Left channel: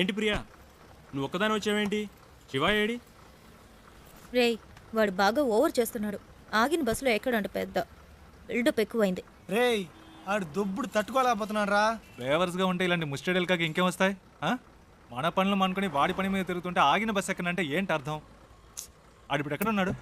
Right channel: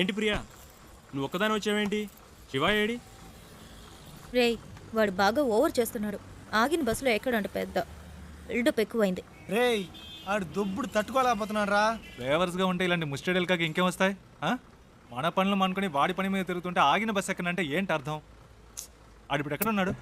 ఏంటి ప్రియా, నువ్వు ఒక్కదాని వచ్చావేంటి? శివ ఏడి? రేయ్, వాడు బాగా ఓవర్ చేస్తున్నాడు. ఆగిన బస్సులో ఎక్కడంట పెద్ద బిల్డప్ ఎక్కువైంది. రేయ్, ఆడు దుబ్బుడు తట్టుకోలేకపోతున్నాడు రా. డ్రైవర్స్గా ఉంటే ఇలాంటి ముస్టడెల్కాకి ఇంకేం వస్తాయి? మన పనులు అనుకుని వాడి పని మీద తిరుగుతుంటే ఆగిన బస్సు ఎక్కడంటే ఏంటి అర్థం? ఆడిప్పుడు ఎక్కడ ఉన్నాడు?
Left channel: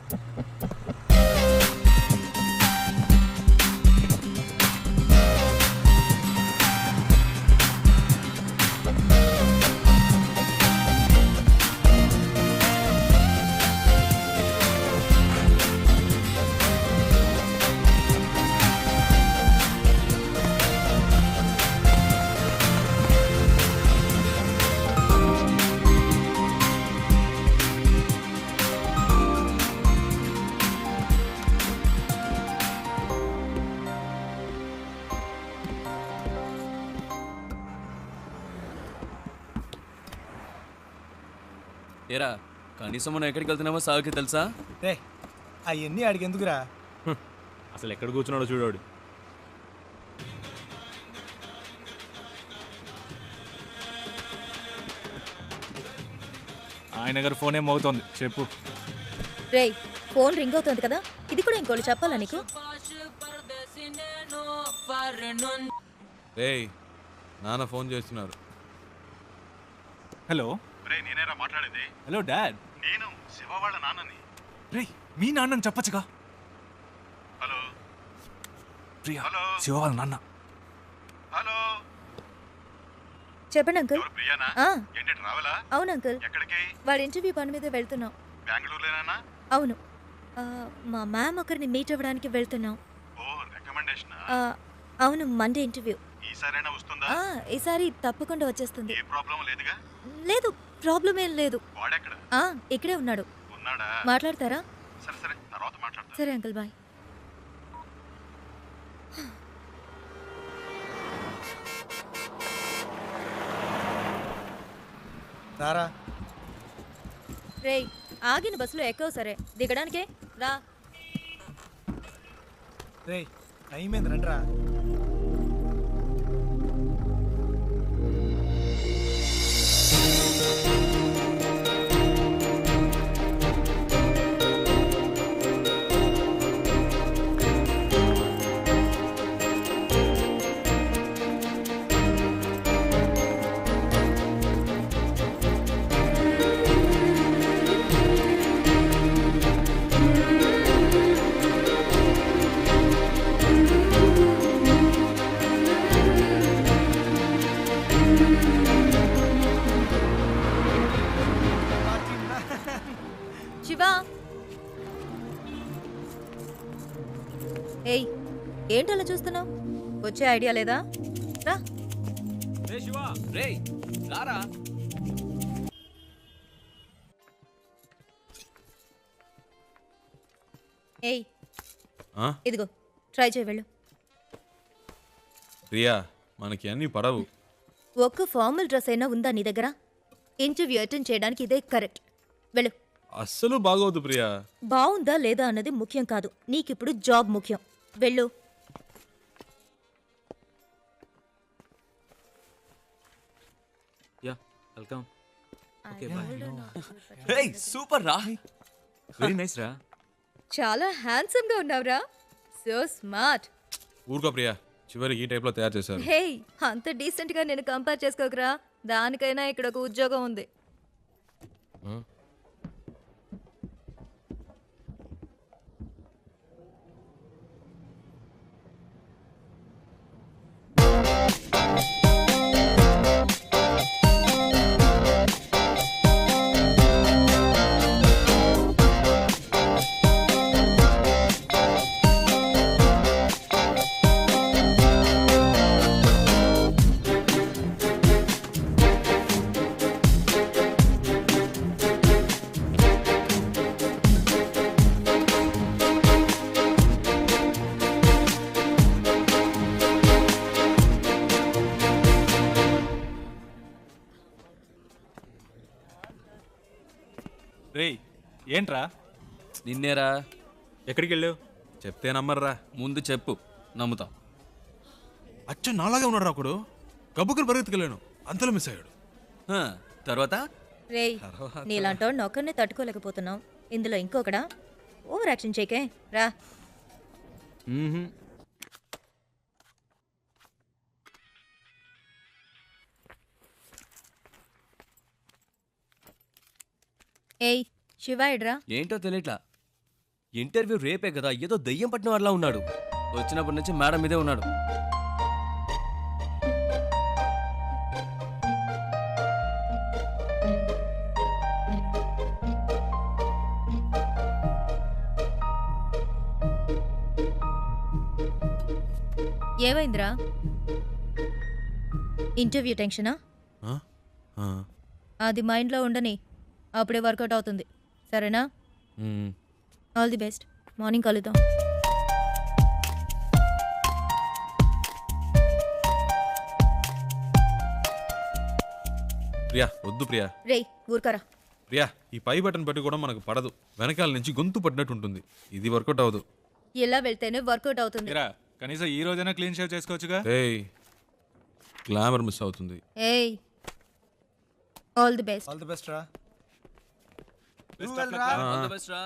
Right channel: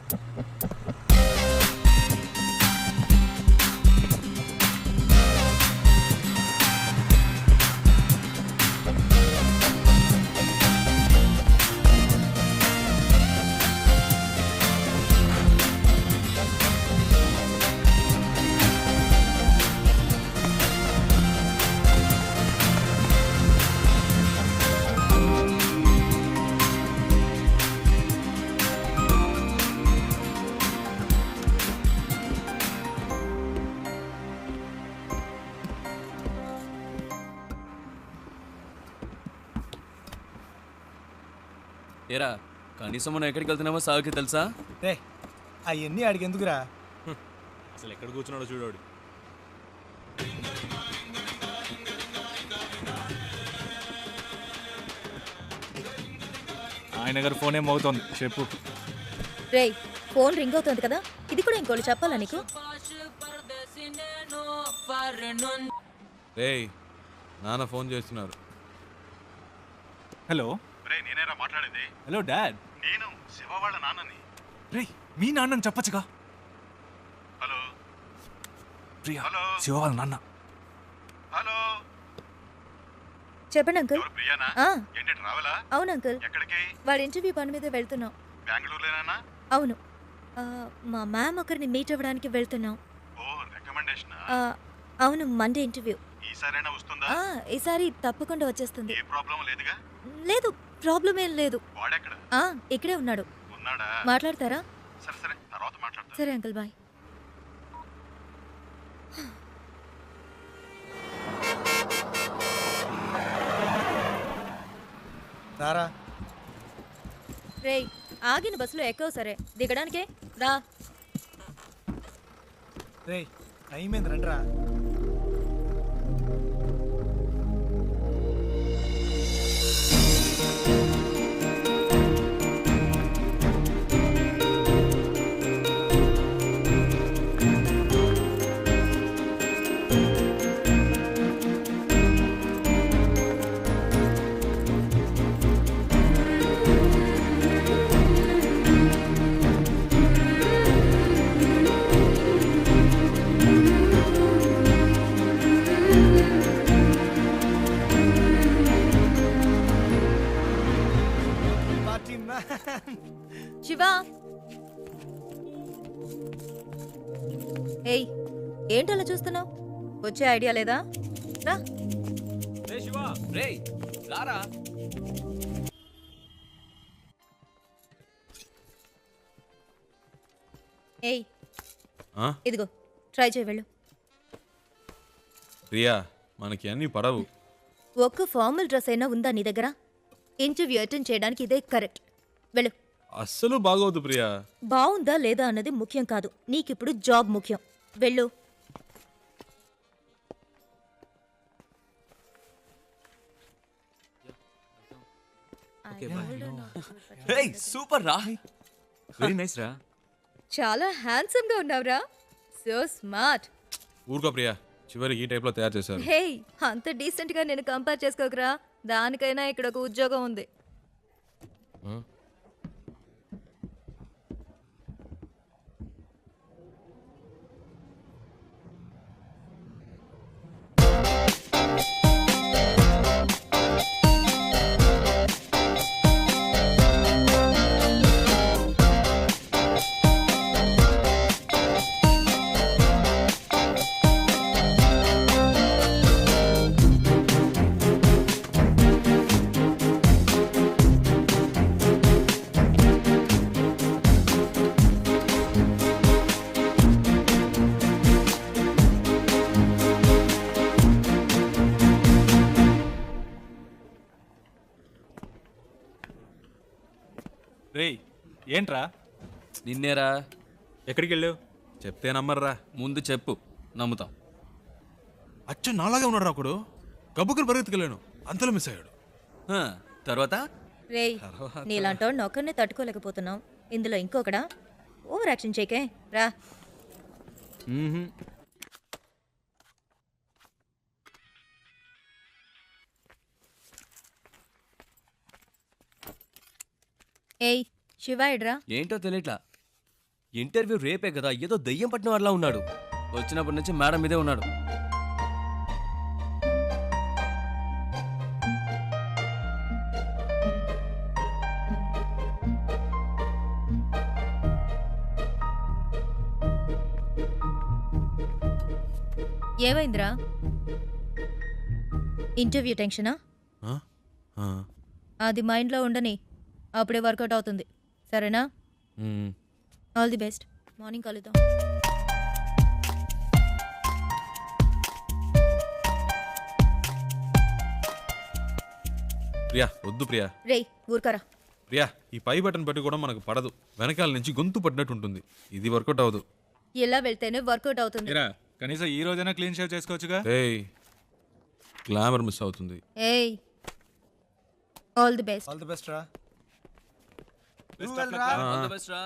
ఏరా, కనీసం మనం ఎక్కడికి వెళ్తున్నామో సాగుకి తెలుసా? రే, అవన్నీ ఆడికి ఎందుకురా? అసలు ఎక్కడ కూర్చున్నాడో చూడాడు. ఆయన గారు ఫోన్ ఏం మోగుతోంది, చెప్పు. రేయ్, ఫోన్ రింగ్ అవుతుంది కదా, ఇది కూడా ఇంకోళ్ళు చెప్పాలా నీకు? రేయ్, నాన్న ఫోన్ చేస్తున్నారు. హలో. నేనేరా మాట్లాడేది. Hello dad. నేను శివ వాళ్ళ నాన్నని. రే, మీ నాన్నని చెప్పచ్చుగా. Hello Priya, hello. శివ వాళ్ళ నాన్న. హలో, చెప్పండి అంకుల్. ఎవరు ప్రియానా? ఆ, ఏంటి ట్రావెలా? అవును అంకుల్. ఎక్కడికి? వాడి ఇంటర్వ్యూ పని మీద వెళ్తున్నాం. బెంగళూరులోనా? అవును. మా మ్యామ్ ఒకరిని మీట్ అవ్వడానికి వెళ్తున్నాం. ఓ, రికమెండేషన్. అవును, మండే ఇంటర్వ్యూ. ఈసారైనా వస్తుందా? ఈసారి తప్పకుండా వచ్చేస్తుంది. ఏ ప్రాబ్లం లేదుగా? లేదు, ప్రాబ్లం ఏం లేదు. వాడెక్కడ ఇక్కడే ఉన్నాడు. ఉన్నాడా? మాట్లాడతారా? సరే సరే, తర్వాత మాట్లాడతా. సరే అంకుల్, బాయ్. రారా. రేయ్, ఆగిన బస్సులో ఎక్కవు. సరే, దిగడానికే రా. రేయ్, టైం ఏంది, రండిరా. శివ, ఏయ్, ఏంటలా చూస్తున్నావు? వచ్చే ఐడియా లేదా? రా. రే శివ, రేయ్ రారా. ఏయ్, ఇదిగో ట్రై చేయి, వెళ్ళు. ప్రియా, మనకి అన్ని పడవు. ఒక్క ఫార్మల్ డ్రెస్ అయినా ఉందా నీ దగ్గర? ఇంటర్వ్యూ అటెండ్ చేయడానికి ఇదే కరెక్ట్. వెళ్ళు. అస్సలు బాగోదు ప్రియా. బాగుందా లేదా అన్నది ముఖ్యం కాదు, నీకిప్పుడు జాబ్ ముఖ్యం. వెళ్ళు. Yeah, welcome. రేయ్, సూపర్ రా. వెరీ నైస్ రా. చాలా హ్యాండ్సమ్ గా ఉన్నావురా. So smart. ఊరుకో ప్రియా, చివరికి ఈ టైప్లో తయారు చేశారు. హే, అంత డీసెంట్ గా నేను కంపేర్ చేసుకోకరా. దానికైనా ఇక్కడ ఒక ఉద్యోగం ఉంది. రేయ్, ఏంట్రా? నిన్నేరా. ఎక్కడికి వెళ్ళావు? చెప్తే నమ్మర్రా. ముందు చెప్పు, నమ్ముతాం. అచ్చ నాలాగే ఉన్నాడు ఒకడు. గబ్బుకుని పరిగెత్తుకెళ్ళాను, అంతలో మిస్ అయ్యాడు. తర్వాత రేయ్ నీలాంటోడిని ఒక్కరినే తట్టుకోలేకపోతున్నావు ఇందులో ఇంకొకడా ఓవర్ యాక్షన్ చేయకే రా. ఏయ్ శివ ఎడ్రా. ఏంటో తెలియట్లా. ఇంటర్వ్యూ రేపే కదా, ఏదో దయ్యం పట్టిన వాళ్ళ ఉన్నాడు. వచ్చినప్పటి నుంచి మేడం మీదే ఉన్నాడు. ఏమైందిరా? ఇంటర్వ్యూ టెన్షనా? ఆ? ఆ. అది మైండ్లో ఉండని, అప్పుడే వర్కౌట్ అవుతుంది. సరేనా? మ్మ్. All the best. మార్నింగ్ కలుద్దాం. ప్రియా వద్దు ప్రియా. రేయ్ ఊరుకరా. ప్రియా ఈ పై బటన్ పెట్టి కూడా మనకు పడదు. వెనకాల నుంచి గొంతు పడినట్టు ఉంటుంది. ఇది వర్కౌట్ అవ్వదు. ఇలా వెళ్తేనే వర్కౌట్ అవుతుంది. ఇరా కనీసం ఈ రోజైనా క్లీన్ షేవ్ చేసుకోవచ్చుగా. ఏయ్ గ్లామర్ మిస్ అవుతుంది. ఏయ్ all the best. All the best రా. All the best రా.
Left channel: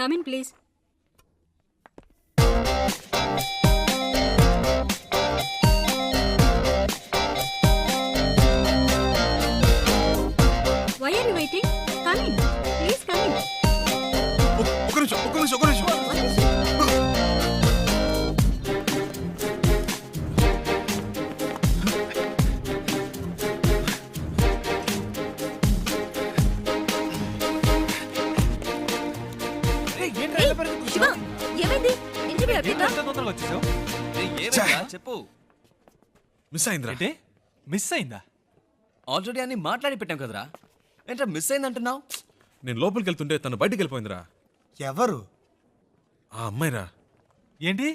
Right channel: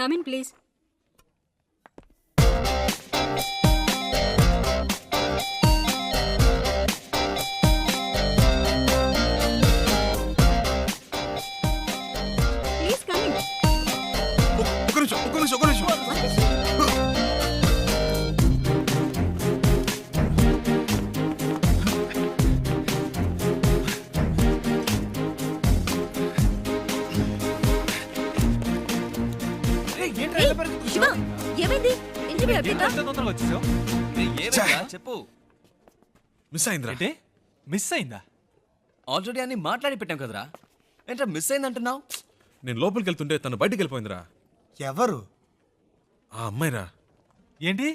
Come in, please. Why are you waiting? Come in. Please come in. ఒక్క నిమిషం. What is it? ఏంట్రా ఏయ్, ఇలా పరిగెత్తుకు శివ ఏమైంది? ఇంటర్వ్యూ అయిపోయిందా? ఎంత తొందరగా వచ్చేసావు? ఏమైందిరా? చెప్పు. మిస్ అయిందిరా. ఏంటి మిస్ అయిందా? ఆల్రెడీ అన్ని మాట్లాడి పెట్టాం కదరా. ఏంట్రా మిస్ అయిందంటున్నావు? నేను లోపలికి వెళ్తుంటే తను బయటికి వెళ్ళిపోయిందిరా. ఎవరు? ఆ అమ్మాయిరా. ఏంటి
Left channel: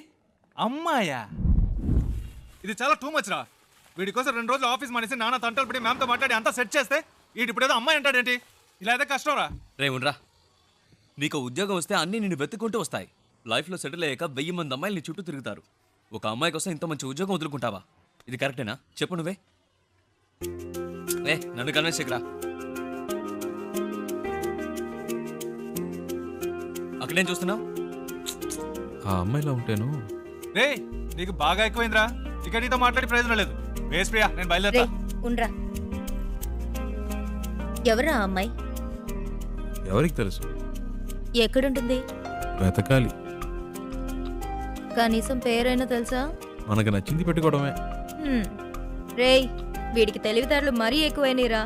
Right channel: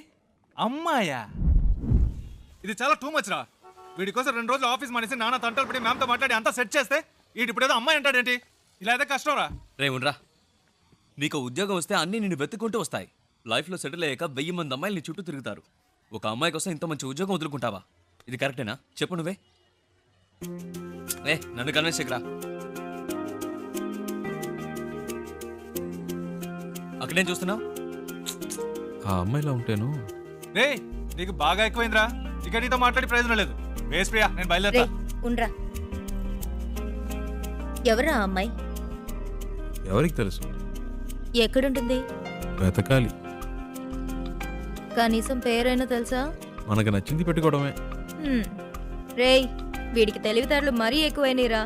అమ్మాయా? ఇది చాలా టూ మచ్ రా. వీడి కోసం 2 రోజులు ఆఫీస్ మానేసి నాన్న తంటలు పడి మ్యామ్తో మాట్లాడి అంతా సెట్ చేస్తే వీడి ఇప్పుడు ఏదో అమ్మాయి అంటాడేంటి? ఇలా అయితే కష్టం రా. రే ఉండరా. నీకు ఉద్యోగం వస్తే అన్నీ నిన్ను వెతుక్కుంటూ వస్తాయి. లైఫ్లో సెటిల్ అయ్యాక 1000 మంది అమ్మాయిలు నీ చుట్టూ తిరుగుతారు. ఒక అమ్మాయి కోసం ఇంత మంచి ఉద్యోగం వదులుకుంటావా? ఇది కరెక్టేనా? చెప్పు నువ్వే. నన్ను కన్విన్స్ చేయకురా. అక్కడేం చూస్తున్నావు? ఆ అమ్మాయిలా ఉంటేను. రే నీకు బాగా ఎక్కువైందిరా. ఇక నీతో మాట్లాడి ప్రయోజనం లేదు. వేస్ ప్రియా, నేను బయలుదేరా. రేయ్ ఉండ్రా. ఎవరా ఆ అమ్మాయి? ఎవరికి తెలుసు? ఎక్కడుంటుంది? వెతకాలి. కనీసం పేరైనా తెలుసా? మనకు నచ్చింది పెట్టుకోవడమే. రేయ్ వీడికి తెలివితేటలు మరీ ఎక్కువైనరా.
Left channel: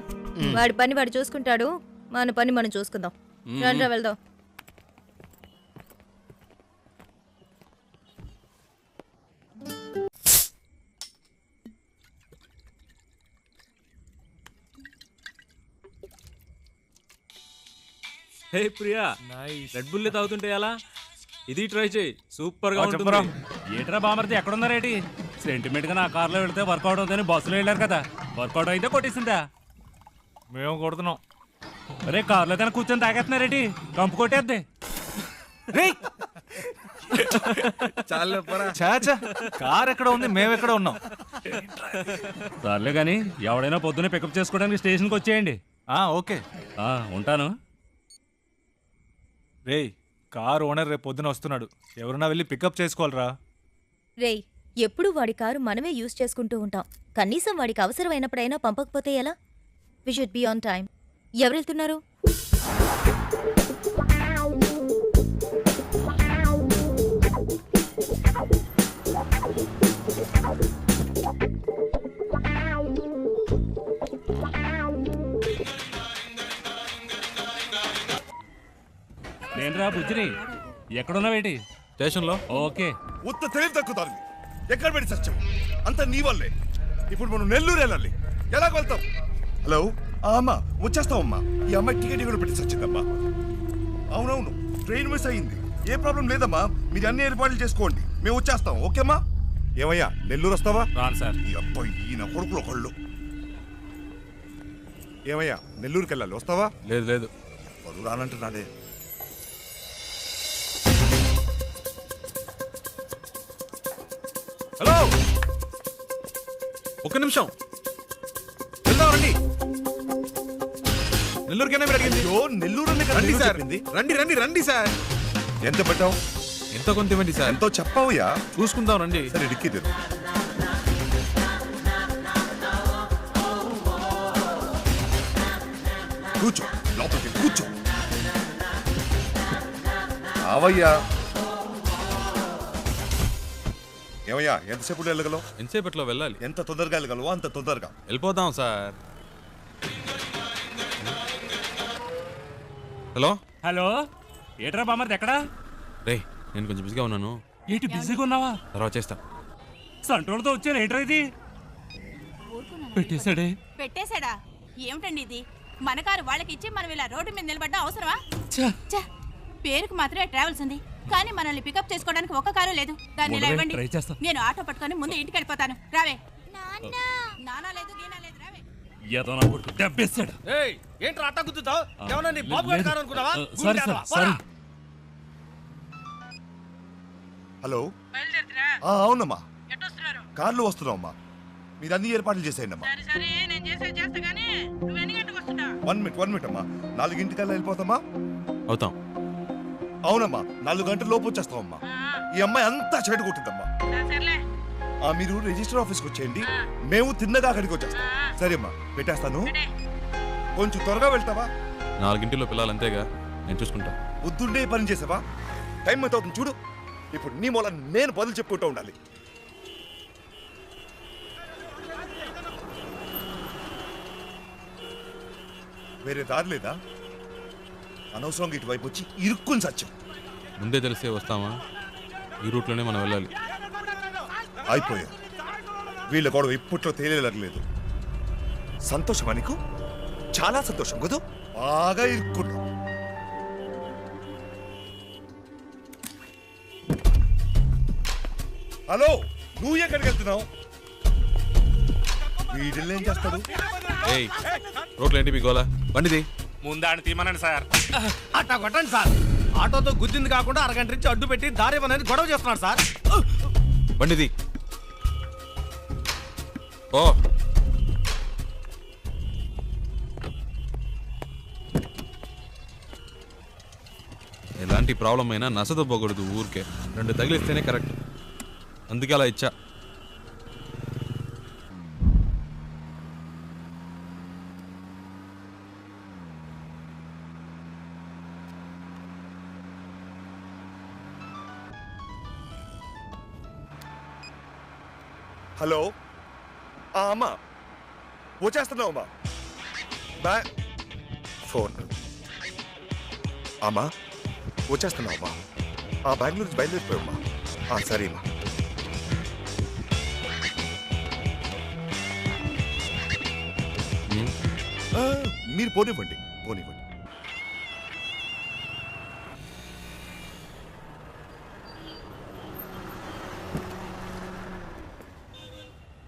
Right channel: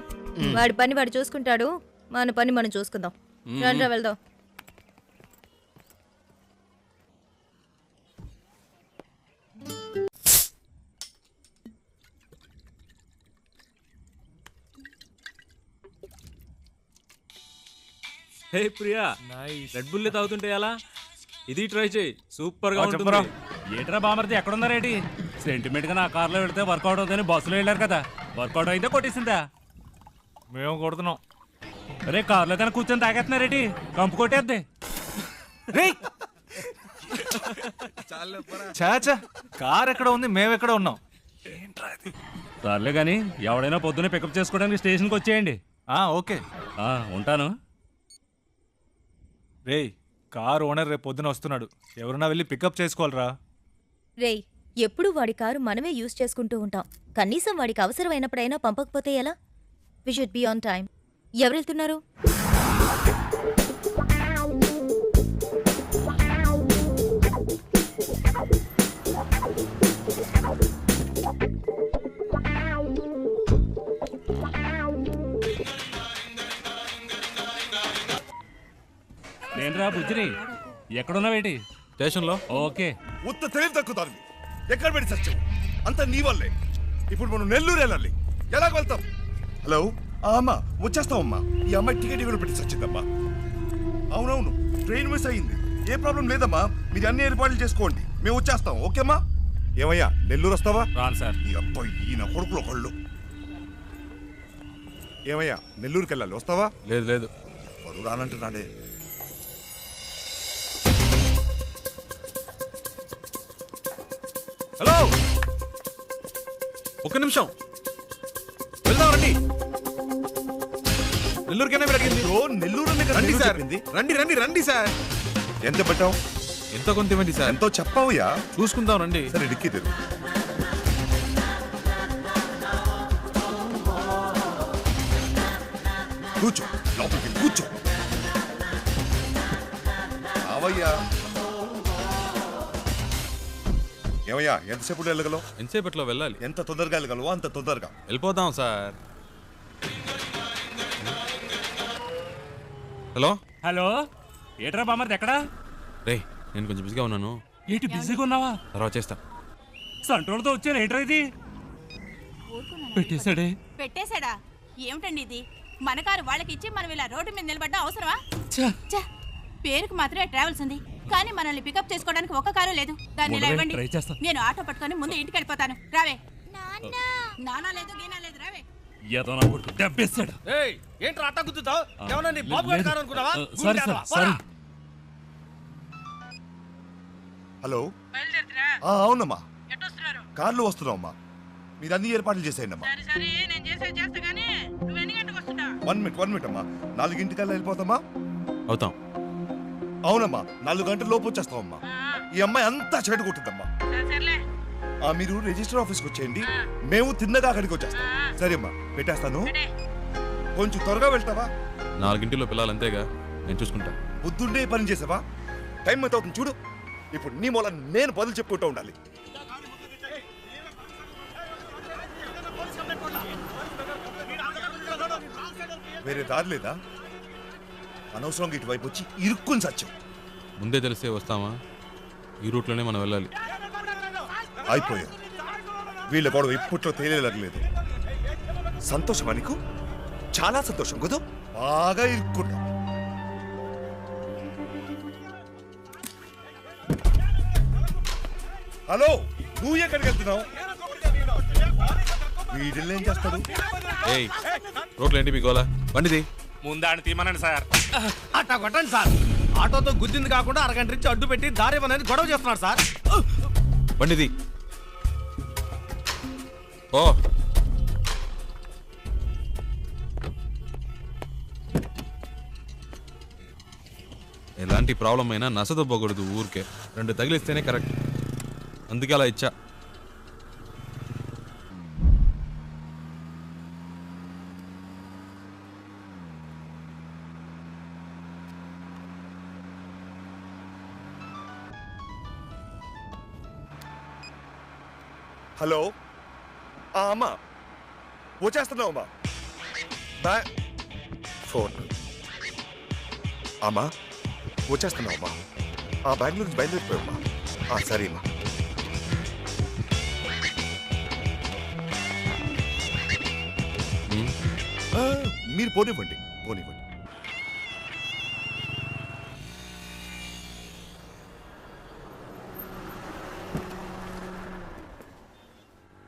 వాడి పని వాడు చూసుకుంటాడు, మన పని మనం చూసుకుందాం. రండ్రా వెళ్దాం. హే ప్రియా, రెడ్ బుల్ తాగుతుంటే ఎలా? ఇది ట్రై చేయి, సూపర్ గా ఉంటుంది. చెప్పరా. ఏట్రా బామర్ది ఎక్కడున్నారేటి? సెంటిమెంట్ గా నా కార్లో వెళ్తే వర్కౌట్ అవుతుందని బస్సులో వెళ్ళారు కదా, వర్కౌట్ అయితే కొట్టేసిందా? మేము కొడుతున్నాం. అరే కార్లో కానీ కూర్చొని తాగేస్తున్నారేటి? కంపు కొట్టేద్ది. చాచా కార్ ఎక్కడ ఉంది, మేము ఎక్కడ ఉన్నాం? సర్లే కానీ ఎవడైనా పొద్దున్నే పికప్ చేసుకోవడానికి స్టేషన్కి వచ్చేయండి. ఓకే ఉంటాను. రేయ్ కార్ ఓనర్ రేపు పొద్దున వస్తున్నాడు. ఎవరన్నా వెళ్ళి పికప్ చేసుకోవాలరా. రేయ్ ఎప్పుడు వాడి కారు మనమే యూజ్ చేసుకుంటూ ఉంటాం. కనీసం వాడికి అవసరమైనప్పుడైనా పంపకపోతే ఎలా? We should be on time. ఎవరు వెళ్తున్నారు? నేనురా బుజ్జిని. ఎక్కడున్నావేటి? స్టేషన్లో. ఓకే. ఉత్త తెలివి తక్కుతారు. ఎక్కడ పెట్టి సత్యం అంతా నీ వల్లే. ఇప్పుడు మనం నెల్లూరు వెళ్ళాలి. ఎలా వెళ్తాం? హలో అమ్మా, వచ్చేస్తామమ్మా. ఈ అమ్మాయి టికెట్ కూడా పెట్టి సచ్చిందమ్మా. అవునవును, ట్రైన్ మిస్ అయ్యింది. ఏ ప్రాబ్లం లేదమ్మా, మీరు అన్ని ఏర్పాట్లు చేసుకోండి, మేము వచ్చేస్తాం. ఓకేమ్మా? ఏమయ్యా నెల్లూరు వస్తావా? రాను సార్. ఈ అబ్బాయి ఈయన కొడుకులు ఒకళ్ళు. ఏమయ్యా నెల్లూరుకి వెళ్ళాలి, వస్తావా? లేదు వాడు రానంటున్నాడే. హలో, ఒక్క నిమిషం. వెళ్దాం రండి. నెల్లూరుకైనా మీరు అడిగింది. అయ్యో, నెల్లూరు అనే కదా రండి నేను సార్, చెప్పింది. రండి రండి రండి సార్. ఎంత పెట్టావు? ఎంత కొంత ఇవ్వండి సార్. ఎంతో చెప్పావుయా? చూసుకుందాం రండి. సరే డిక్కి తెరు. కూర్చో, లోపలికి వెళ్ళి కూర్చో. ఆవయ్యా. ఏమయ్యా, ఎంతసేపు వెళ్ళగలవు? ఎంతసేపట్లో వెళ్ళాలి? ఎంత తొందరగా వెళ్ళగలవో అంత తొందరగా. వెళ్ళిపోదాం సార్. హలో హలో, ఏట్రా బామర్ది ఎక్కడా? రే, నేను కొంచెం బిజీగా ఉన్నాను, ఏంటి బిజీగా ఉన్నావా? తర్వాత చేస్తా. సంట్రోల్తో వచ్చాను, ఏంట్రా ఇది? పెట్టేశాడే. పెట్టేశాడా? ఏమిటండి ఇది? మన కారు వాళ్ళకి ఇచ్చి మనం ఇలా రోడ్డు మీద నిలబడ్డా అవసరమా? ఛ, ఛ! పేరుకు మాత్రమే ట్రావెల్స్ ఉంది, కానీ మనల్ని పికప్ చేసుకోవడానికి ఒక్క కారు లేదు. దాన్ని ఇలా ఉండవే, ఇవ్వండి. ట్రై చేస్తా. నేను ఆటో పట్టుకొని ముందు ఇంటికి వెళ్ళిపోతాను. రావే. నానా లేదు, గీనా లేదు, రావే. ఏదో నా కొడుకు దెబ్బేశాడు. ఏంట్రా అట్ట గుద్దుతావు? ఏమన్నా నీ బాబు లేదు. గారు అనుకున్నావా? Sorry sir, sorry. హలో. అవునమ్మా, కార్లో వస్తున్నావమ్మా. మీరు అన్ని ఏర్పాట్లు చేసేయండి అమ్మా. 1 మినిట్ అమ్మా. 4 వెళ్ళిపోతామా? అవుతాం. అవునమ్మా, 4 గంటల లోపు వచ్చేస్తామమ్మా. ఈ అమ్మాయి అంతా చెడు కొట్టిందమ్మా. మీరు రిజిస్టర్ ఆఫీస్కి వచ్చేయండి, మేము తిన్నగా అక్కడికి వచ్చేస్తాం. సరే అమ్మా, పెట్టేస్తాను. కొంచెం త్వరగా వెళ్తావా? 4 పిల్లలు అంతేగా, నేను చూసుకుంటా. బుద్ధుండే పని చేసావా? టైం ఎంత అవుతుంది చూడు. ఇప్పుడు నీ మూల నేను బదులు చెప్పుకుంటూ ఉండాలి. వేరే దారి లేదా? అనవసరంగా ఇటువైపు వచ్చి ఇరుక్కుని సత్యం. ముందే తెలిసే వస్తామా? ఈ రూట్లోనే మనం వెళ్ళాలి. అయిపోయా. వీళ్ళ గొడవ ఇప్పట్లో తేలేలేదు. సంతోషమా నీకు? చాలా సంతోషం కదూ? బాగా ఇరుక్కున్నావు. హలో, నువ్వు ఎక్కడికి వెళ్తున్నావు? వీడిల్ని ఏం చేస్తాడు? ఏయ్, రోడ్లు ఏంటి మీ గోలా? బండిది. ముందాన్ని తీమనండి సార్. అట్టా కొట్టండి సార్. ఆటోతో గుద్దింది కాకుండా అరగంట నుంచి అడ్డు పెట్టి దారి ఇవ్వనని గొడవ చేస్తున్నాడు సార్. బండిది. ఓ, ఎలాంటి ప్రాబ్లం అయినా నసదొబ్బకూడదు ఊరికే. 2 తగిలిస్తేనే కరెక్ట్. అందుకే అలా ఇచ్చా. హలో, అమ్మా వచ్చేస్తున్నావు అమ్మా. ఫోన్. అమ్మా వచ్చేస్తున్నావు అమ్మా. బెంగళూరు నుంచి బయలుదేరిపోయామ్మా. సరే అమ్మా. మీరు పోనివ్వండి.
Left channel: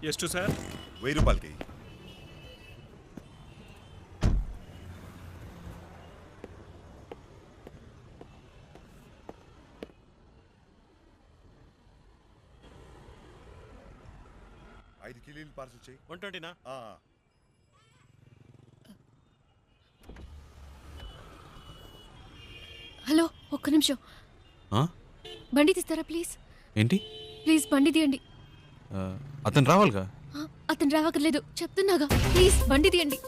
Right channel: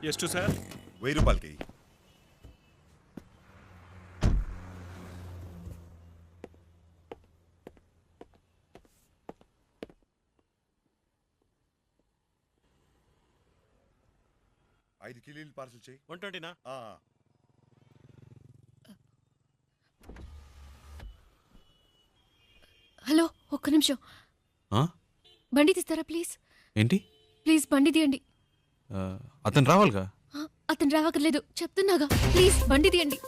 ಎಷ್ಟು సార్? 1000 రూపాయలకి. ఐదు కిలోలు పార్సల్ చేయి. 120నా? హలో, ఒక్క నిమిషం. బండి తీస్తారా ప్లీజ్? ఏంటి? ప్లీజ్ బండి తీయండి. అతను రావాలిగా. అతను రావక్కర్లేదు, చెప్తున్నాగా. ప్లీజ్ బండి తీయండి.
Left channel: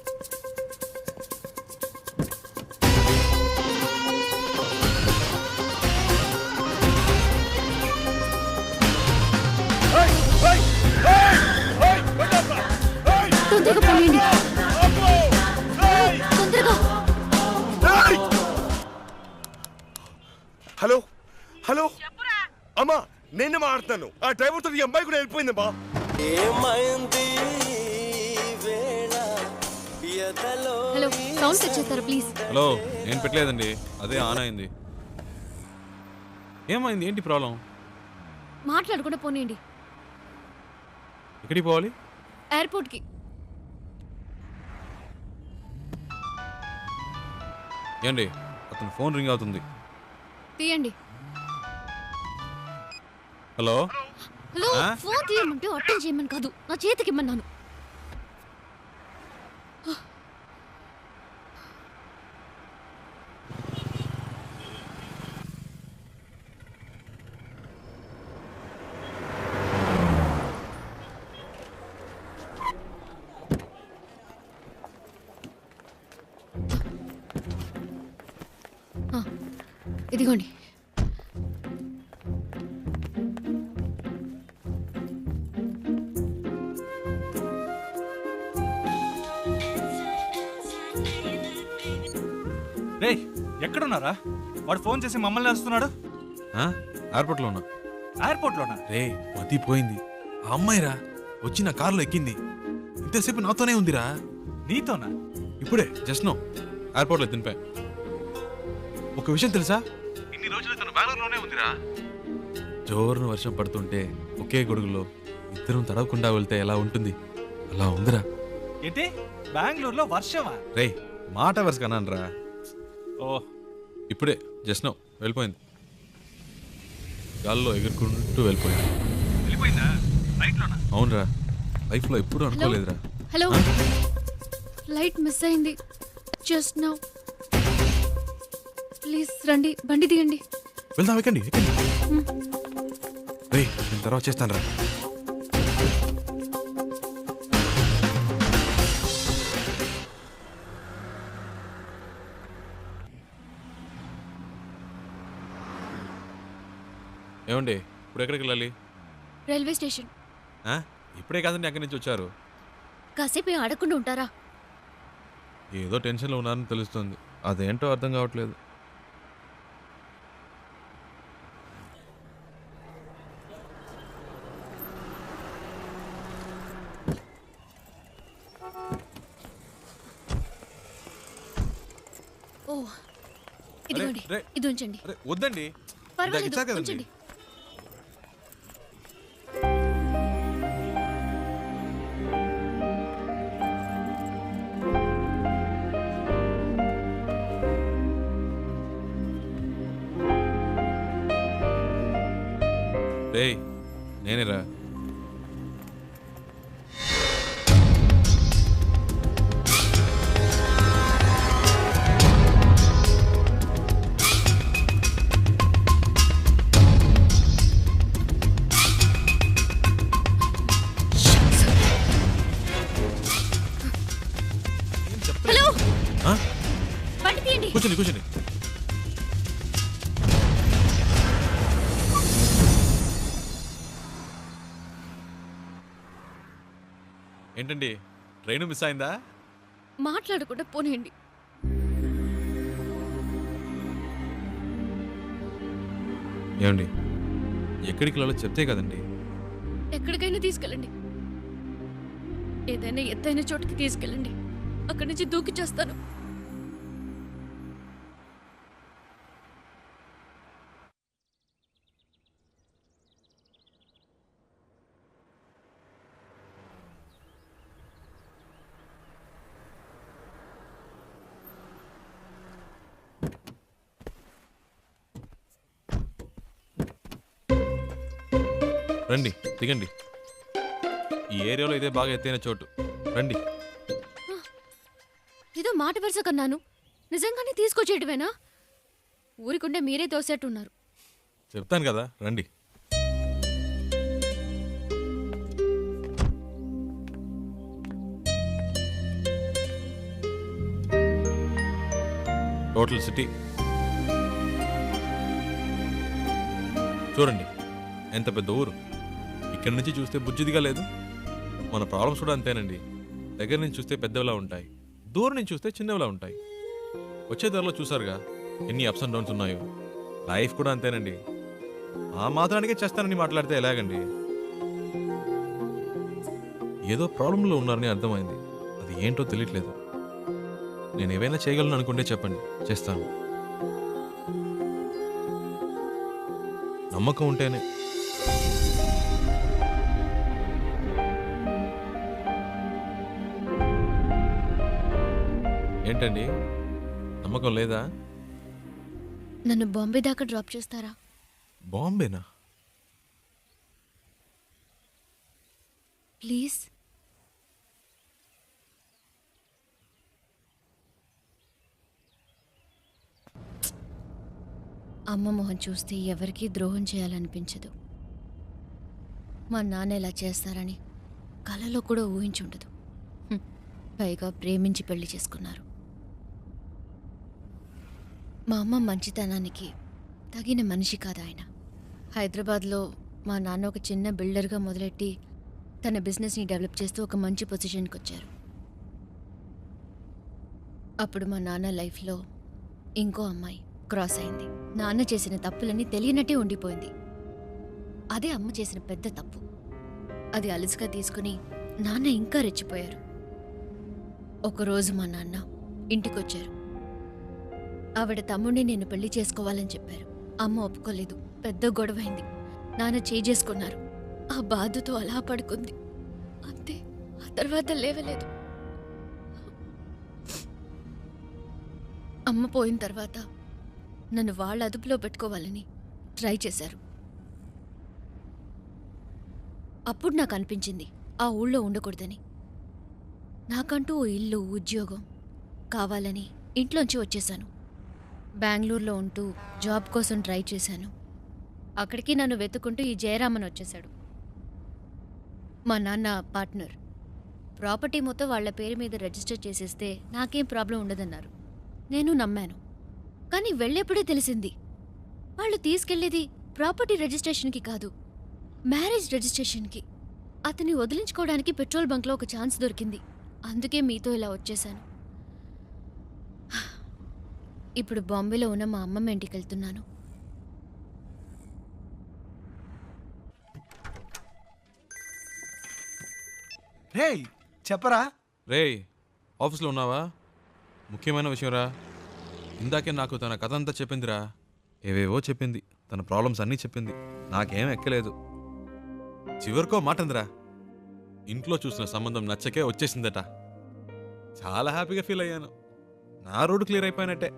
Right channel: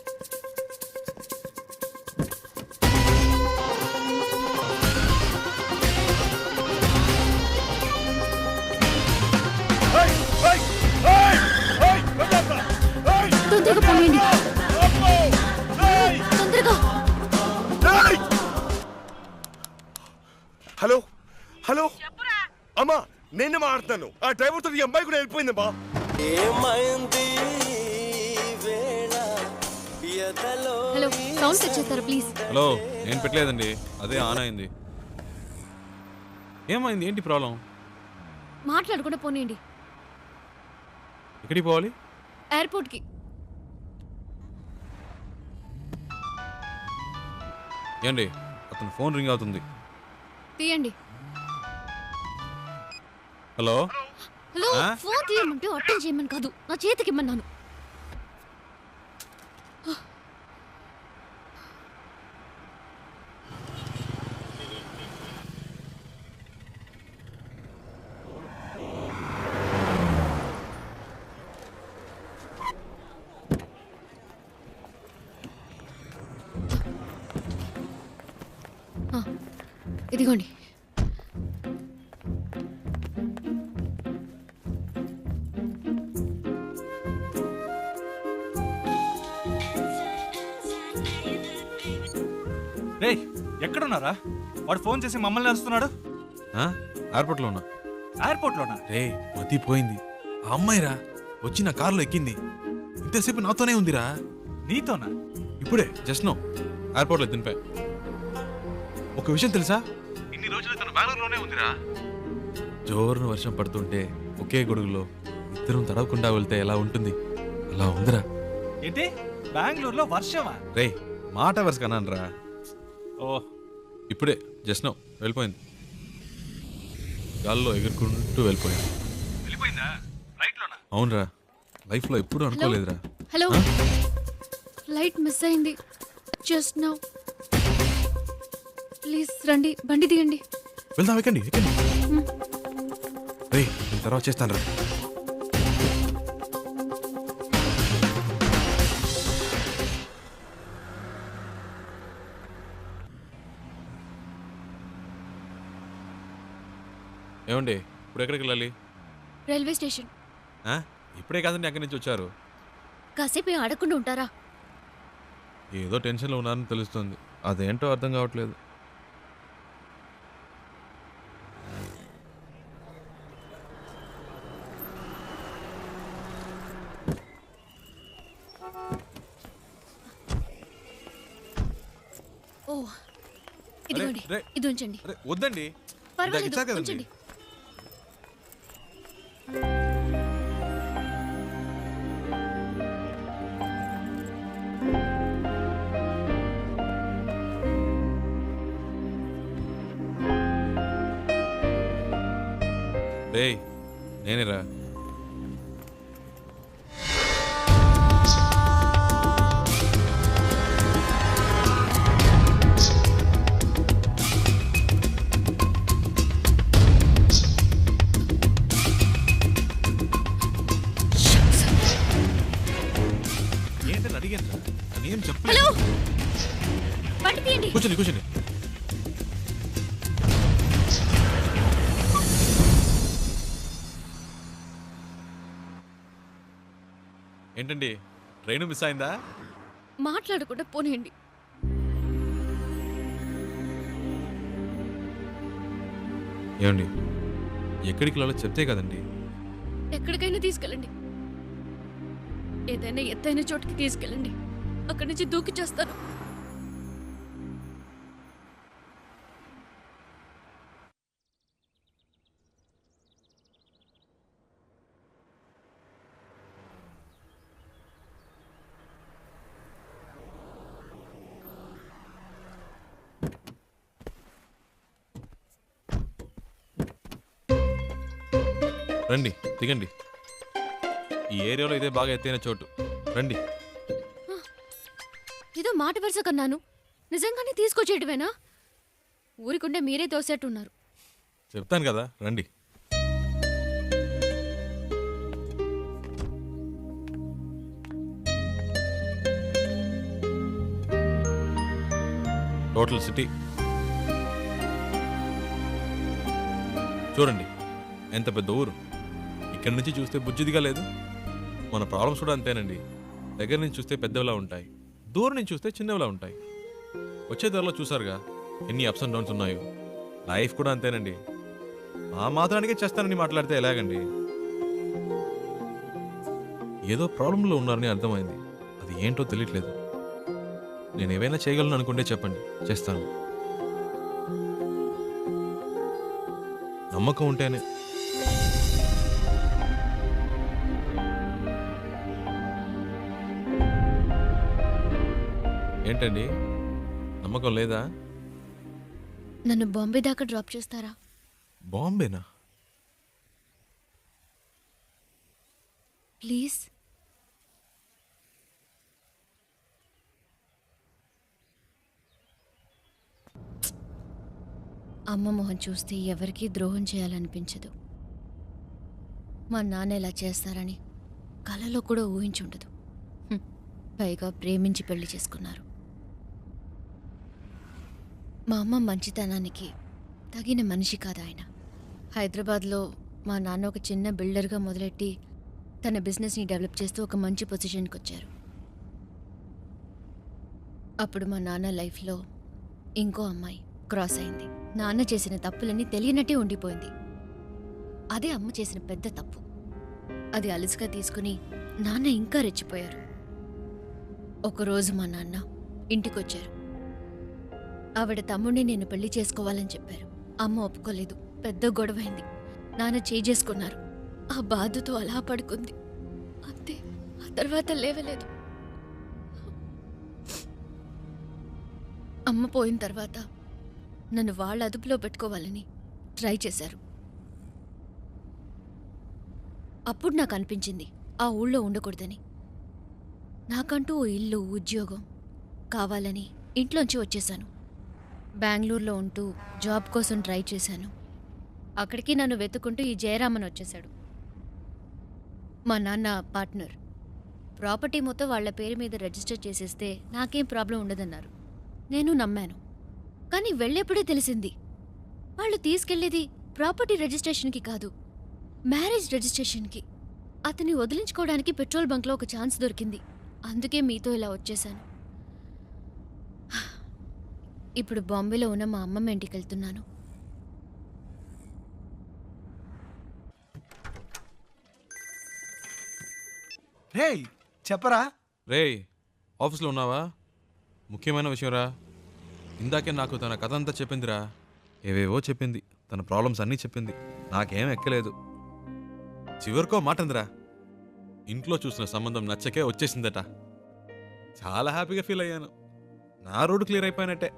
తొందరగా పోయండి, తొందరగా. హలో హలో అమ్మా, నేను మాట్లాడుతాను. ఆ డ్రైవర్తో ఈ అమ్మాయి కూడా వెళ్ళిపోయిందమ్మా. హలో, సౌండ్ సెట్ చేస్తారా ప్లీజ్? హలో, నేను పెట్టలేదండి, అదే ఆన్ అయింది. ఏమైంది? ఏంటి ప్రాబ్లం? మాట్లాడకుండా పోనీయండి. ఎక్కడికి పోవాలి? ఎయిర్పోర్ట్కి. ఏండి, అతను ఫోన్ రింగ్ అవుతుంది. తీయండి. హలో. హలో ఫోన్ తీయమంటే అటెండ్ చేయమని కాదు, నా చేతికి ఇమ్మన్నాను. ఇదిగోండి. రే ఎక్కడున్నారా? వాడు ఫోన్ చేసి మమ్మల్ని అరుస్తున్నాడు. ఎయిర్పోర్ట్లో ఉన్నా. ఎయిర్పోర్ట్లోనా? రే మతిపోయింది. ఆ అమ్మాయిరా వచ్చి నా కారులో ఎక్కింది. ఇంతసేపు నాతోనే ఉందిరా. నీతోనా? ఇప్పుడే జస్ట్ నో ఎయిర్పోర్ట్లో దింపా. ఒక విషయం తెలుసా, ఇన్ని రోజులు తను బెంగళూరులోనే ఉందిరా. జోరున వర్షం పడుతుంటే ఒకే గొడుగులో ఇద్దరం తడవకుండా వెళ్తే ఎలా ఉంటుంది, అలా ఉందిరా. ఏంటి బెంగళూరులో వర్షమా? రే మాట వరుస కన్నానరా. ఓ ఇప్పుడే జస్ట్ నో వెళ్ళిపోయింది. గాల్లో ఎగురుకుంటూ వెళ్ళిపోయింది. వెళ్ళిపోయిందా? ఫ్లైట్లోనా? అవునరా, లైఫ్లో ఎప్పుడూ అనుకోలేదురా. హలో, ఫ్లైట్ మిస్ అయింది జస్ట్ నౌ. ప్లీజ్ రండి, బండి దిగండి. వెళ్దాం, ఎక్కండి ఎక్కండి. రే నేను తర్వాత చేస్తాను రా. ఏమండి ఇప్పుడు ఎక్కడికి వెళ్ళాలి? Railway station. ఇప్పుడే కాదండి అక్కడి నుంచి వచ్చారు. కాసేపు ఆడకుండా ఉంటారా? ఏదో టెన్షన్లో ఉన్నారని తెలుస్తుంది, అదేంటో అర్థం కావట్లేదు. ఓ ఇదిగోండి, రే, ఇది ఉంచండి. అరే వద్దండి, పర్వాలేదు, ఇచ్చారు కదండి. ఉంచండి. రే నేనేరా. హలో, బండి తీయండి. కూర్చోండి కూర్చోండి. ఏంటండి ట్రైన్ మిస్ అయిందా? మాట్లాడకుండా పోనీయండి. ఏమండి ఎక్కడికి వెళ్ళాలో చెప్తే కదండి. ఎక్కడికైనా తీసుకెళ్ళండి, ఏదైనా ఎత్తైన చోటుకి తీసుకెళ్ళండి. అక్కడి నుంచి దూకి చేస్తాను. రండి దిగండి. ఈ ఏరియాలో ఇదే బాగా ఎత్తైన చోటు, రండి. ఏదో మాట వరుస కన్నాను, నిజంగానే తీసుకొచ్చేయటమేనా? ఊరికుండే మీరే తోసేట్టున్నారు. చెప్తాను కదా రండి. టోటల్ సిటీ చూడండి, ఎంత పెద్ద ఊరు. ఇక్కడి నుంచి చూస్తే బుజ్జిదిగా లేదు. మన ప్రాబ్లమ్స్ కూడా అంతేనండి. దగ్గర నుంచి చూస్తే పెద్దవిలా ఉంటాయి, దూరం నుంచి చూస్తే చిన్నవిలా ఉంటాయి. వచ్చే ధరలో చూసారుగా ఎన్ని అప్స్ అండ్ డౌన్స్ ఉన్నాయో. లైఫ్ కూడా అంతేనండి. ఆ మాత్రానికే చేస్తానని మాట్లాడితే ఎలాగండి? ఏదో ప్రాబ్లంలో ఉన్నారని అర్థమైంది, అది ఏంటో తెలియట్లేదు. నేను ఏవైనా చేయగలను అనుకుంటే చెప్పండి, చేస్తాను. నమ్మకం ఉంటేనే. ఏంటండి నమ్మకం లేదా? నన్ను బాంబే దాకా డ్రాప్ చేస్తారా? బాంబేనా? ప్లీజ్. అమ్మ మొహం చూస్తే ఎవరికీ ద్రోహం చేయాలనిపించదు. మా నాన్న ఇలా చేస్తారని కలలో కూడా ఊహించుండదు. పైగా ప్రేమించి పెళ్లి చేసుకున్నారు. మా అమ్మ మంచితనానికి తగిన మనిషి కాదు ఆయన. హైదరాబాద్లో మా నాన్న ఒక చిన్న బిల్డర్గా మొదలెట్టి తన బిజినెస్ని డెవలప్ చేస్తూ ఒక మంచి పొజిషన్కి వచ్చారు. అప్పుడు మా నాన్న లైఫ్లో ఇంకో అమ్మాయి క్రాస్ అయింది. నాన్న చేసిన తప్పులన్నీ తెలియనట్టే ఉండిపోయింది. అదే అమ్మ చేసిన పెద్ద తప్పు. అది అలుసుగా తీసుకుని నాన్న ఇంకా రెచ్చిపోయారు. ఒకరోజు మా నాన్న ఇంటికొచ్చారు. ఆవిడ తమ్ముడిని నేను పెళ్లి చేసుకోవాలని చెప్పారు. అమ్మ ఒప్పుకోలేదు. పెద్ద గొడవైంది. నాన్న చేసుకున్నారు. ఆ బాధతో అలా పడుకుంది. అంతే. ఆ తర్వాత లేవలేదు. అమ్మ పోయిన తర్వాత నన్ను వాళ్ళ అదుపులో పెట్టుకోవాలని ట్రై చేశారు. అప్పుడు నాకు అనిపించింది ఆ ఊళ్ళో ఉండకూడదని. నాకంటూ ఓ ఇల్లు, ఉద్యోగం కావాలని ఇంట్లోంచి వచ్చేశాను. బెంగళూరులో ఉంటూ జాబ్ కోసం ట్రై చేశాను. అక్కడికి నన్ను వెతుక్కుంటూ ఈ జయరామన్ వచ్చేశాడు. మా నాన్న పార్ట్నర్. ప్రాపర్టీ మొత్తం వాళ్ల పేరు మీద రిజిస్టర్ చేసేస్తే నాకేం ప్రాబ్లం ఉండదన్నారు. నేను నమ్మాను. కానీ వెళ్ళేప్పుడే తెలిసింది వాళ్ళు తీసుకెళ్లేది ప్రాపర్టీ రిజిస్ట్రేషన్కి కాదు, మ్యారేజ్ రిజిస్ట్రేషన్కి. అతన్ని వదిలించుకోవడానికి పెట్రోల్ బంక్లో ఒక ఛాన్స్ దొరికింది. అందుకే మీతో ఇలా వచ్చేశాను. ఇప్పుడు బాంబేలో ఉన్న మా అమ్మమ్మ ఇంటికి వెళ్తున్నాను. రేయ్ చెప్పరా. రేయ్ ఆఫీస్లో ఉన్నావా? ముఖ్యమైన విషయం రా. ఇందాకే నాకు తన కథ అంతా చెప్పిందిరా. ఏవేవో చెప్పింది. తన ప్రాబ్లమ్స్ అన్నీ చెప్పింది. నాకేం ఎక్కలేదు. చివరికో మాట అందిరా, ఇంట్లో చూసిన సంబంధం నచ్చకే వచ్చేసిందట. చాలా హ్యాపీగా ఫీల్ అయ్యాను. నా రోడ్డు క్లియర్ అయిపోయినట్టే.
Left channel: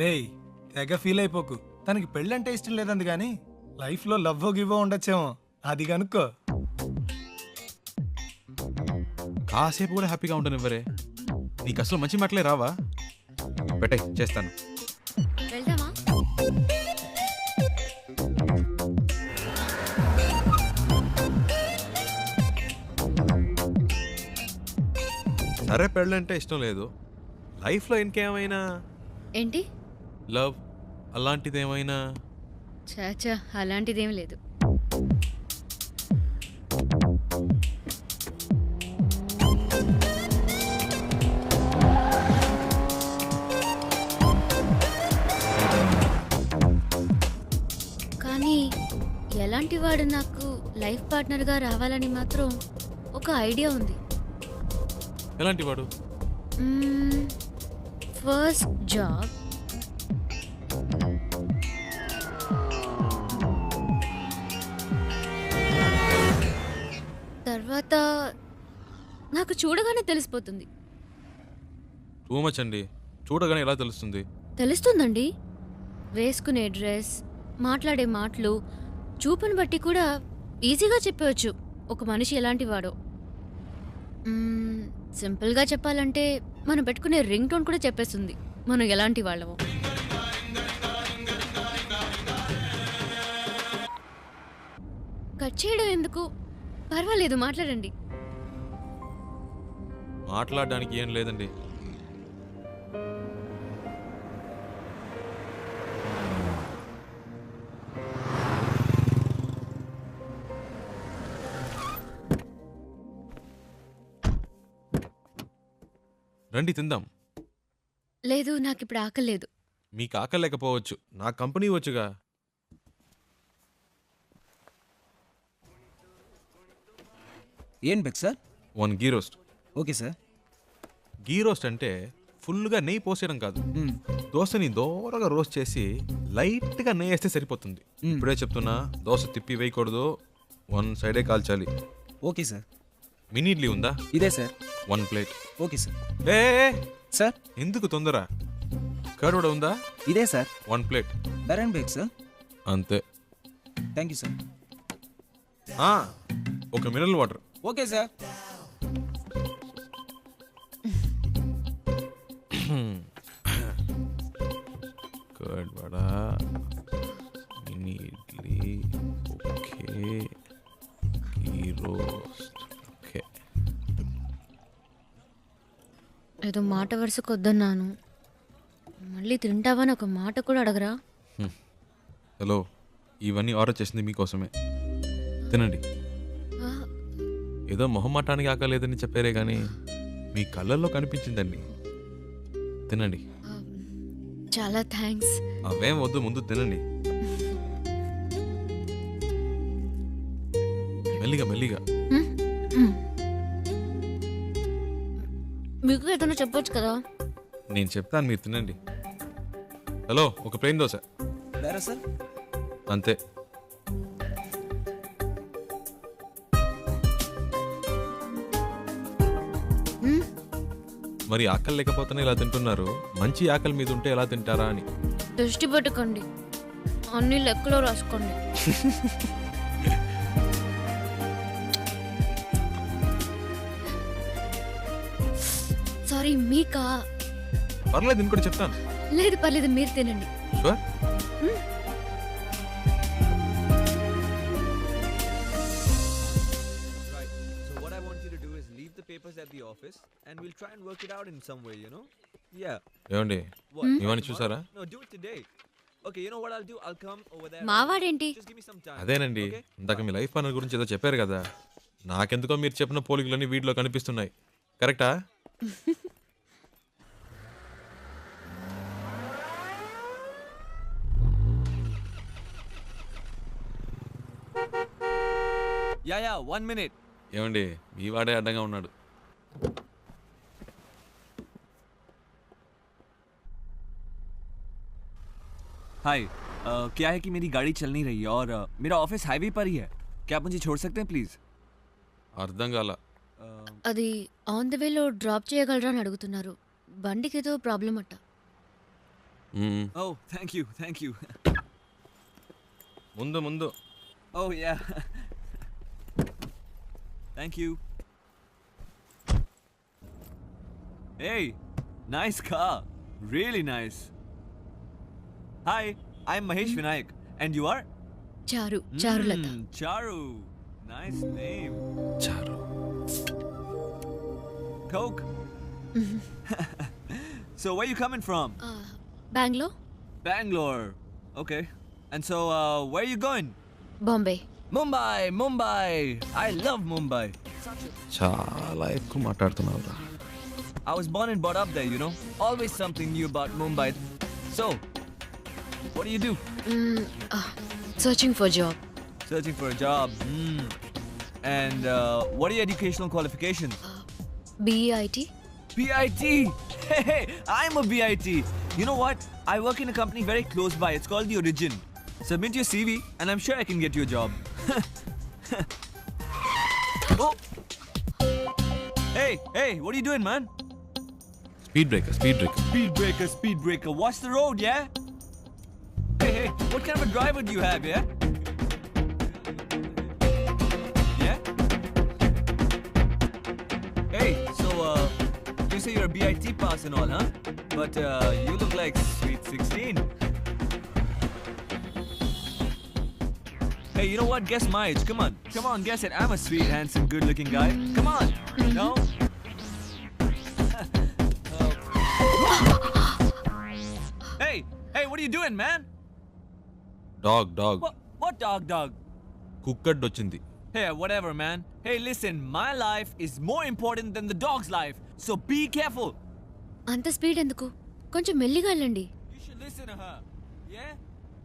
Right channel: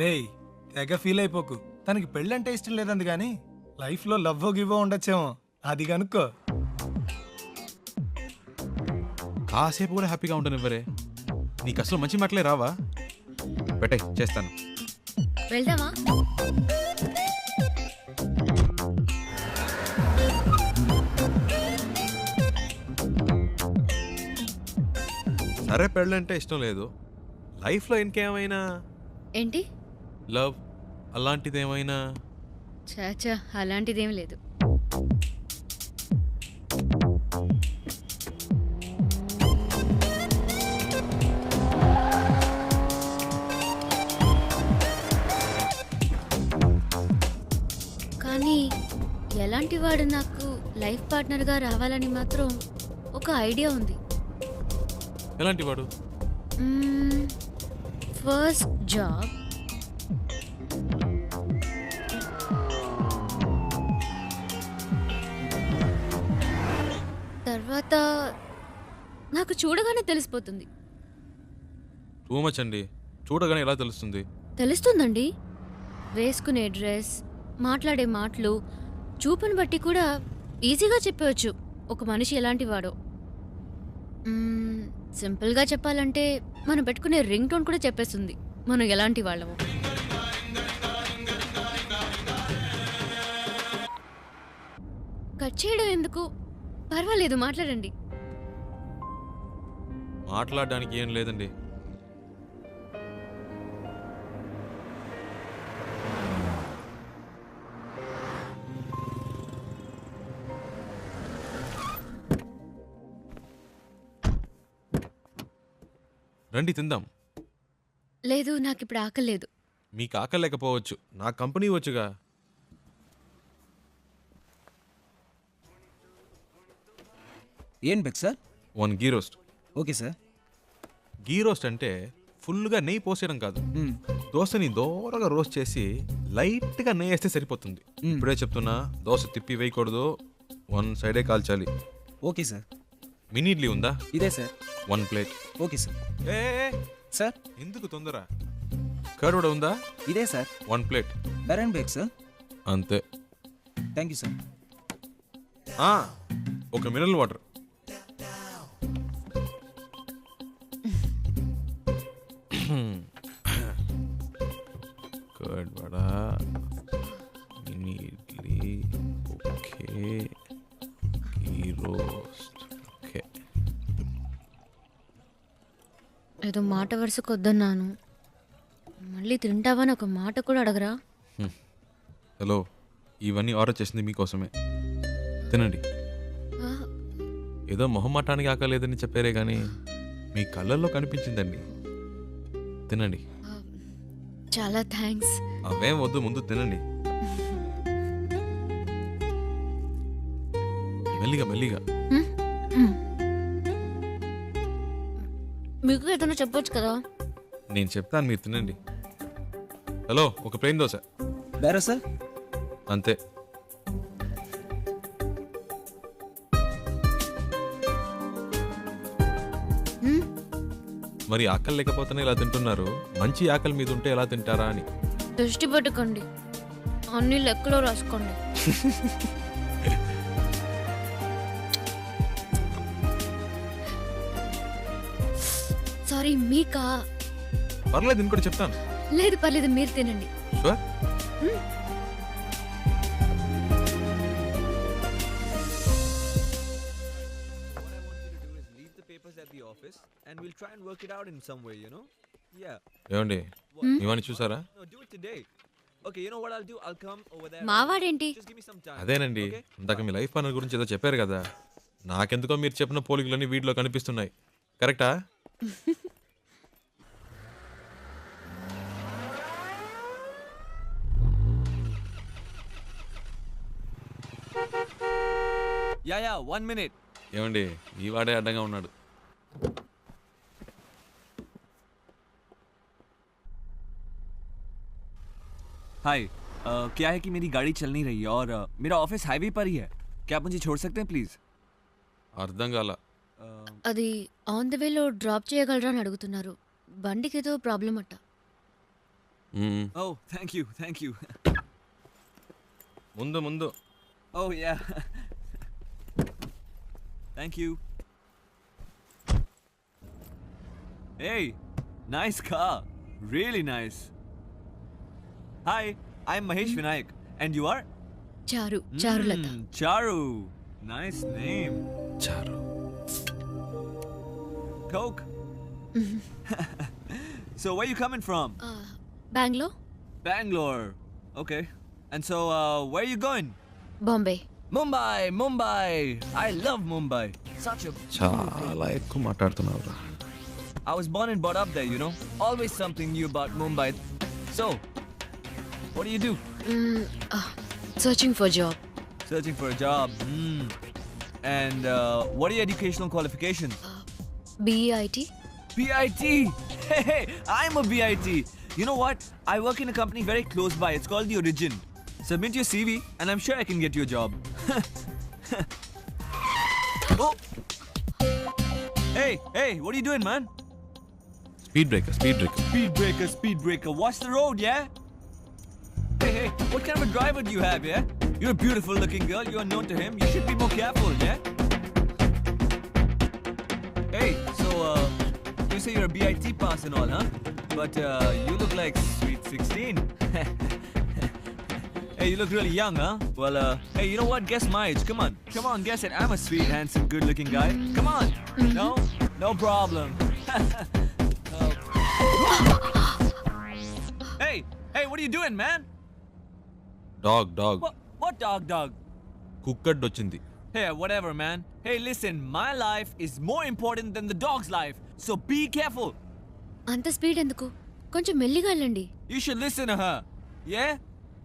రేయ్ తెగ ఫీల్ అయిపోకు. తనకి పెళ్ళంటే ఇష్టం లేదంది కానీ లైఫ్లో లవ్వో గివ్వో ఉండొచ్చేమో. అది కనుక్కో. కాసేపు కూడా హ్యాపీగా ఉంటానివ్వరే. నీకు అసలు మంచి మాటలే రావా? పెట్టే చేస్తాను. వెళ్దామా? సరే పెళ్ళంటే ఇష్టం లేదు. లైఫ్లో ఇంకేమైనా ఏంటి? లవ్ అలాంటిదేమైనా? చాచా అలాంటిదేం లేదు. కానీ ఎలాంటి వాడు నాకు లైఫ్ పార్ట్నర్గా రావాలని మాత్రం ఒక ఐడియా ఉంది. ఎలాంటి వాడు? ఫస్ట్ జాబ్, తర్వాత నాకు చూడగానే తెలిసిపోతుంది. టూ మచ్ అండి. చూడగానే ఎలా తెలుస్తుంది? తెలుస్తుందండి. వేసుకునే డ్రెస్, మాట్లాడే మాటలు, చూపుని బట్టి కూడా ఈజీగా చెప్పవచ్చు ఒక మనిషి ఎలాంటి వాడో. సింపుల్గా చెప్పాలంటే మనం పెట్టుకునే రింగ్ టోన్ కూడా చెప్పేస్తుంది మనం ఎలాంటి వాళ్ళమో. కట్ చేయడం ఎందుకు? పర్వాలేదు, మాట్లాడండి. మాట్లాడడానికి ఏం లేదండి. రండి తిందాం. లేదు, నాకు ఇప్పుడు ఆకలేదు. మీకు ఆకలేకపోవచ్చు, నా కంపెనీ వచ్చుగా. ఏం బెక్ sir? 1 ghee roast. Okay sir. Ghee roast అంటే ఫుల్గా నెయ్యి పోసేయడం కాదు. దోశని దోరగా రోస్ట్ చేసి లైట్గా నెయ్యి వేస్తే సరిపోతుంది. ఇప్పుడే చెప్తున్నా, దోశ తిప్పి వేయకూడదు, 1 సైడే కాల్చాలి. Okay sir. మినీ ఇడ్లీ ఉందా? ఇదే సార్. 1 ప్లేట్. Okay sir. ఏ సార్ ఎందుకు తొందర? కర్డ్ కూడా ఉందా? ఇదే సార్. 1 ప్లేట్. బెరన్ బేక్ సార్. అంతే. Thank you sir. ఒక mineral water. Okay sir. Curd vada, mini idli, okay, ghee roast, okay. ఏదో మాట వరుసకు వద్దన్నాను, మళ్ళీ తింటావని ఒక మాట కూడా అడగరా? హలో, ఇవన్నీ ఆర్డర్ చేసింది మీకోసమే, తినండి. ఆ, ఏదో మొహమాటానికి ఆకలేదని చెప్పారే కానీ మీ కళ్ళల్లో కనిపించిందండి. తినండి. చాలా థ్యాంక్స్. అవేం వద్దు, ముందు తినండి. మెల్లిగా మెల్లిగా. మీకు ఏదైనా చెప్పొచ్చు కదా. నేను చెప్తాను, మీరు తినండి. హలో, ఒక ప్లేన్ దోశ. బేరా సార్. అంతే. మరి ఆకలి లేకపోతేనే ఇలా తింటున్నారు, మంచి ఆకలి మీద ఉంటే ఎలా తింటారా అని. దృష్టి పెట్టుకోండి, అన్ని లెక్కలో రాసుకోండి. సారీ, మీకా? పర్లేదు, ఇంకోటి చెప్తాను. లేదు పర్లేదు, మీరు తినండి. Sure. And we'll try and work it out in some way, you know? Yeah. ఏమండి, ఇవన్నీ చూసారా? No, do it today. Okay, you know what I'll do? I'll come over there. మావాడేంటి? Just give me some time. అదేనండి, ఇందాక మీ life partner గురించి ఏదో చెప్పారు కదా, నాకెందుకో మీరు చెప్పిన పోలికలన్నీ వీటిలో కనిపిస్తున్నాయి. కరెక్టా? Yeah, 1 minute. ఏమండి, ఈ వాడే అడ్డంగా ఉన్నాడు. हाय, क्या है कि मेरी गाड़ी चल नहीं रही है और मेरा ऑफिस हाईवे पर ही है. क्या आप मुझे छोड़ सकते हैं प्लीज? అర్థం కాల. అది ఆన్ ద వేలో డ్రాప్ చేయగలరా అని అడుగుతున్నారు. బండికి ఏదో ప్రాబ్లం అట్ట. Oh, thank you. ముందు ముందు. Oh yeah. Thank you. Hey, nice car. Really nice. Hi, I'm Mahesh Vinayak. And you are? Charulata. Charu. Nice name. చారు. Coke? So, where you coming from? Bengaluru. Bangalore. Okay. And so, where you going? Bombay. Mumbai. I love Mumbai. చాలా ఎక్కువ మాట్లాడుతున్నావురా. I was born and brought up there, you know. Always something new about Mumbai. So, what do you do? Searching for job. Searching for a job. And what are your educational qualifications? BIT. BIT. Hey, I'm a BIT. You know what? I work in a company very close by. It's called The Origin. Submit your CV and I'm sure I can get you a job. Oh. Hey, what are you doing, man? Speed breaker. Speed breaker. Watch the road, yeah? Hey, what kind of a driver do you have, yeah? You're a beautiful looking girl. You're known to him. You should be more careful, yeah? Hey, so, you say you're a BIT pass and all, huh? But, you look like sweet 16. Hey, you look really young, huh? Well, hey, you know what? Guess my age. Come on, guess it. I'm a sweet, handsome, good-looking guy. Come on. No? No problem. Oh. Hey, what are you doing, man? Dog. What dog? Cooked వచ్చింది. Hey, whatever, man. Hey, listen, my life is more important than the dog's life. So be careful. అంత speed ఎందుకు? కొంచెం మెల్లిగా వెళ్ళండి. You should listen to her. Yeah?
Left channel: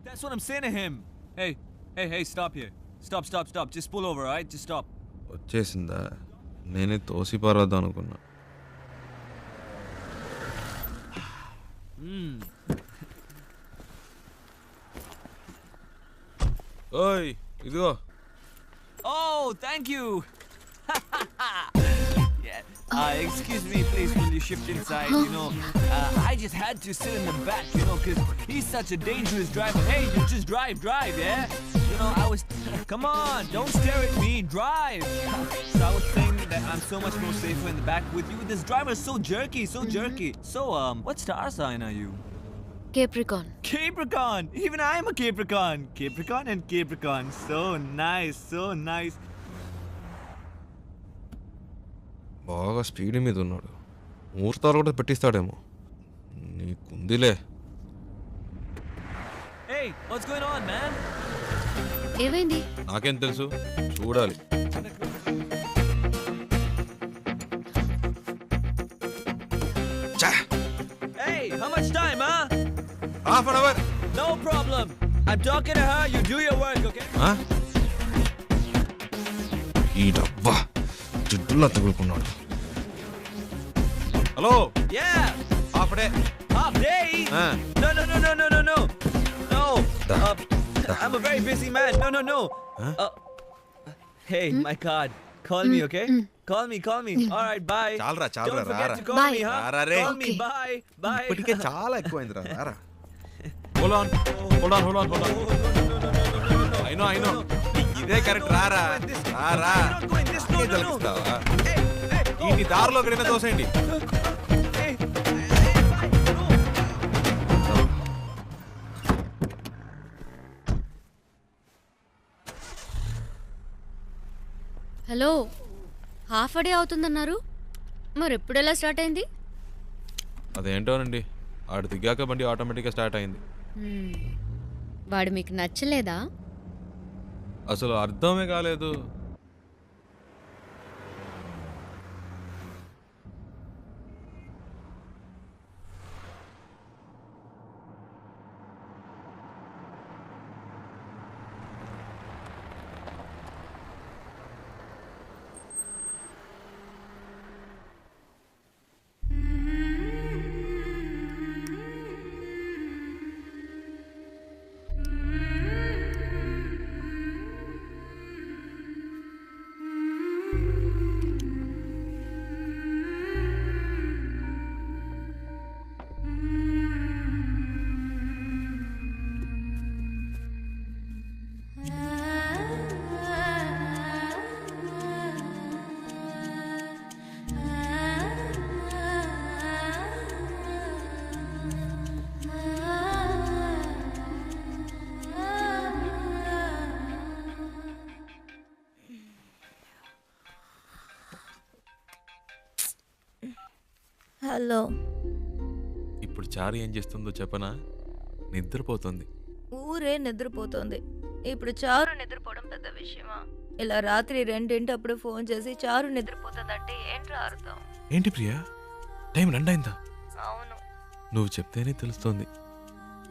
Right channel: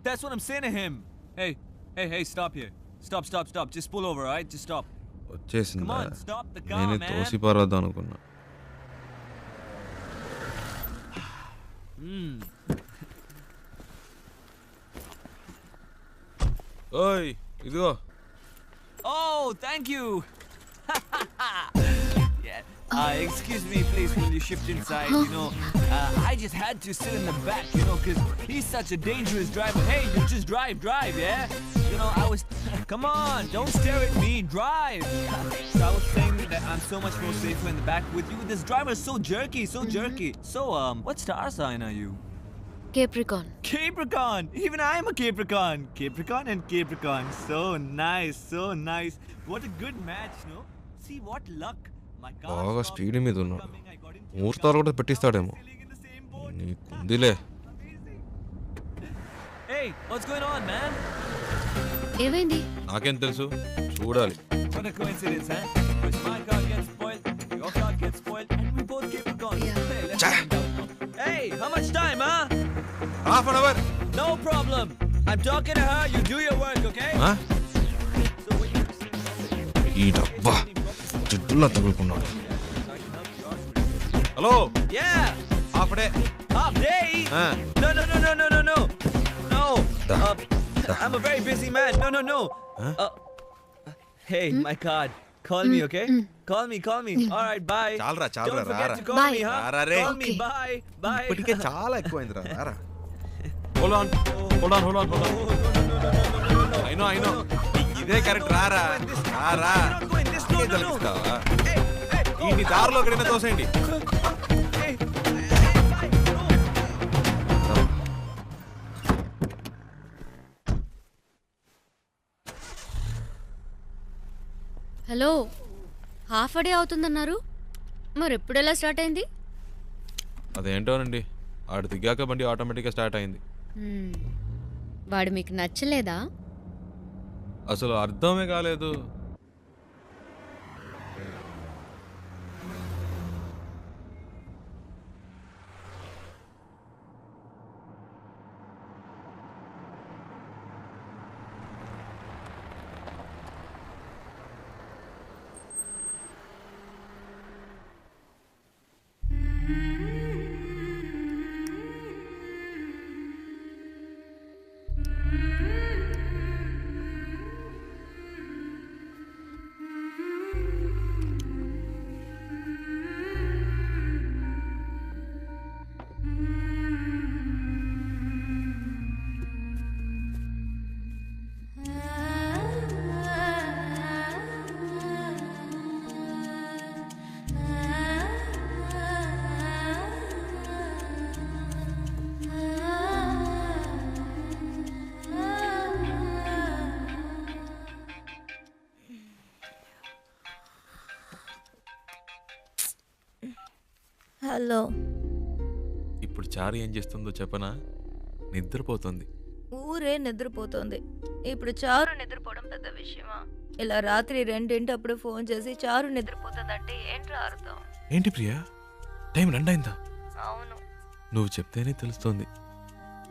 That's what I'm saying to him. Hey, stop here. Stop. Just pull over, alright? Just stop. వచ్చేసిందా? Come on, stop the car, నేనే man. తోసిపారద్దు అనుకున్నా. ఓయ్, ఇదిగో. Oh, thank you. Yeah. Excuse me, please, will you shift inside? You know, I just had to sit in the back, you know, because he's such a dangerous driver. Hey, you just drive, yeah? You know, I was... Come on, don't stare at me, drive! So I was saying that I'm so much more safer in the back with you. This driver is so jerky, so jerky. So, what star sign are you? Capricorn. Capricorn! Even I am a Capricorn! Capricorn and Capricorn. So nice, so nice. What a good match, no? See what luck. బాగా speed మీద ఉన్నాడు. ముహూర్తాలు కూడా పెట్టిస్తాడేమో. నీకుందిలే. Hey, what's going on, man? ఏమైంది? నాకేం తెలుసు, చూడాలి. What a coincidence, huh? My car gets spoiled, your car gets spoiled, and we both Capricorn. Hey, how much time, huh? Half an hour. No problem. I'm talking to her. You do your work, okay? ఈ డబ్బా జిడ్డులా తగులుకున్నాడు. హలో. Yeah. Half day. Half day? No. No. I'm a very busy man. No. Hey, my card. Call me, okay? Call me. All right, bye. చాలరా Don't forget రారా. to call me, huh? రారా రే. Call me, bye. ఇప్పటికే చాలా ఎక్కువైందిరా. రారా. Hold on. I know. ఇదే correct. రారా. తలిపిస్తావా? ఈ దారిలో ఎక్కడైనా తోసేయండి. హలో, హాఫ్ డే అవుతుందన్నారు, మరి ఎప్పుడు ఎలా స్టార్ట్ అయింది? అదేంటోనండి, ఆడు దిగాక బండి ఆటోమేటిక్గా స్టార్ట్ అయింది. వాడు మీకు నచ్చలేదా? అసలు అర్థమే కాలేదు. హలో. ఇప్పుడు చారు ఏం చేస్తుందో చెప్పనా? నిద్రపోతుంది. ఊరే నిద్రపోతుంది. ఇప్పుడు చారు నిద్రపోవడం పెద్ద విషయమా? ఇలా రాత్రి 2 ఫోన్ చేసి చారు నిద్రపోతుందంటే ఏంట్రా అర్థం? ఏంటి ప్రియా, టైం 2 అయిందా? అవును. నువ్వు చెప్తేనే తెలుస్తోంది.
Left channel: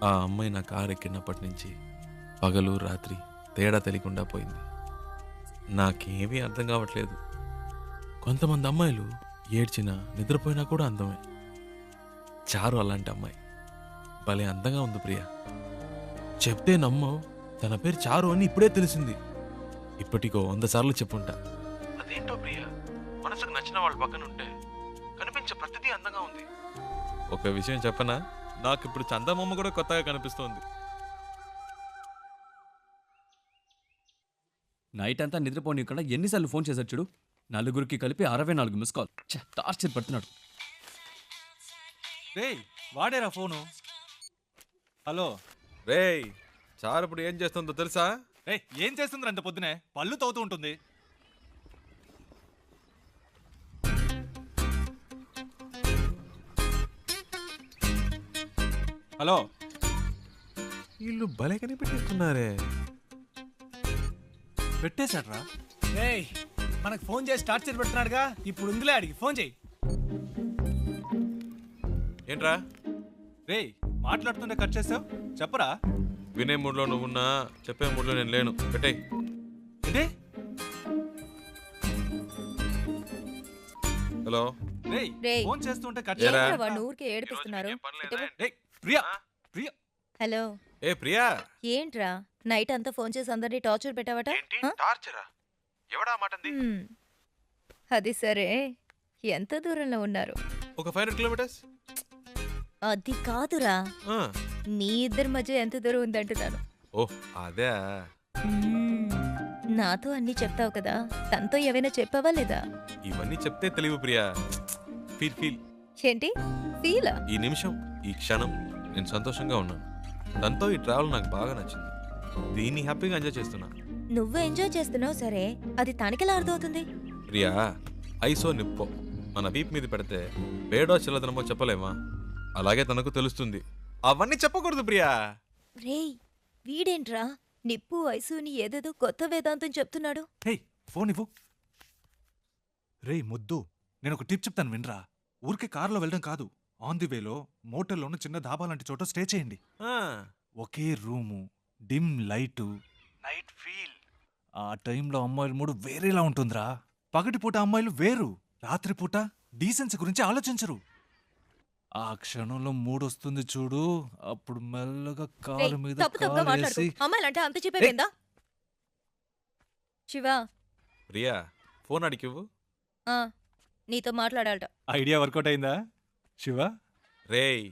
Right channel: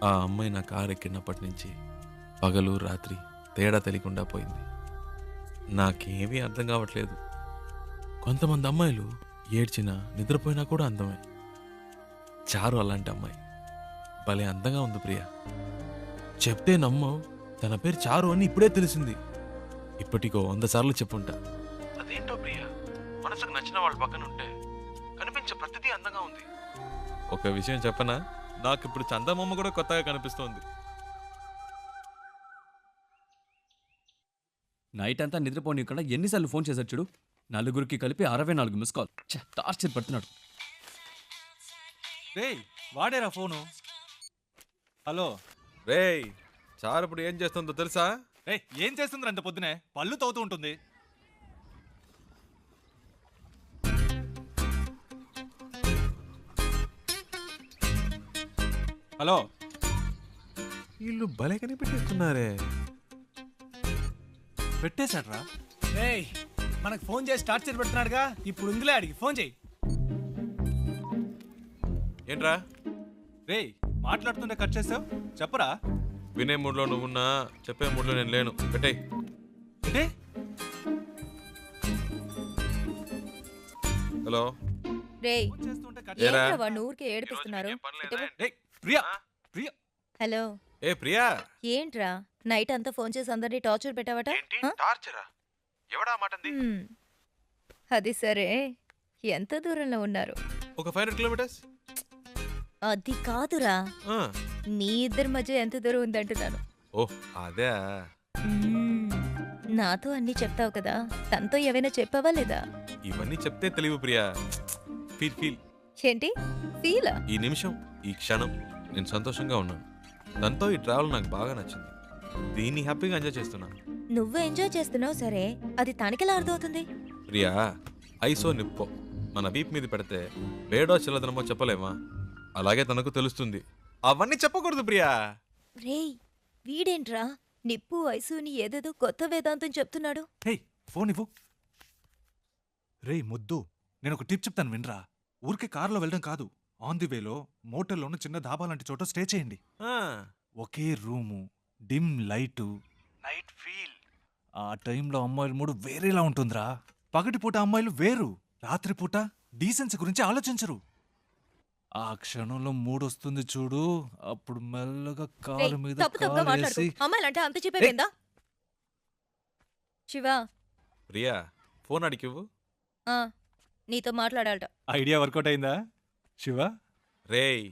ఆ అమ్మాయి నా కారు ఎక్కినప్పటి నుంచి పగలు రాత్రి తేడా తెలియకుండా పోయింది. నాకేమీ అర్థం కావట్లేదు. కొంతమంది అమ్మాయిలు ఏడ్చినా నిద్రపోయినా కూడా అందమే. చారు అలాంటి అమ్మాయి. భలే అందంగా ఉంది ప్రియా. చెప్తే నమ్మవు, తన పేరు చారు అని ఇప్పుడే తెలిసింది. ఇప్పటికో 100 సార్లు చెప్పుంటా. అదేంటో ప్రియా, మనసుకు నచ్చిన వాళ్ళ పక్కన ఉంటే కనిపించే ప్రతిదీ అందంగా ఉంది. ఒక విషయం చెప్పనా, నాకు ఇప్పుడు చందమామ కూడా కొత్తగా కనిపిస్తోంది. నైట్ అంతా నిద్రపోనీయకుండా ఎన్నిసార్లు ఫోన్ చేశాడు చూడు. 4 కలిపి 64 మిస్ కాల్. టార్చర్ పడుతున్నాడు. రేయ్, వాడేరా ఫోను. హలో రేయ్, చారు ఇప్పుడు ఏం చేస్తుందో తెలుసా? రే, ఏం చేస్తుందిరా అంత పొద్దునే? పళ్ళు తవ్వుతూ ఉంటుంది. హలో, వీళ్ళు భలే కనిపెట్టిస్తున్నారే. పెట్టేశాడ్రా. రేయ్, మనకు ఫోన్ చేసి టార్చర్ పెడుతున్నాడుగా, ఇప్పుడు ఉందిలే, అడిగి ఫోన్ చేయి. ఏంట్రా? రేయ్, మాట్లాడుతుంటే కట్ చేసావు, చెప్పరా. వినే మూడ్లో నువ్వున్నా, చెప్పే మూడ్లో నేను లేను. పెట్టేయ్. ఏంటి? హలో. రేయ్, ఫోన్ చేస్తుంటే కట్ ఏంట్రా వాడిని ఊరికే ఏడిపిస్తున్నారు? ప్రియా. హలో. ఏ ప్రియా, ఏంట్రా నైట్ అంతా ఫోన్ చేసి అందరినీ టార్చర్ పెట్టావట? టార్చరా? ఎవడా మాటంది? అది సరే, ఎంత దూరంలో ఉన్నారు? ఒక 500 కిలోమీటర్స్. అది కాదురా, ఆ, మీ ఇద్దరి మధ్య ఎంత దూరం ఉందంటున్నాను. ఓ అదే. నాతో అన్నీ చెప్తావు కదా, తనతో ఏవైనా చెప్పావా లేదా? ఇవన్నీ చెప్తే తెలివి ప్రియా. Feel feel. ఏంటి ఫీలా? ఈ నిమిషం, ఈ క్షణం నేను సంతోషంగా ఉన్నాను. దాంతో ఈ ట్రావెల్ నాకు బాగా నచ్చింది. దీన్ని హ్యాపీగా ఎంజాయ్ చేస్తున్నా. నువ్వు ఎంజాయ్ చేస్తున్నావు సరే, అది తనకెలా అర్థమవుతుంది? ప్రియా, ఐసో నిప్పో మన వీప్ మీద పెడితే వేడో చిల్లదనమో చెప్పలేమా? అలాగే తనకు తెలుస్తుంది. అవన్నీ చెప్పకూడదు ప్రియా. రేయ్, వీడేంట్రా నిప్పు ఐసుని ఏదేదో కొత్త వేదాంతం చెప్తున్నాడు. హే ఫోన్ ఇవ్వు. రేయ్ ముద్దు, నేను ఒక టిప్ చెప్తాను వినరా. ఊరికే కారులో వెళ్ళడం కాదు, ఆన్ ది వేలో మోటల్లోనూ చిన్న ధాబా లాంటి చోట స్టే చేయండి. ఒకే room, dim light, night feel. ఆ టైంలో అమ్మాయిల మూడు వేరేలా ఉంటుందిరా. పగటిపూట అమ్మాయిలు వేరు, రాత్రిపూట డీసెన్సీ గురించి ఆలోచించరు. ఆ క్షణంలో మూడొస్తుంది చూడు, అప్పుడు మెల్లగా కాలు మీద కాలేసి. అమ్మాయిలంటే అంత చెప్పేవేందా? శివా, ప్రియా ఫోన్ అడిగివ్వు. నీతో మాట్లాడాలట. ఐడియా వర్కౌట్ అయిందా శివ? రేయ్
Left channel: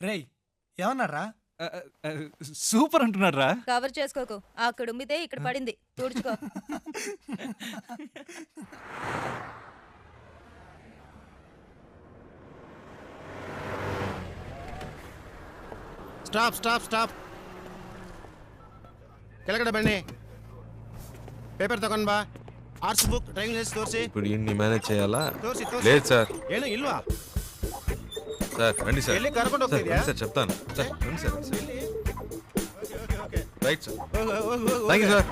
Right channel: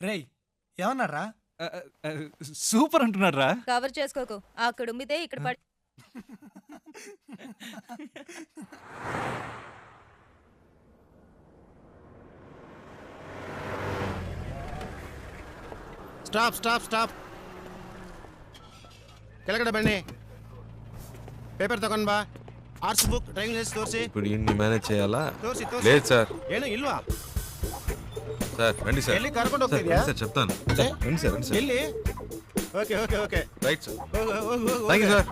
రేయ్ ఏమన్నారా? సూపర్ అంటున్నాడు రా. కవర్ చేసుకోకు, అక్కడ ఉమ్మితే ఇక్కడ పడింది, తుడుచుకో. Stop stop stop. ಕೆಳಗಡೆ ಬನ್ನಿ. ಪೇಪರ್ ತಗೊಂಡ್ ಬಾ. ಆರ್ಟ್ಸ್ ಬುಕ್, ಡ್ರೈವಿಂಗ್ ಲೈಸೆನ್ಸ್ ತೋರಿಸಿ. ఇప్పుడు ఇన్ని మేనేజ్ చేయాలా? ತೋರಿಸಿ లేదు సార్. ಏನು ಇಲ್ವಾ? సార్ రండి సార్. ಎಲ್ಲಿ ಕರ್ಕೊಂಡು ಹೋಗ್ತಿದ್ಯಾ? సార్ చెప్తాను. సార్ రండి సార్. ಎಲ್ಲಿ? Okay okay okay. Right sir. ಹೋಗು ಹೋಗು ಹೋಗು. Thank you sir.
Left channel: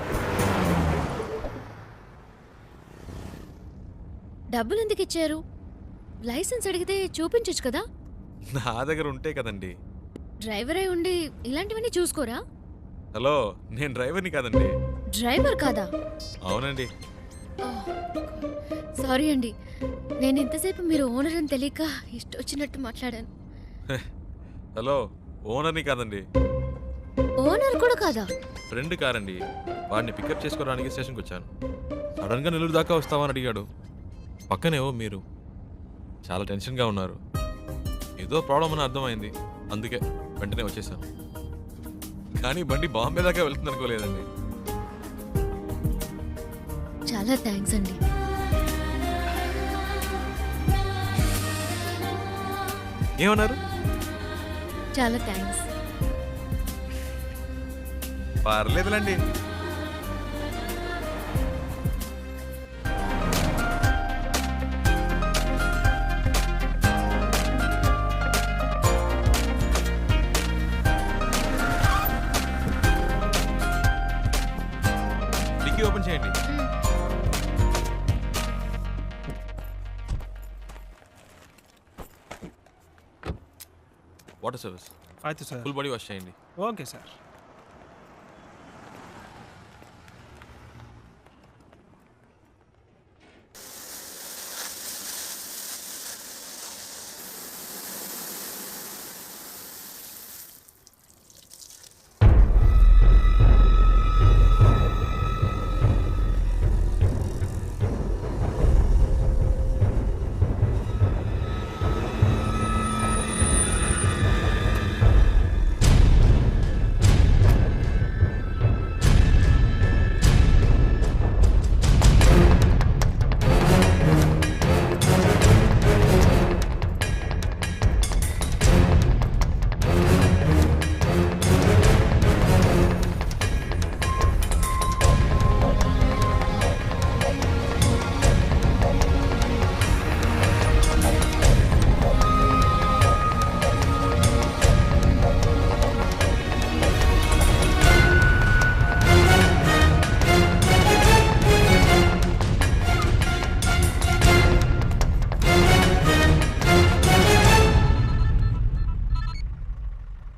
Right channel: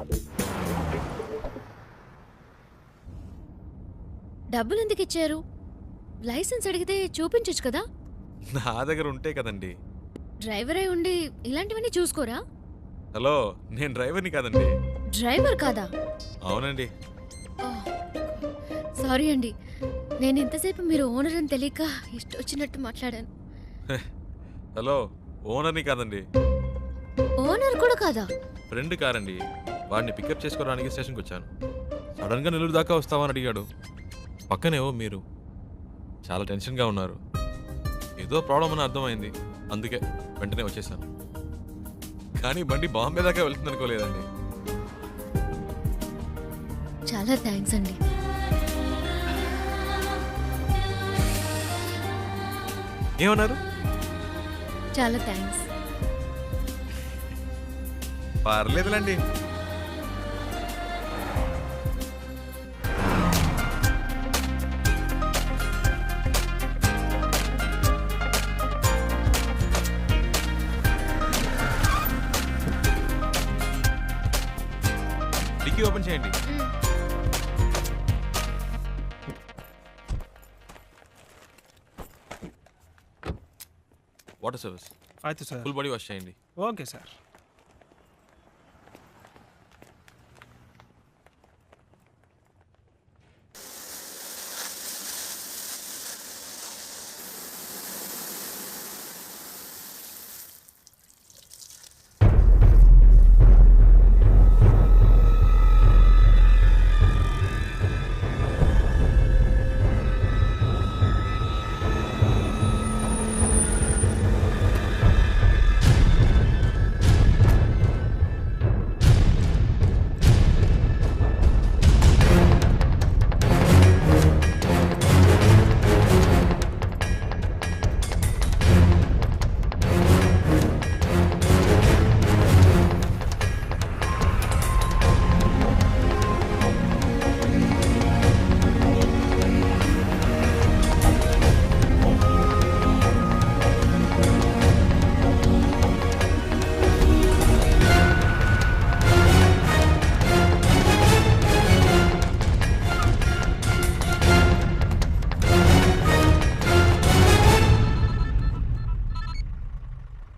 డబ్బులు ఎందుకు ఇచ్చారు? లైసెన్స్ అడిగితే చూపించొచ్చు కదా. నా దగ్గర ఉంటే కదండి. డ్రైవర్ అయి ఉండి ఇలాంటివన్నీ చూసుకోరా? హలో, నేను డ్రైవర్ని కాదండి. డ్రైవర్ కాదా? అవునండి. సారీ అండి, నేను ఇంతసేపు మీరు ఓనర్ అని తెలియక ఇష్టం వచ్చినట్టు మాట్లాడాను. హలో, ఓనర్ని కాదండి. ఓనర్ కూడా కాదా? ఫ్రెండ్ కారండి. వాడిని పికప్ చేసుకోవడానికి స్టేషన్కి వచ్చాను. సడన్గా నెల్లూరు దాకా వస్తావని అడిగాడు. పక్కనేవో మీరు చాలా టెన్షన్గా ఉన్నారు. ఏదో ప్రాబ్లం అని అర్థమైంది, అందుకే వెంటనే వచ్చేసాను. కానీ బండి బాంబే దాకా వెళ్తుంది అనుకోలేదండి. చాలా థ్యాంక్స్ అండి. ఏమన్నారు? చాలా థ్యాంక్స్. పర్లేదులండి. డిక్కీ ఓపెన్ చేయండి. Water service. అయితే సార్ ఫుల్ బాడీ వాష్ చేయండి. Okay sir.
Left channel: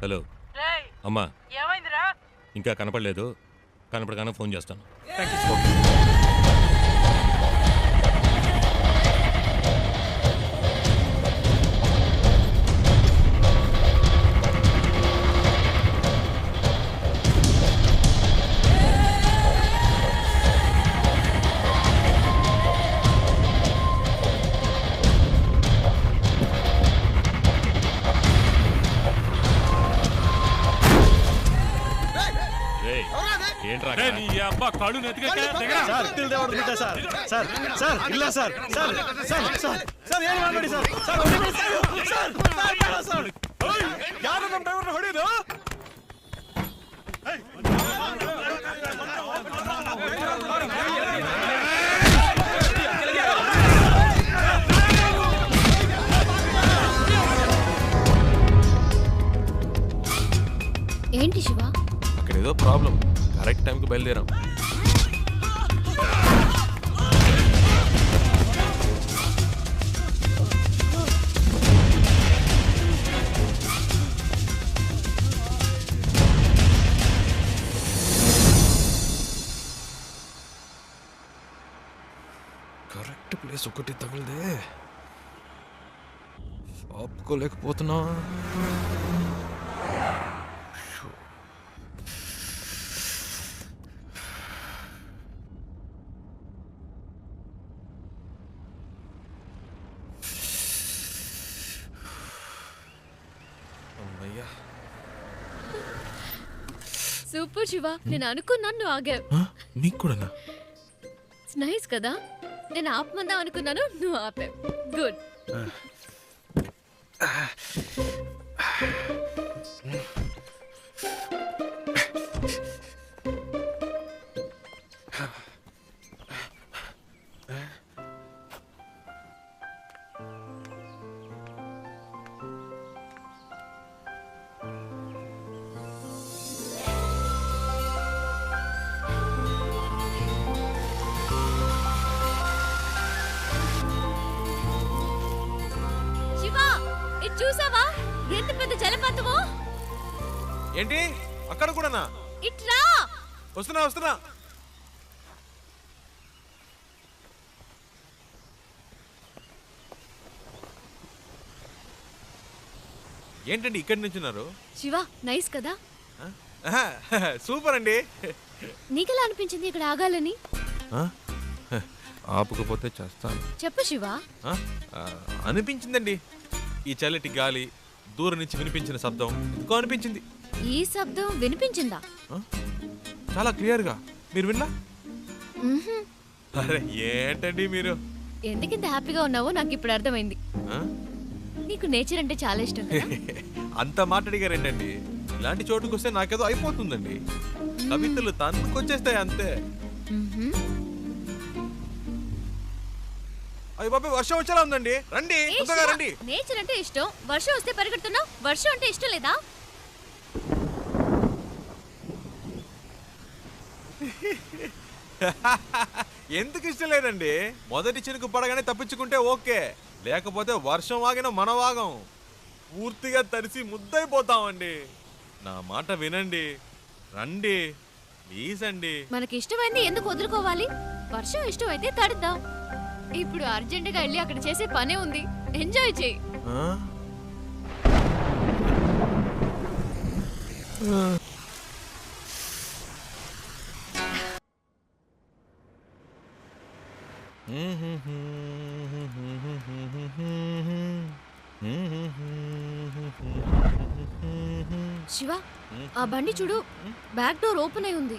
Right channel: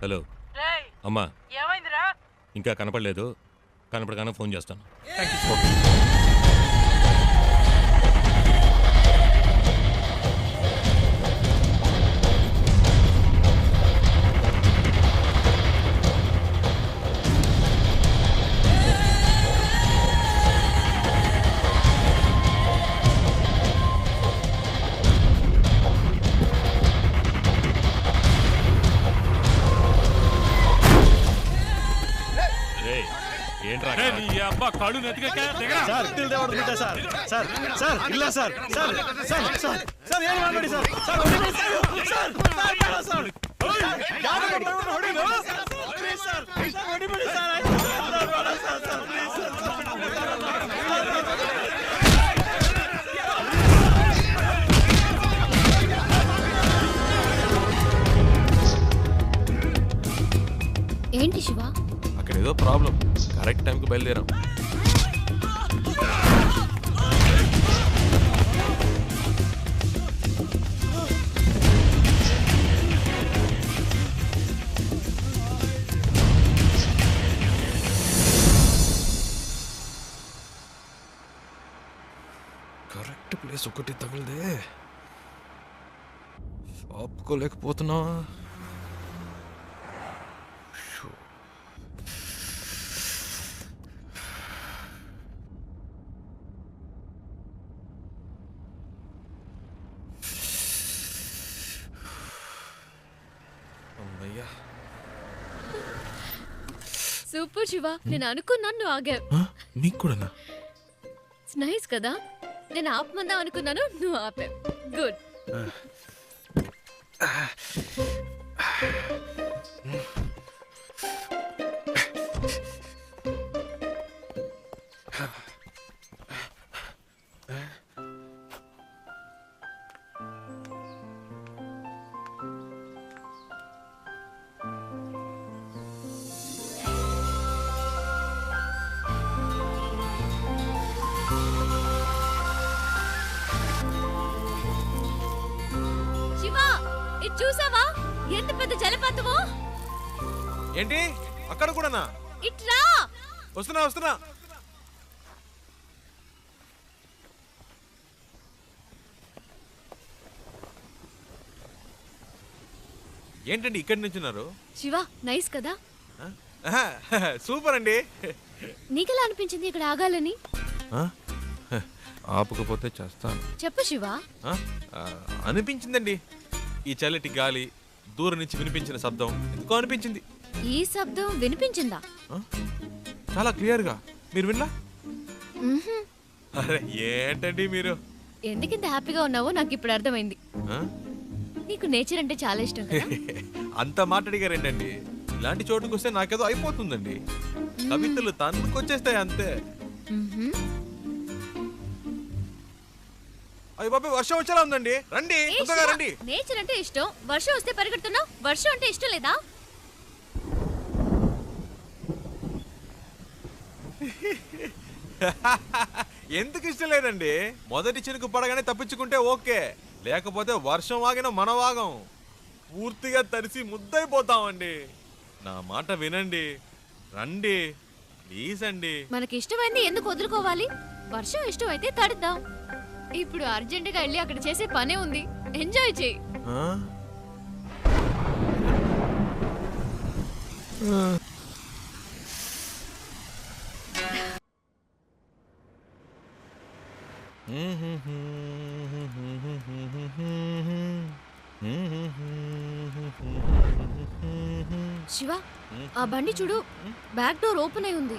హలో అమ్మా, ఇంకా కనపడలేదు. కనపడగానే ఫోన్ చేస్తాను. ఏంట్రా రే, నీ అబ్బా కళ్ళు నెత్తికెక్కా? దిగరా. ఏంటి శివ? అక్కడ ఏదో ప్రాబ్లం. కరెక్ట్ టైంకి బయలుదేరాం. కరెక్ట్ ప్లేస్ ఒకటి తగిలిదే. ఆపుకోలేకపోతున్నా. సూపర్ శివ, నేను అనుకున్నాను నువ్వు ఆగావు. మీకు కూడానా? నైస్ కదా, నేను ఆపమందాం అనుకున్నాను, నువ్వు ఆపావు. గుడ్. చూసావా ఎంత పెద్ద జలపాతమో? ఏంటి అక్కడ కూడానా? ఇట్రా. వస్తున్నా. ఏంటండి ఇక్కడి నుంచున్నారు? శివ నైస్ కదా? సూపర్ అండి. నీకెలా అనిపించింది ఇక్కడ ఆగాలని? ఆపుకపోతే చేస్తాను. చెప్పు శివ. అనిపించిందండి. ఈ చల్లటి గాలి, దూరం నుంచి వినిపించిన శబ్దం ఎందుకో అనిపించింది. ఈ శబ్దం వినిపించిందా? చాలా క్లియర్గా. మీరు వినలా? అరే ఏంటండి మీరు? ఎందుకింత హ్యాపీగా ఉన్నావో నాకు ఇప్పుడు అర్థమైంది. నీకు నేచర్ అంటే చాలా ఇష్టం కదా? అంత మాట్లాడిగారేంటండి? ఇలాంటి చోటుకు వస్తే నాకేదో అయిపోతుందండి. కవితలు తన్నుకొచ్చేస్తాయి అంతే. అయ్య బాబు వర్షం వచ్చేలా ఉందండి. రండి తొందరగా రండి. నేచర్ అంటే ఇష్టం, వర్షం వస్తే పరిగెడుతున్నావు. వర్షం అంటే ఇష్టం లేదా? ఎందుకు ఇష్టం లేదండి? మొదటి చినుకు పడగానే తప్పించుకుంటే ఓకే, లేకపోతే వర్షం వాగిన మన వాగం పూర్తిగా తడిసి ముద్దైపోతామండి. నా మాట వినండి, రండి ప్లీజ్ అండి. మనకి ఇష్టమైంది ఎందుకు వదులుకోవాలి? వర్షం ఇష్టం అయితే తడుద్దాం. ఇప్పుడు అర్జెంటుగా వెళ్ళి అక్కడ చేసే పనే ఉంది. ఎంజాయ్ చేయి. శివ ఆ బండి చూడు, బ్యాక్ డోర్ ఓపెన్ అయి ఉంది.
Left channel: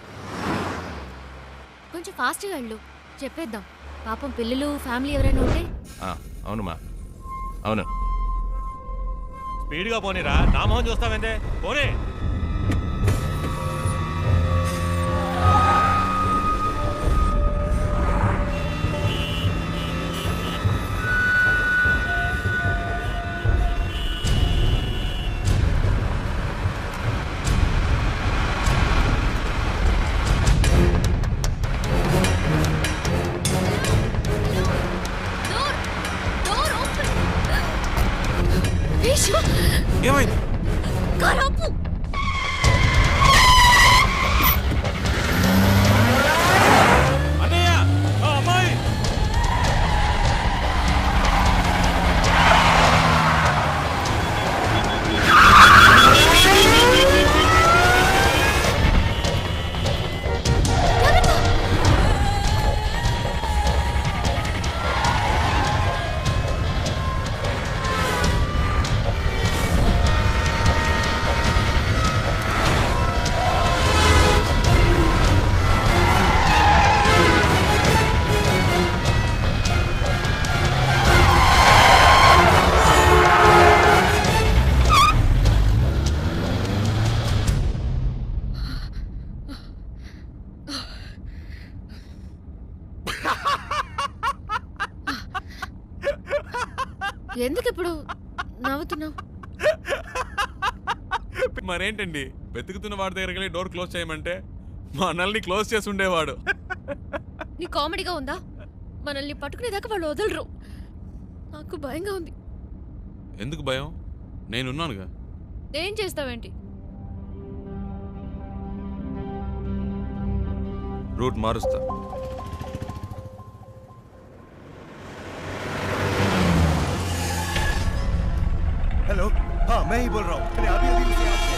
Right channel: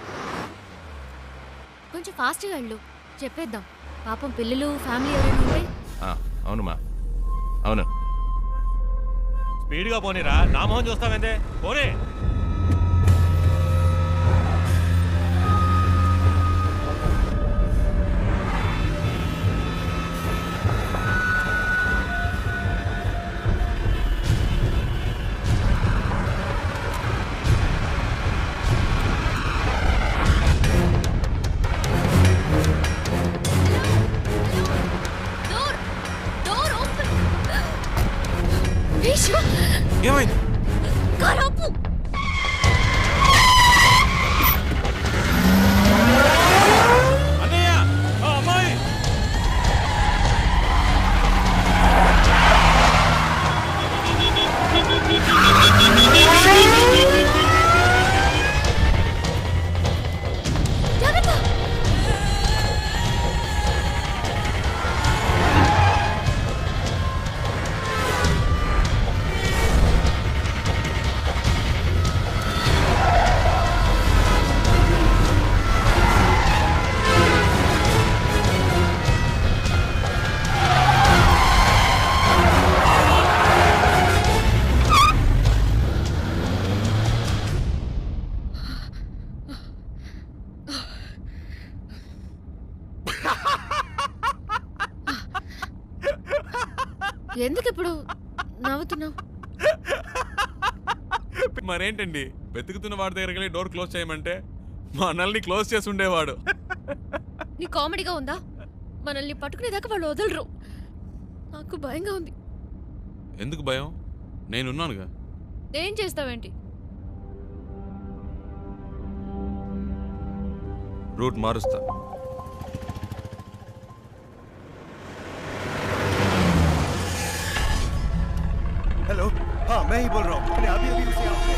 కొంచెం ఫాస్ట్గా వెళ్ళు, చెప్పేద్దాం. పాపం పిల్లలు ఫ్యామిలీ ఎవరైనా ఉంటే. అవునుమా అవును. స్పీడ్గా పోనీరా, నా మొహం చూస్తావేందే? పోనీ. ఏమైంది? కారాపు. అన్నయ్య, అమ్మాయి. ఎందుకు ఇప్పుడు నవ్వుతున్నావు? మరేంటండి వెతుకుతున్న వాడి దగ్గరికి వెళ్ళి డోర్ క్లోజ్ చేయమంటే మా అన్నల్ని క్లోజ్ చేసి ఉండేవాడు. నీ కామెడీగా ఉందా? మనల్ని పట్టుకునేదాకా వాళ్ళు వదలరు. నాకు భయంగా ఉంది. ఎందుకు భయం? నేనున్నానుగా. ఏం చేస్తావేంటి? రూట్ మారుస్తా. हेलो हाँ मैं ही बोल रहा हूँ मैंने अभी अभी उसे आपसे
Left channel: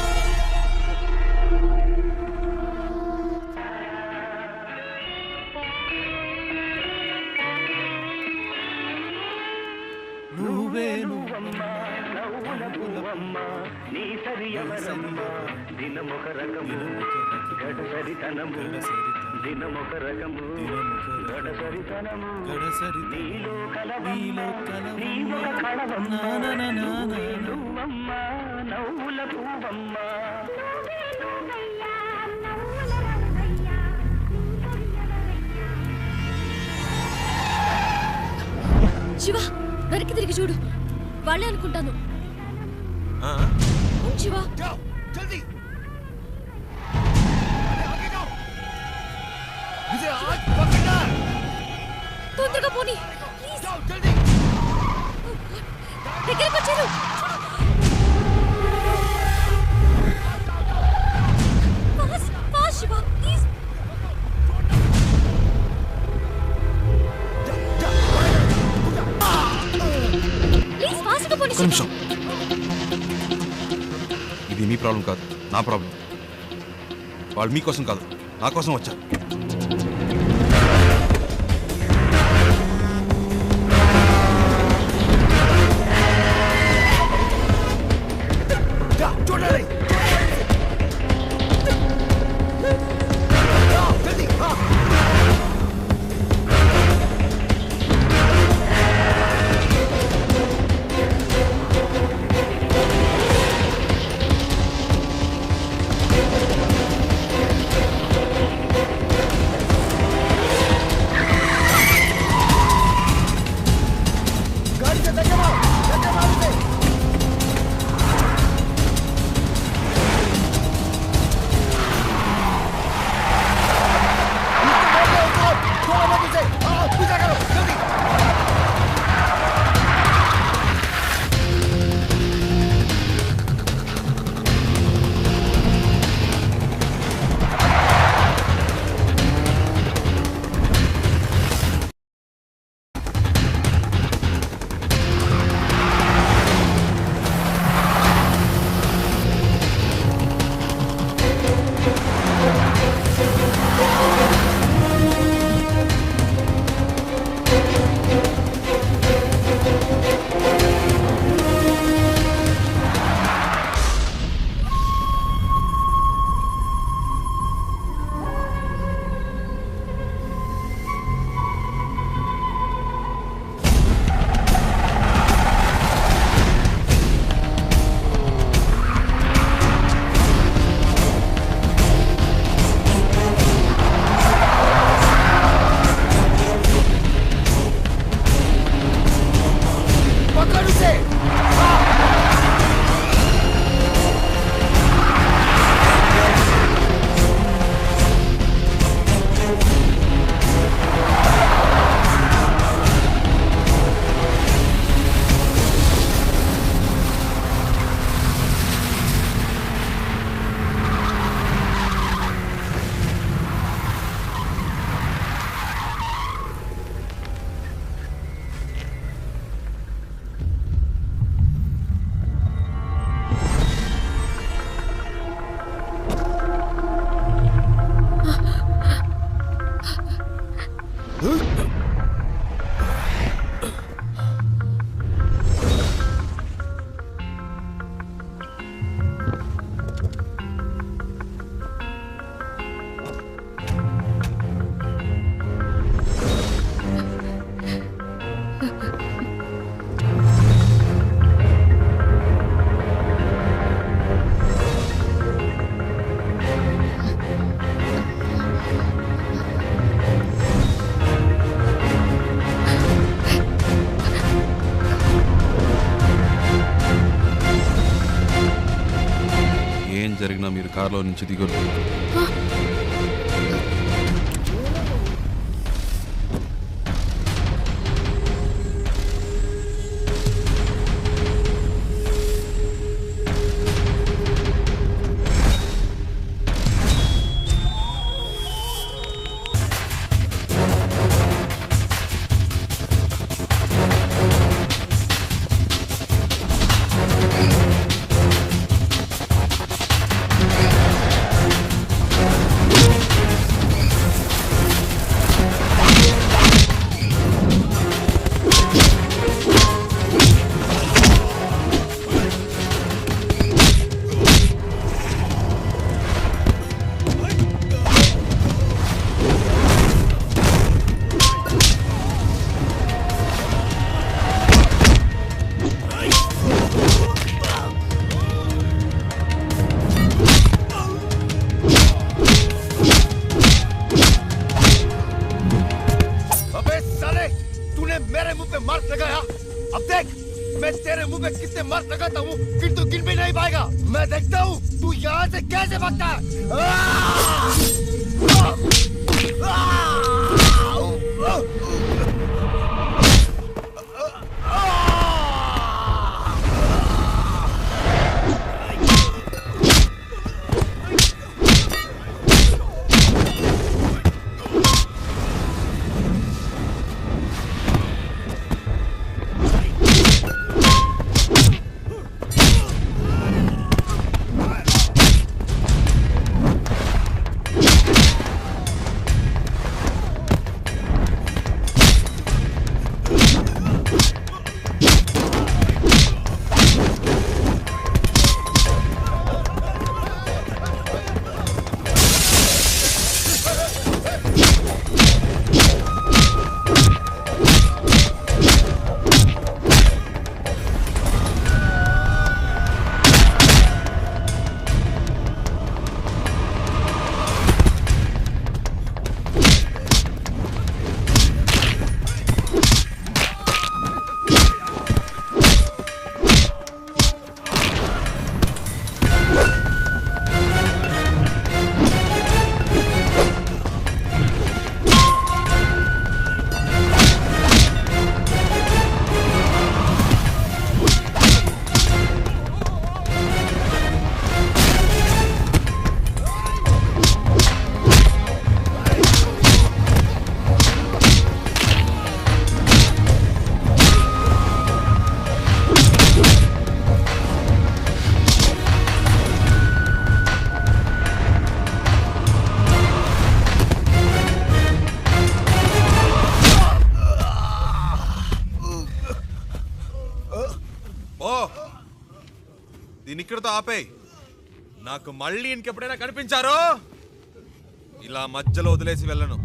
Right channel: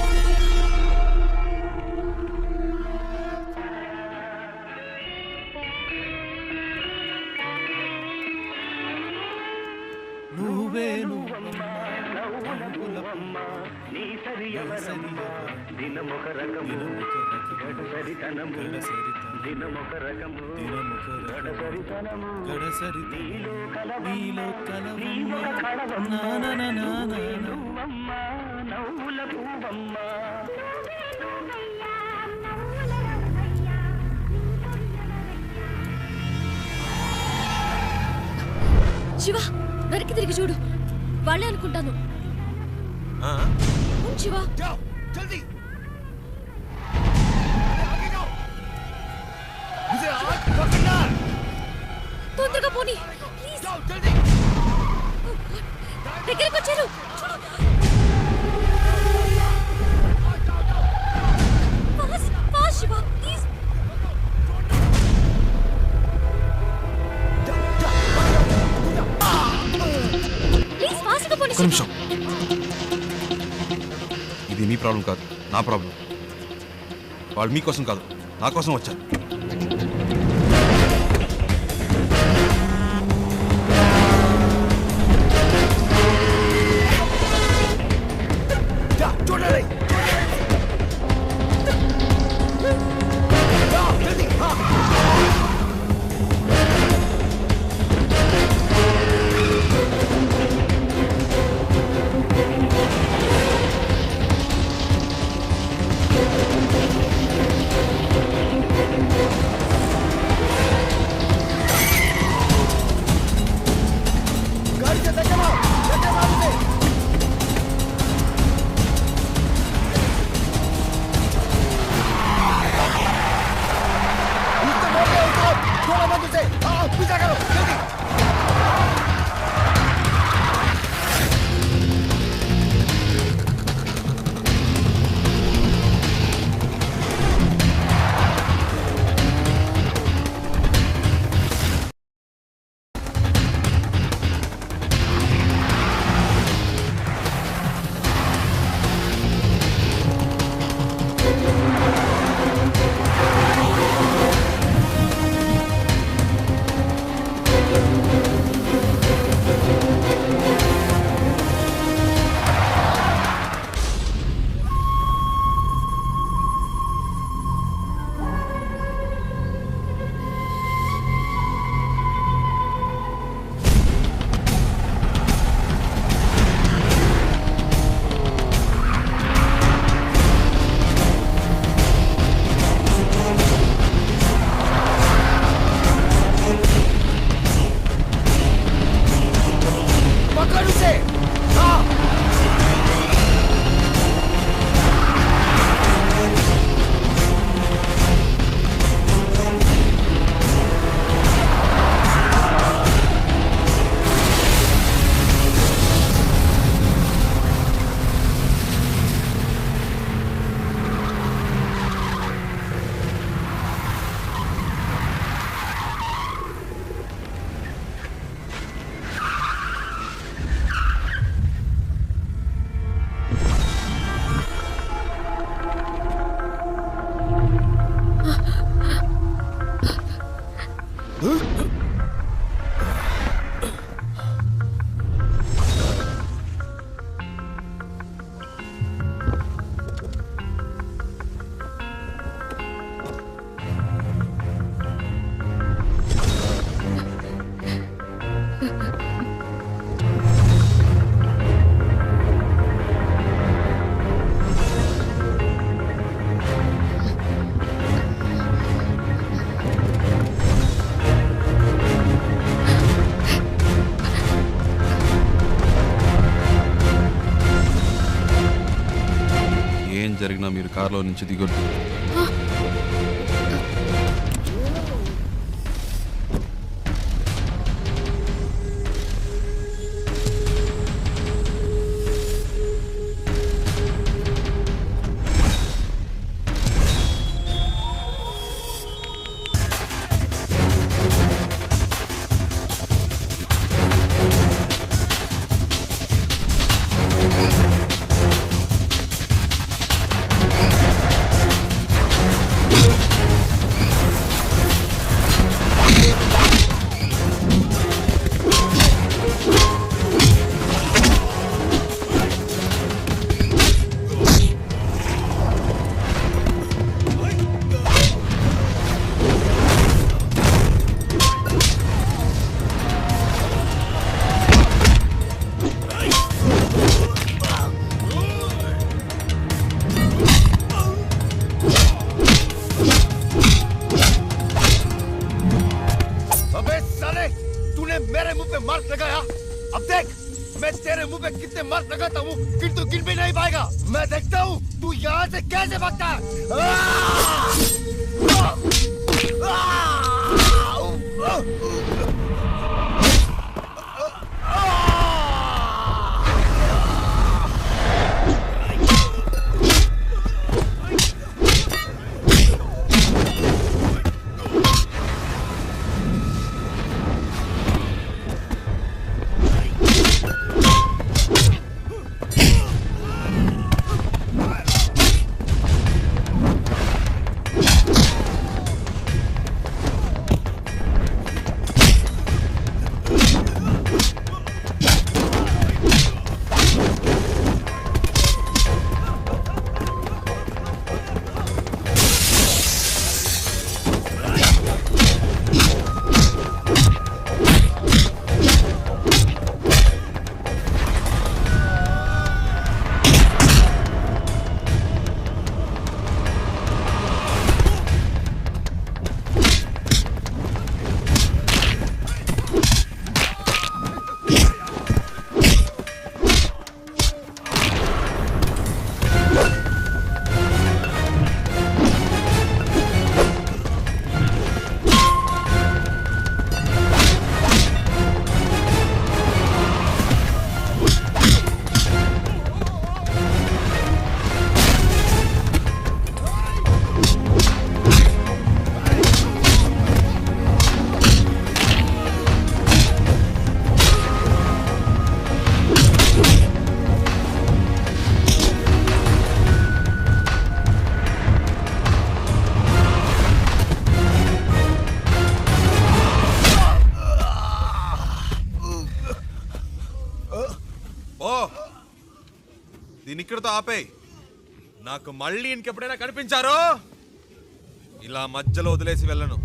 శివ, వెనక్కి తిరిగి చూడు. వాళ్ళే అనుకుంటాను. అవును శివ. जल्दी आगे जाओ मुझे आज पकड़ना है తొందరగా పోనీ ప్లీజ్. जल्दी దగ్గరికి వచ్చారు. Fast Shiva please. ప్లీజ్ ఫాస్ట్గా పోనీ. ఒక్క నిమిషం. ఇది మీ ప్రాబ్లం కాదు, నా ప్రాబ్లం. వాళ్ళు మీకోసం కాదు, నా కోసం వచ్చారు. ఏం జరిగినా మీరు కారులో నుంచి దిగొద్దు. अबे साले, तूने मेरे मुंह पे मार्क लगाया। अब देख, मैं तेरे मुंह पे कितने मार्क लगाता हूँ, फिर तू गिन भी नहीं पाएगा। मैं देखता हूँ तू यहाँ से कैसे भागता है। దీని ఇక్కడితో ఆపేయ్. నాకు మళ్ళీ ఇంకెప్పుడైనా కనిపించారో ఇలా మధ్యలో వదిలేసి వెళ్ళను.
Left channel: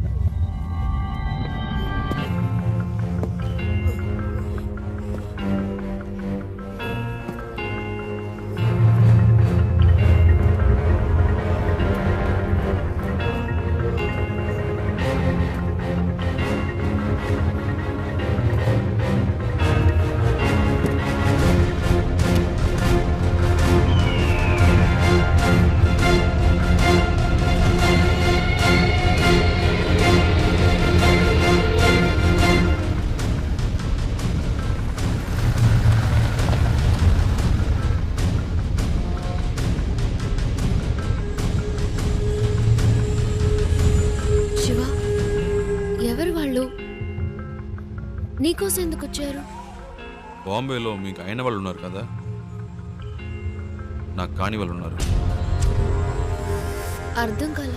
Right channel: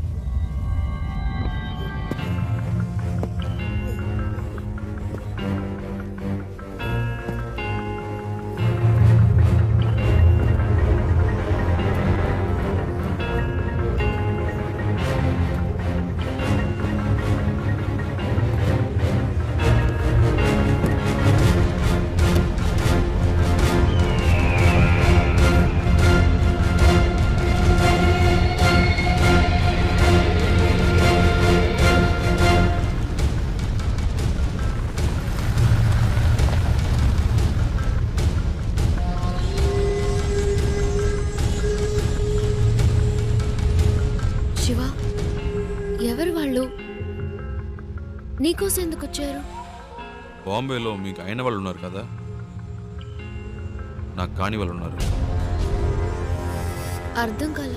శివ, ఎవరు వాళ్ళు? నీకోసం ఎందుకు వచ్చారు? బాంబేలో మీకు అయిన వాళ్ళు ఉన్నారు కదా, నాకు కాని వాళ్ళు ఉన్నారు. అర్థం కాల.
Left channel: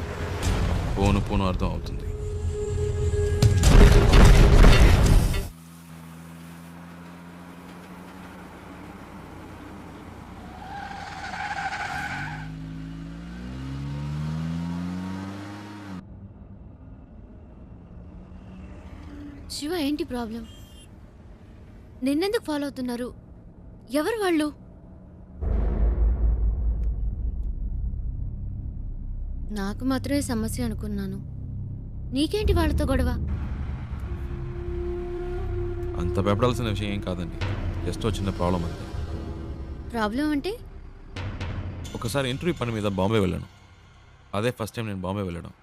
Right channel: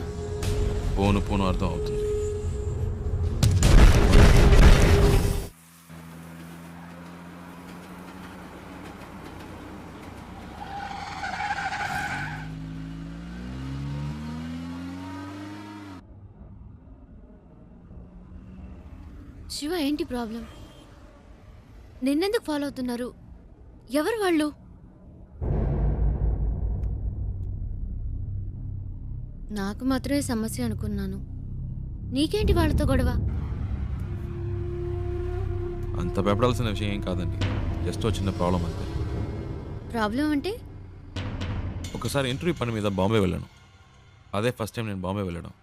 పోను పోను అర్థం అవుతుంది. శివ, ఏంటి ప్రాబ్లం? నిన్నెందుకు ఫాలో అవుతున్నారు? ఎవరు వాళ్ళు? నాకు మాత్రమే సమస్య అనుకున్నాను. నీకేంటి వాళ్ళతో గొడవ? అంత భయపడాల్సిన విషయం ఏం కాదండి, జస్ట్ చిన్న ప్రాబ్లం అంతే. ప్రాబ్లం అంటే? ఒకసారి ఇంటర్వ్యూ పని మీద బాంబే వెళ్ళాను. అదే ఫస్ట్ టైం నేను బాంబే వెళ్ళడం.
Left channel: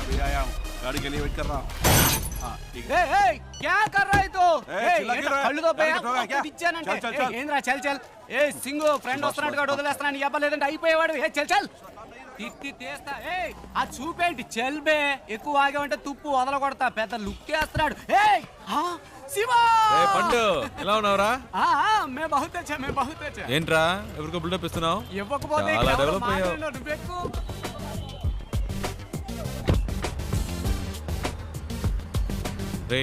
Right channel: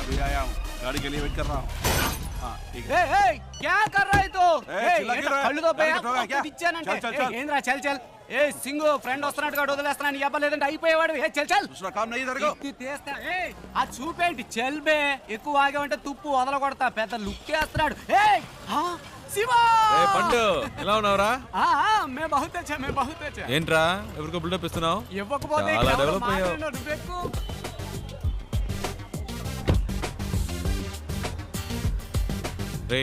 अभी आया हूँ, गाड़ी के लिए वेट कर रहा हूँ. हाँ ठीक है. क्या कर रहा है तो चिल्ला क्यों रहा है? కళ్ళు తో टारगेट होगा क्या? चल चल चल. ఏంద్రా చల్ చల్ ఏ సింగు ఫ్రెండ్ వస్తున్నట్టుగా వదిలేస్తున్నాను నీ అబ్బా లేదంటే అయిపోయేవాడు ఏ చల్ చల్ दूसरा काम नहीं इधर को. తిత్తి తీస్తా ఏ ఆ చూపేంటి చల్ బే ఎక్కువ ఆగామంటే తుప్పు వదల కొడతా పెద్ద లుక్ వేస్తున్నాడు ఏ శివా ఏ పండు ఎలా ఉన్నావురా? మే బహుత్ అచ్చా మే బహుత్ అచ్చా ఏంట్రా ఎవరికో బిల్డప్ ఇస్తున్నావు? ఇవ్వకపోతే చాలా డెవలప్ అయ్యావు. నువ్వెక్కు రే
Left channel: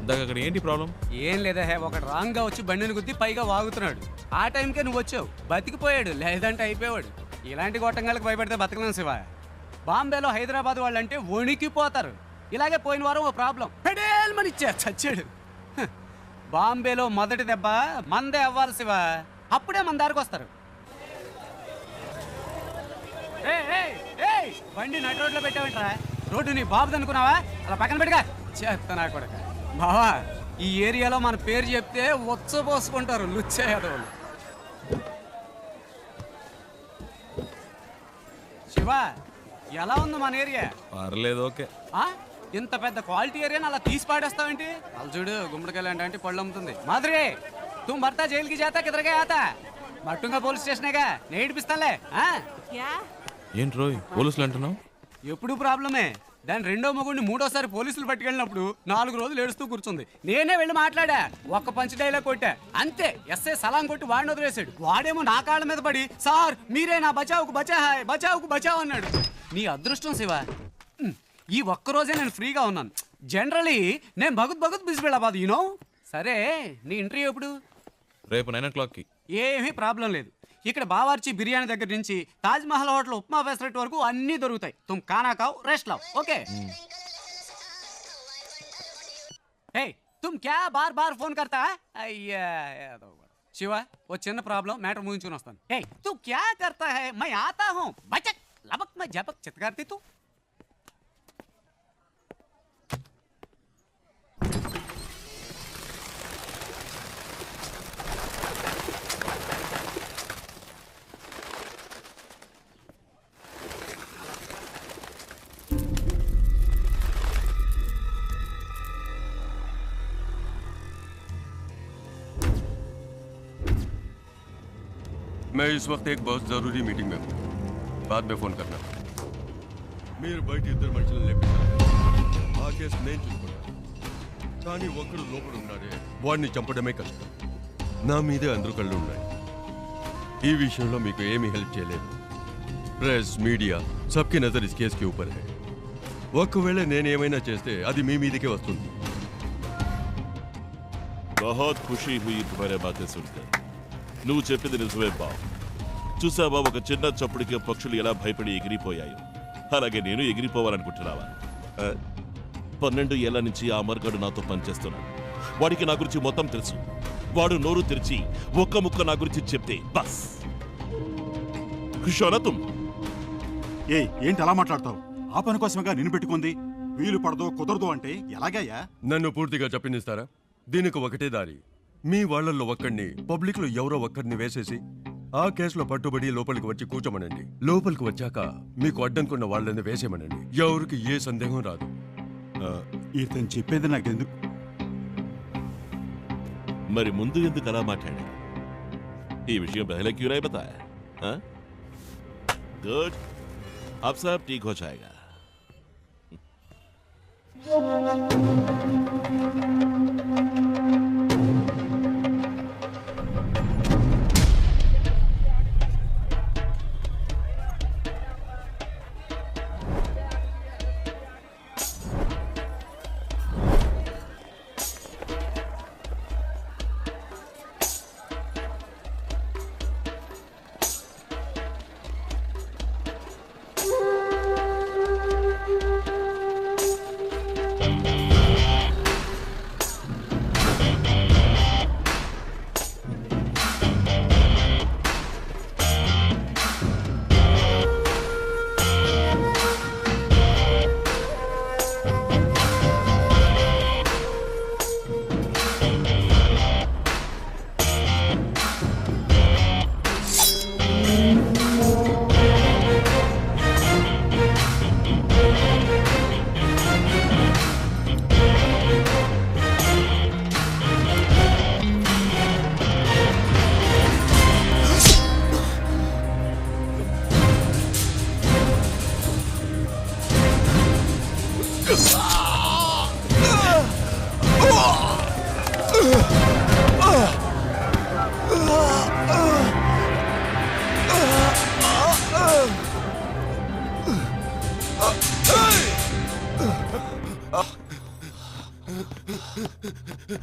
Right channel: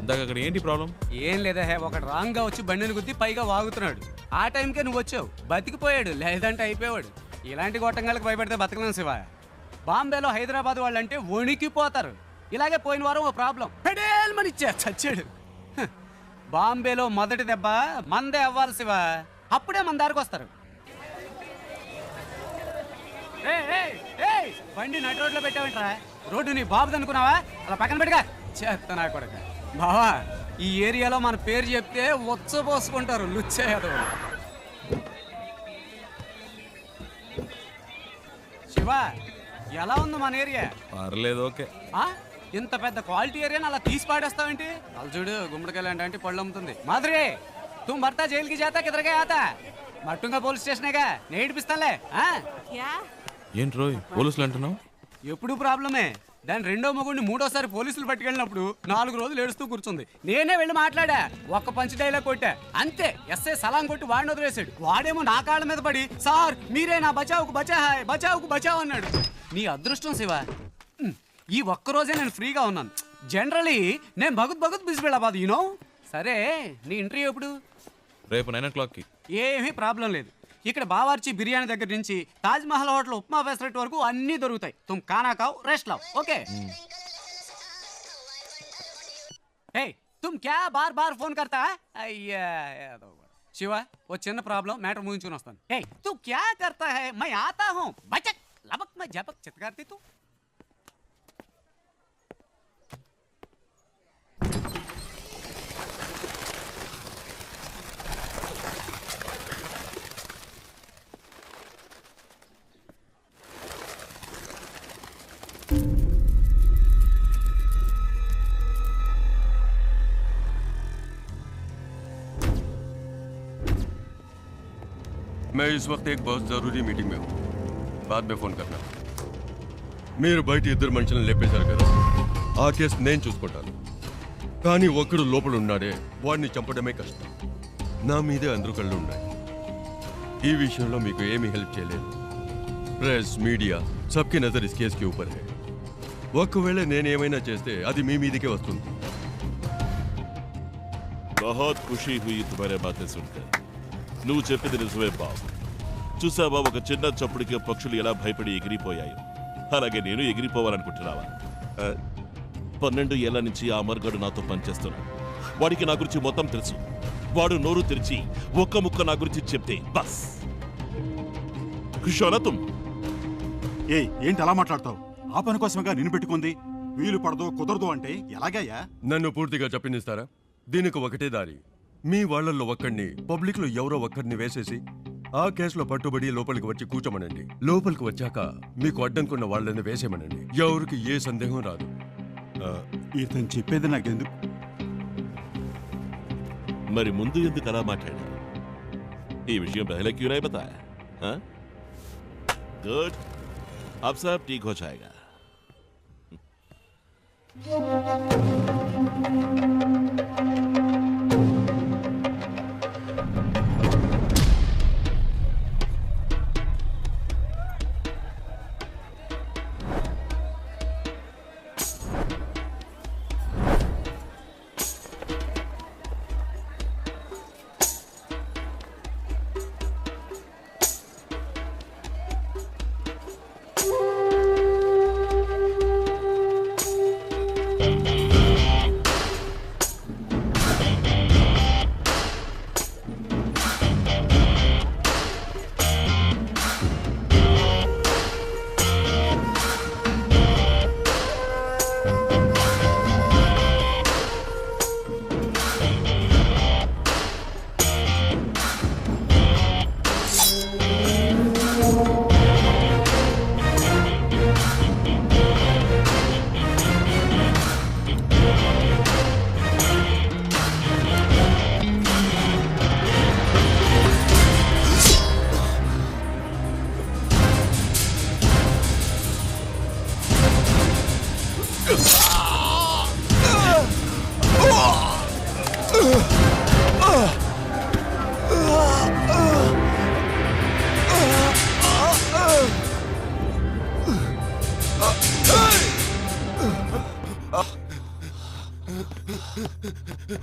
ఇందాక అక్కడ ఏంటి ప్రాబ్లం? ఏం లేదా హే ఒకడు రాంగ్ గా వచ్చి బండిని గుద్ది పైగా వాగుతున్నాడు. ఆ టైంకే నువ్వు వచ్చావు, బతికిపోయాడు, లేదంటే అయిపోయాడు. ఇలాంటి గొట్టంగాలకు భయపడితే బతకలేం శివ. బాంబేలో హైదరాబాద్ వాళ్ళంటే వణికిపోతారు. ఇలాగే పోయిన వారం ఓ ప్రాబ్లం పెడేల్మని ఇచ్చా చచ్చాడు. బాంబేలో మొదటి దెబ్బ మందే అవ్వాలి శివ, అప్పుడే మన దారికి వస్తారు. బండి నడి రోడ్లో పెట్టావంటరా, రోడ్డు నీ బాబుది అనుకున్నావా? అలా పక్కన పెట్టుగా చేస్తా నా కొడక. బావా ఈ ఏరియాలో మన పేరు చెప్తే వచ్చపోసుకుంటారు లుచ్చేయదవులు. శివ ఎలా ఉంది మన ఏరియా? పర్లేదు ఓకే. ఇంత పెద్ద క్వాలిటీ ఏరియాని అలా తీసి పాడేస్తావేంటి? అలా చూడు గుమ్మడికాయలు అంటే పళ్ళు అమ్ముతుంది. మాధురి तुम भरता जेल की जाता किधर गया आता? మట్టుంగా పోలీస్ స్టేషనేగా నేను ఏడిపిస్తానులే. ఏంటి రోయ్ పోలీసులు అంటున్నావు? ఎప్పుడు ప్రాబ్లమే. దాని రెండో మొగుడిని మూడోసారి పోలీసులు పట్టుకెళ్ళినప్పుడు 4 రోజులు ఏడుస్తూ కూర్చుంది. నేనే వెళ్ళి మాట్లాడా, ఒక్క పంచ్ డైలాగ్ కొట్టా అంతే. ఎస్ఐ సలాం కొట్టి వాడిని వదిలేశాడు. వాడేమో నా కాళ్ళ మీద పడి సార్ మీరే నా బచావుకు బచాహాయ్ బచావుకు బచావ్ అన్నాడు. నీ అదృష్టం శివ, ఈ ఒక్కరోజే నేను ఫ్రీగా ఉన్నాను. జనరలీ నేను భగత్ బిజీ వెళ్ళబాదు యూనో. సరే నీ ఇంటర్వ్యూ ఎప్పుడు? రేపు 9 o'clockకి. ఏమీ ప్రాబ్లం లేదు. ఇక్కడ బావార్చి బిర్యానీ దగ్గర నుంచి తాజ్ మహల్ హోటల్ ఉప్మా ఫెసరెట్ వరకు అన్నీ దొరుకుతాయి. తుమ్ ఖానా ఖావ్ రెస్ట్ లావ్ ఓకే. హే తుమ్ క్యా బార్ బార్ ఫోన్ కర్తా? అయ్యా శివ ఓ చిన్న ప్రాబ్లం, మ్యాటర్ ముగించుకుని వస్తాను. హే తు క్యా కర్తా హై? మై ఆతా హూ బచక్ లబక్ మై జబక్ చిత్కార్తి తు. मैं इस वक्त एक बहुत जरूरी मीटिंग में हूँ, बाद में फोन करना. మీరు బయట ఇద్దరు మనుషులను లేపేశారు కదా, ఆ కేసు నేను చూసుకుంటాను. కానీ ఒక్కడు లోపల ఉన్నాడే, వాడిని చంపడమే కష్టం. నా మీదే అందరూ కళ్ళు ఉన్నాయి. ఈ విషయంలో మీకు ఏమీ హెల్ప్ చేయలేదు. Press media సబ్కి Nazar is case కి ఊపర్ హై. ఒకవేళ నేనేమైనా చేస్తే అది మీ మీదకే వస్తుంది. बहुत खुशी हुई तुम्हारे बातें सुनकर. నువ్వు చెప్పింది నిజమే బాబు. చూసావా ఒక చిన్న చప్పుడికి పక్షులు ఎలా భయపడి ఎగిరిపోయాయో, అలాగే నేను ఎగిరిపోవాలనుకుంటున్నావా? 12 ఏళ్ల నుంచి ఆ మర్గాడు నాతో పనిచేస్తున్నాడు. వాడికి నా గురించి మొత్తం తెలుసు. వాడు నోరు తెరిచి ఒక్క ముక్క నా గురించి చెప్తే బస్ ఖుషోనా. ఏంటి అలా మాట్లాడతావు? ఆ పని కోసమేగా నిన్ను పెట్టుకుంది. వీలు పడదో కుదరదు అంటే ఎలాగయ్యా? నన్ను పూర్తిగా చెప్పనిస్తారా? దీనికి ఒకటే దారి. మీ వాళ్ళల్లో ఒక్కడిని పబ్లిక్ లో ఎవరో ఒక్కడిని వేసేసి ఆ కేసులో పట్టుబడి లోపలికి వచ్చి కూర్చోమనండి. లోపలికి వచ్చాక మీకు అడ్డంకున్న వాళ్ళని వేసేమనండి. ఎవరికి ఏ సందేహం రాదు. ఇతను చెప్పేది నాకెందుకు? మరి ముందు ఎందుకు అలా మాట్లాడా? ఈ విషయం పहले क्यों नहीं बताया? गुड, अब सब ठीक हो जाएगा. क्या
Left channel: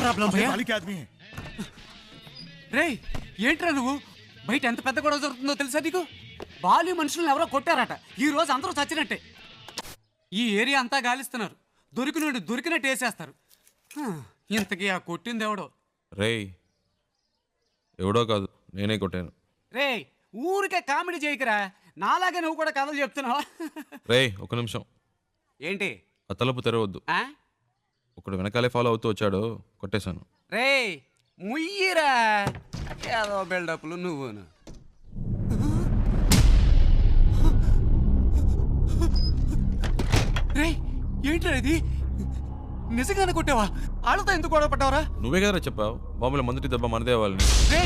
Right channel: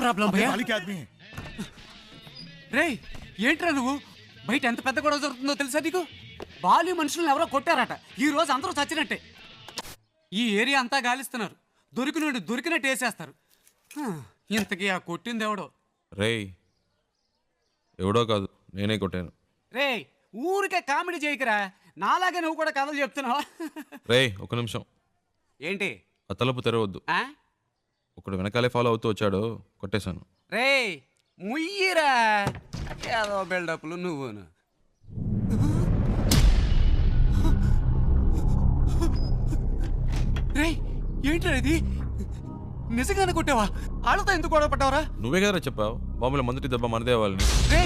प्रॉब्लम भैया రే ఏంట్రా నువ్వు బయట ఎంత పెద్ద గొడవ జరుగుతుందో తెలుసా నీకు? బాలి మనుషులను ఎవరో కొట్టారట. ఈ రోజు అందరూ చచ్చినట్టే. ఈ ఏరియా అంతా గాలిస్తున్నారు. దొరికినట్టు వేసేస్తారు. ఇంతకీ ఆ కొట్టింది ఎవడో? రేయ్ ఎవడో కాదు, నేనే కొట్టాను. రే ఊరికే కామెడీ చేయకురా, నాలాగే నువ్వు కూడా కథలు చెప్తున్నావా? రేయ్ ఒక నిమిషం. ఏంటి? ఆ తలుపు తెరవద్దు. ఒకడు వెనకాలే ఫాలో అవుతూ వచ్చాడు, కొట్టేశాను. రే ముయ్యిరా, ఏదో బిల్డప్లు నువ్వును. రే ఏంట్రా ఇది? నిజంగానే కొట్టావా? వాళ్ళతో ఎందుకు గొడవ పడ్డావరా? నువ్వే కదరా చెప్పావు బాంబులో మొదటి దెబ్బ మనదే వాళ్ళని. రే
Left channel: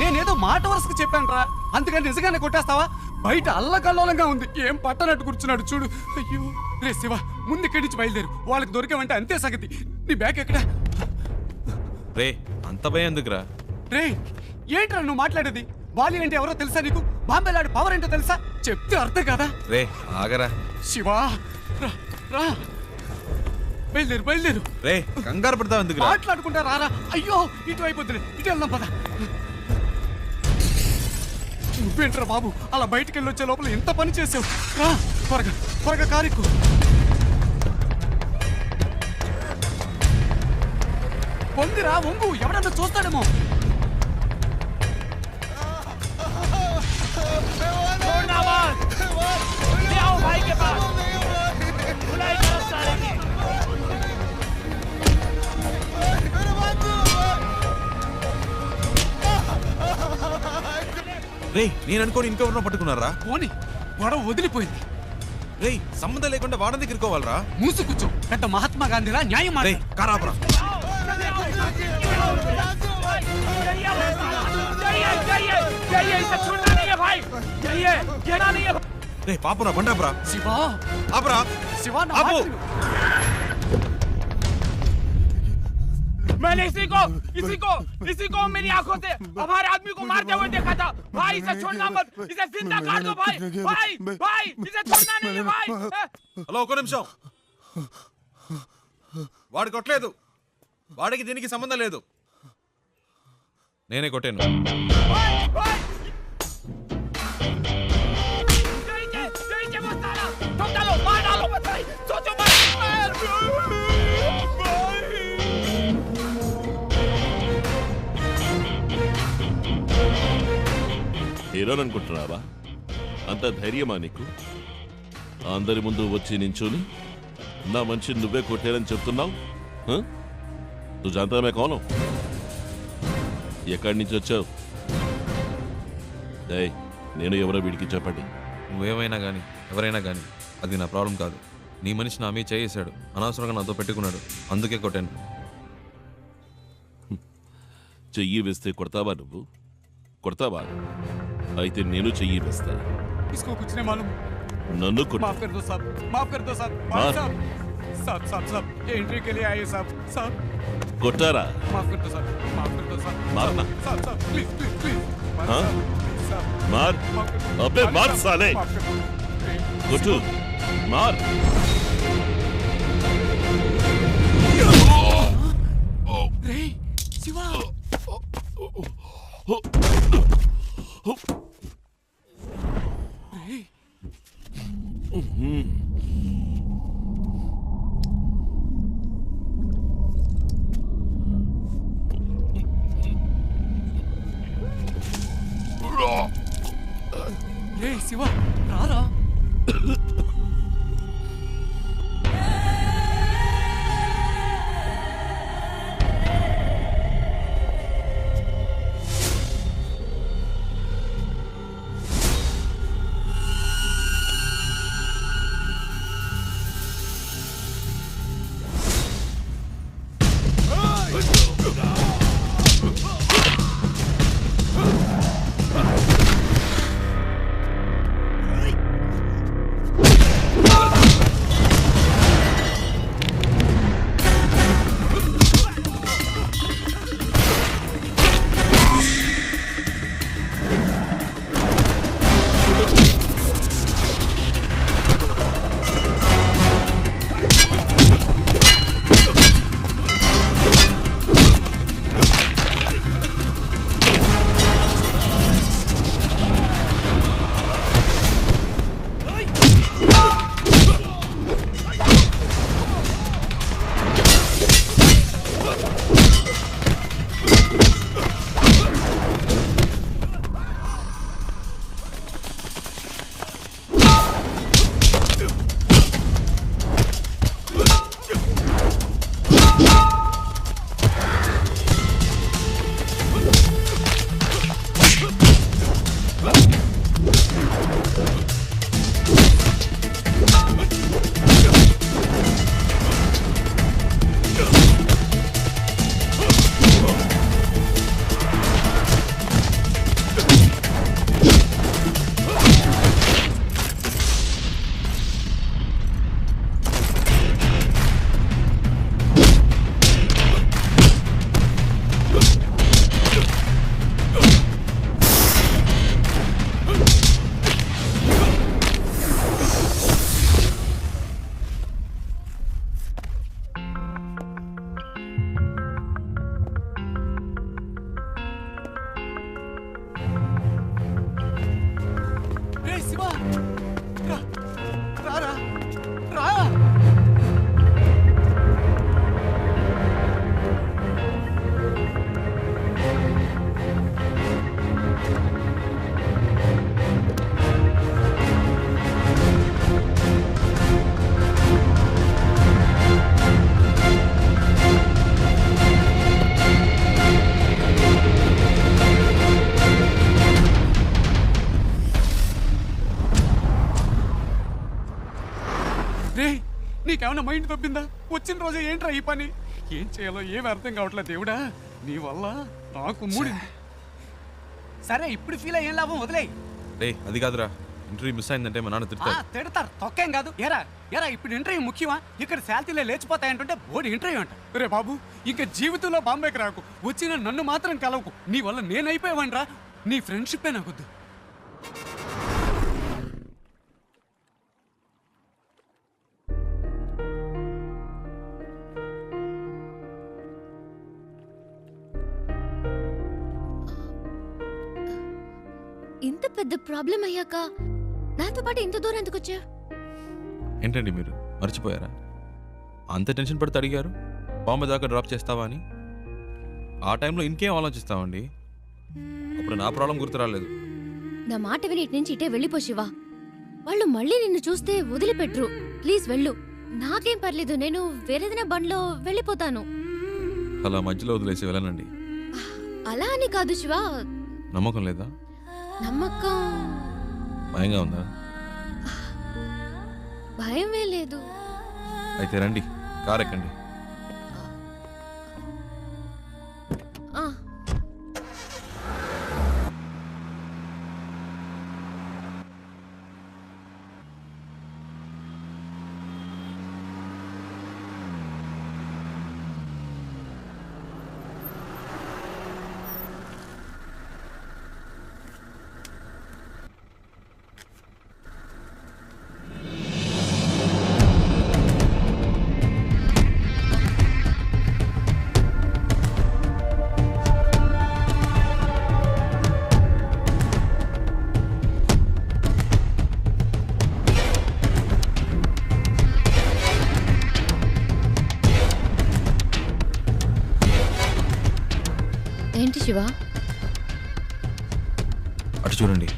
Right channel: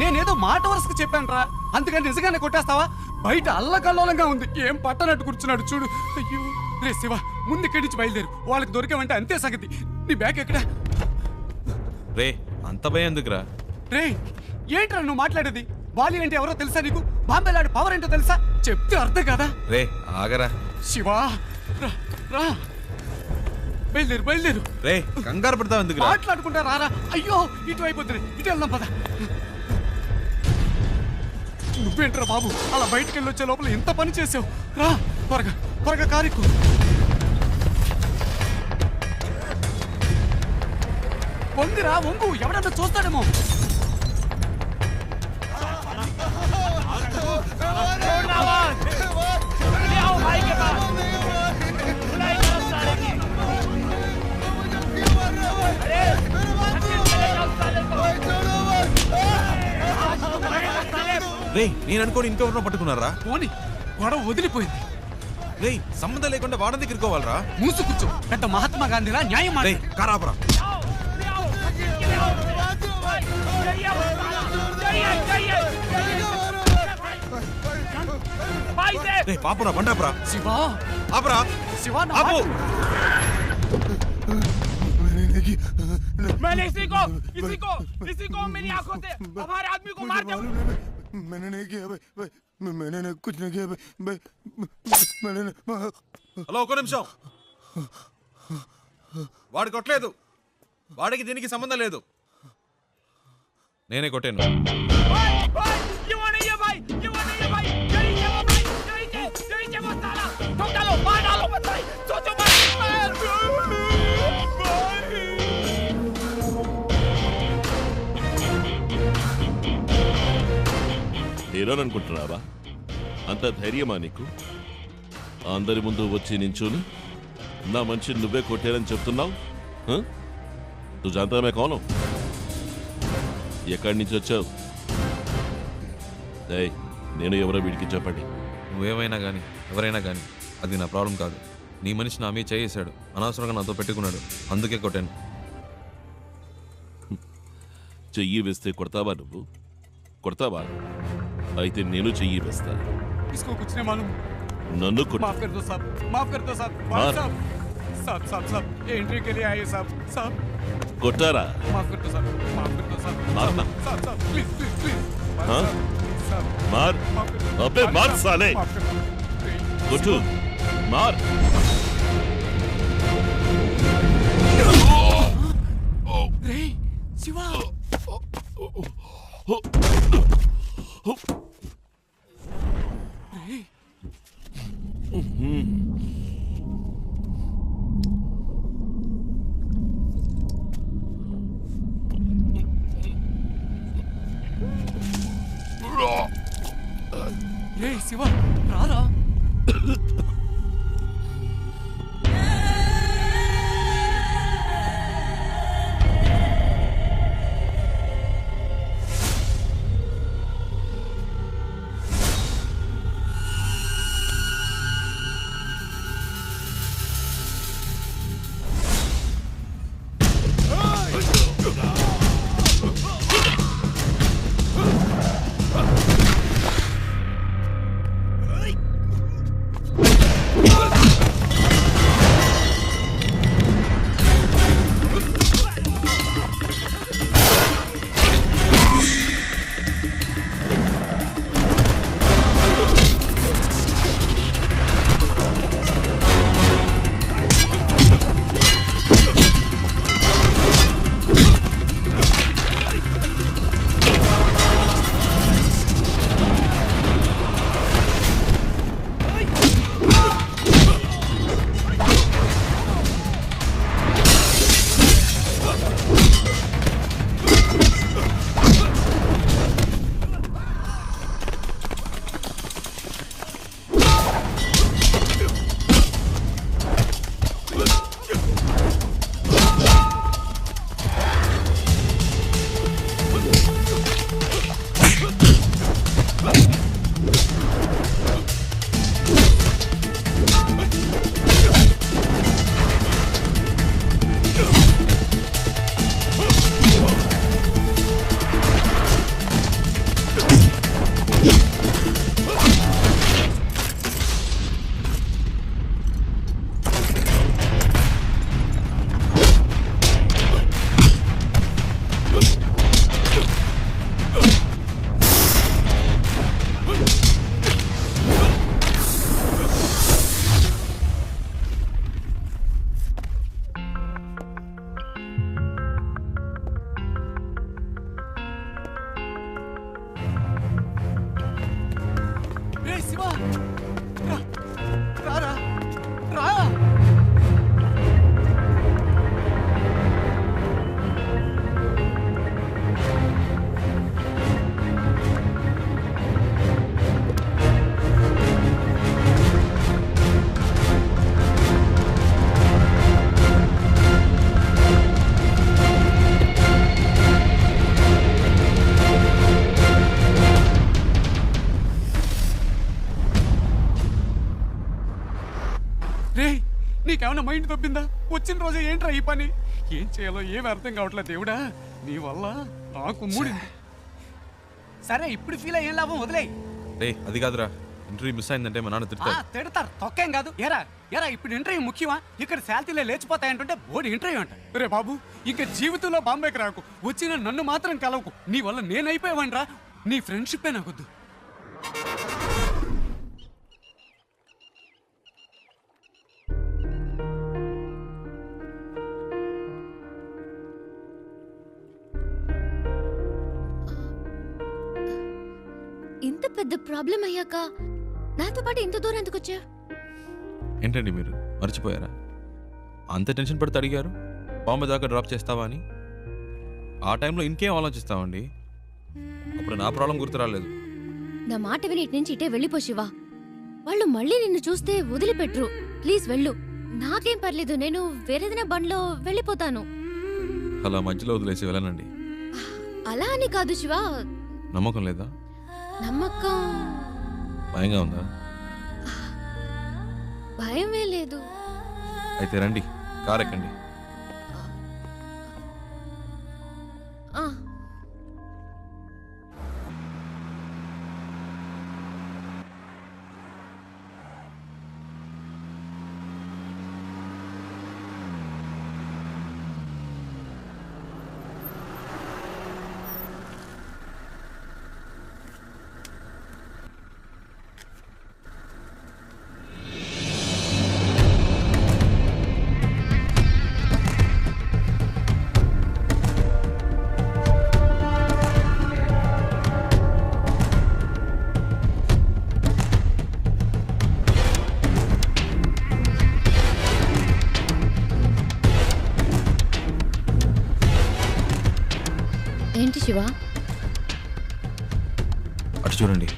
నేనేదో మాట వరుసకు చెప్పాను రా, అందుకని నిజంగానే కొట్టేస్తావా? బయట అల్లకల్లోలంగా ఉంది, ఏం పట్టనట్టు కూర్చున్నాడు చూడు. అయ్యో రే శివ, ముందు ఇక్కడి నుంచి బయలుదేరు. వాళ్ళకి దొరికామంటే అంతే సంగతి. నీ బ్యాగ్ ఎక్కడా? రే అంత భయం ఎందుకురా? రే ఏంట్రా నువ్వు మాట్లాడేది? బాలి అంటే ఎవరో తెలుసా నీకు? బాంబేలాడు పవర్ ఏంటో తెలుసా? చెప్తే అర్థం కదా. రే ఆగరా శివా, రా రా, బయలుదేరు. రే కంగారు పడతావు ఎందుకురా? మాట్లాడుకుంటా రారా. అయ్యో ఇటు అయిపోతుంది, ఇటు వెళ్దాం పద. నువ్వేంట్రా బాబు అలా బయటికి వెళ్ళి వచ్చే లోపల ఎంత పని చేసావు? రా త్వరగా కారెక్కు. వంగిరా వంగు, ఎవడన్నా చూస్తాడేమో. రే నేను అనుకోని ఇంకెవరినో పట్టుకున్నారా? పోనీ గొడవ వదిలిపోయింది. రే సంబంధం లేకుండా వాడని తిరుకోవాలరా? మూసు కూర్చో, పెద్ద మహాత్మా గాంధీలా న్యాయం మాట. కారాపరా రే పాపురా బండాపురా. శివా ఆపరా శివా ఆపు. मैंने इसी को मेरी आंखों से हमारे आदमी को मारते हुए देखा था। भाई इसे छोड़ना मत, इसे जिंदा कर दो भाई, भाई इसे छोड़ना नहीं भाई। హలో ఒక నిమిషం. వాడు కొట్టలేదు, వాడికి దీనికి సంబంధం లేదు, నేనే కొట్టాను. హీరోని అనుకుంటున్నావా? అంత ధైర్యమా నీకు? అందరి ముందు వచ్చి నించుని నా మనిషిని నువ్వే కొట్టారని చెప్తున్నావు? తు జాంతా మే కౌన్ హూ? ఎక్కడి నుంచి వచ్చావు? నేను ఎవరో వీడికి చెప్పండి. నువ్వేమైనా కానీ ఎవరైనా కానీ అది నా ప్రాబ్లం కాదు. నీ మనిషి నా మీద చేసాడు, అనవసరంగా నాతో పెట్టుకున్నాడు, అందుకే కొట్టాను. చెయ్యి వేస్తే కొడతావా నువ్వు? కొడతావా? అయితే నేను చెయ్యి వేస్తా. इसको कुछ नहीं मालूम. నన్ను కొట్టు. माफ कर दो साहब, माफ कर दो साहब. मार. साहब साहब साहब साहब एंट्री के लिए आए साहब. साहब కొట్టారా? माफ कर दो साहब, माफ कर दो साहब. मारना. साहब साहब प्लीज प्लीज प्लीज. हाँ? प्लीज साहब. मार. माफ कर दो. अबे मार साहब, साले. माफ कर दो. కొట్టు. మార్. రే శివ. రే రే శివ రారా. శివ రా రారా రా. రే నీకేమన్నా మైండ్ తప్పిందా? వచ్చిన రోజే ఏంట్రా ఈ పని? ఏం చేయాలో ఏమి అర్థం కావట్లేదు దేవుడా. నీ వల్ల నాకు మూడింది. సరే ఇప్పుడు ఫీల్ అయ్యేం లాభం, వదిలే. రే అది కాదురా, ఇంటర్వ్యూ మిస్ అయిందంటే మా నాన్న తిడతారు. తిడతారు, తొక్కేం కాదు. ఎరా ఎరా ఇప్పుడు ఇంటర్వ్యూ ముఖ్యమా? ఇక్కడ శాలరీలే లేచిపోతాయంటుంటే బోర్డు ఇంటర్వ్యూ అంట. రే బాబు ఇంకా జీవితంలో బాంబేకి రాకు, వచ్చిన నన్ను మాత్రం కలవకు. నీ వల్ల నేనైపోయావనరా. నీ ఫ్రెండ్షిప్పే నాకొద్దు. ఇంత పెద్ద ప్రాబ్లం అయ్యాక నాతో పాటు ఇంత దూరం ఎందుకు వచ్చా? ఏంటండి మీరు మర్చిపోయారా? అంత టెన్షన్ పడితే అడిగారు బాంబే దాకా డ్రాప్ చేస్తావా అని. ఆ టైంలో ఇంకేం ఆలోచిస్తామండి. అప్పుడు నా ప్రాబ్లం గుర్తు రాలేదు. నా మాట విని ఇటు నుంచి ఇటే వెళ్ళిపో శివ. వాళ్ళు మళ్ళీ నిన్ను చూస్తే వదిలిపెట్టరు. ప్లీజ్ వెళ్ళు. నాకేం పర్లేదు, నేను వేరేదైనా బండ్లో వెళ్ళిపోతాను. అలా మధ్యలో వదిలేసి వెళ్ళనండి. అలా అని కాదు శివ. నమ్మకం లేదా? నమ్మకం భయంగా ఉందా? భయమే లేదు. అయితే రండి, కార్ ఎక్కండి. ఆ, ఏంటి శివ? అటు చూడండి.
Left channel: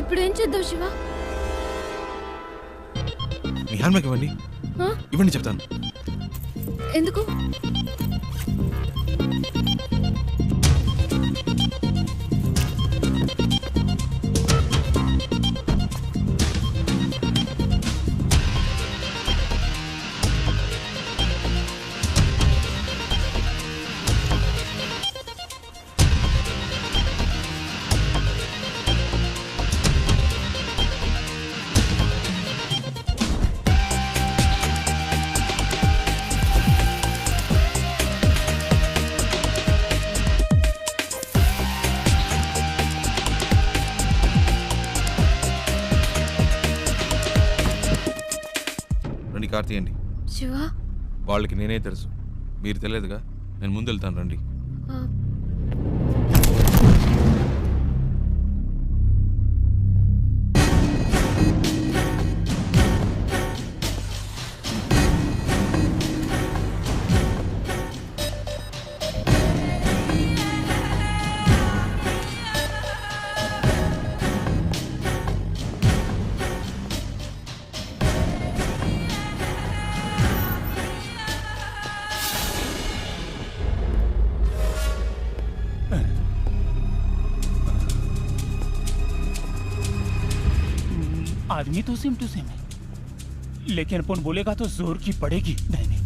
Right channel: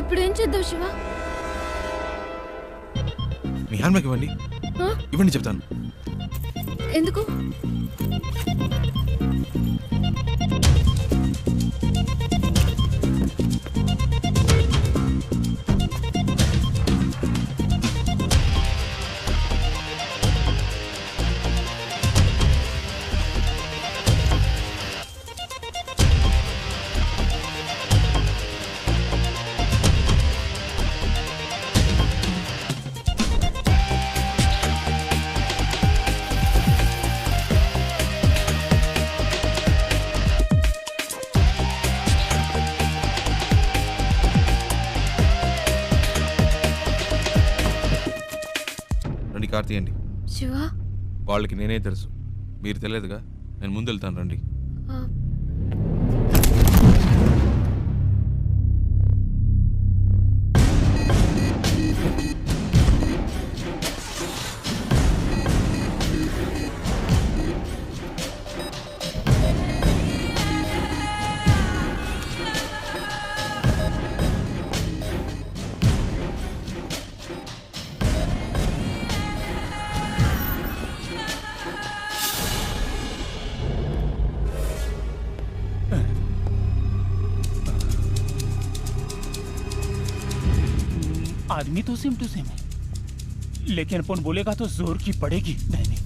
ఇప్పుడు ఏం చేద్దాం శివ? మీ హ్యాండ్ బ్యాగ్ ఇవ్వండి. ఆ? ఇవ్వండి చెప్తాను. ఎందుకు? రండి, కార్ తీయండి. శివ, వాళ్ళకి నేనే తెలుసు, మీరు తెలియదుగా. నేను ముందు వెళ్తాను, రండి. ఆ, आदमी तो सेम टू सेम है, लेकिन अपन बोलेगा तो जोर की पड़ेगी। नहीं नहीं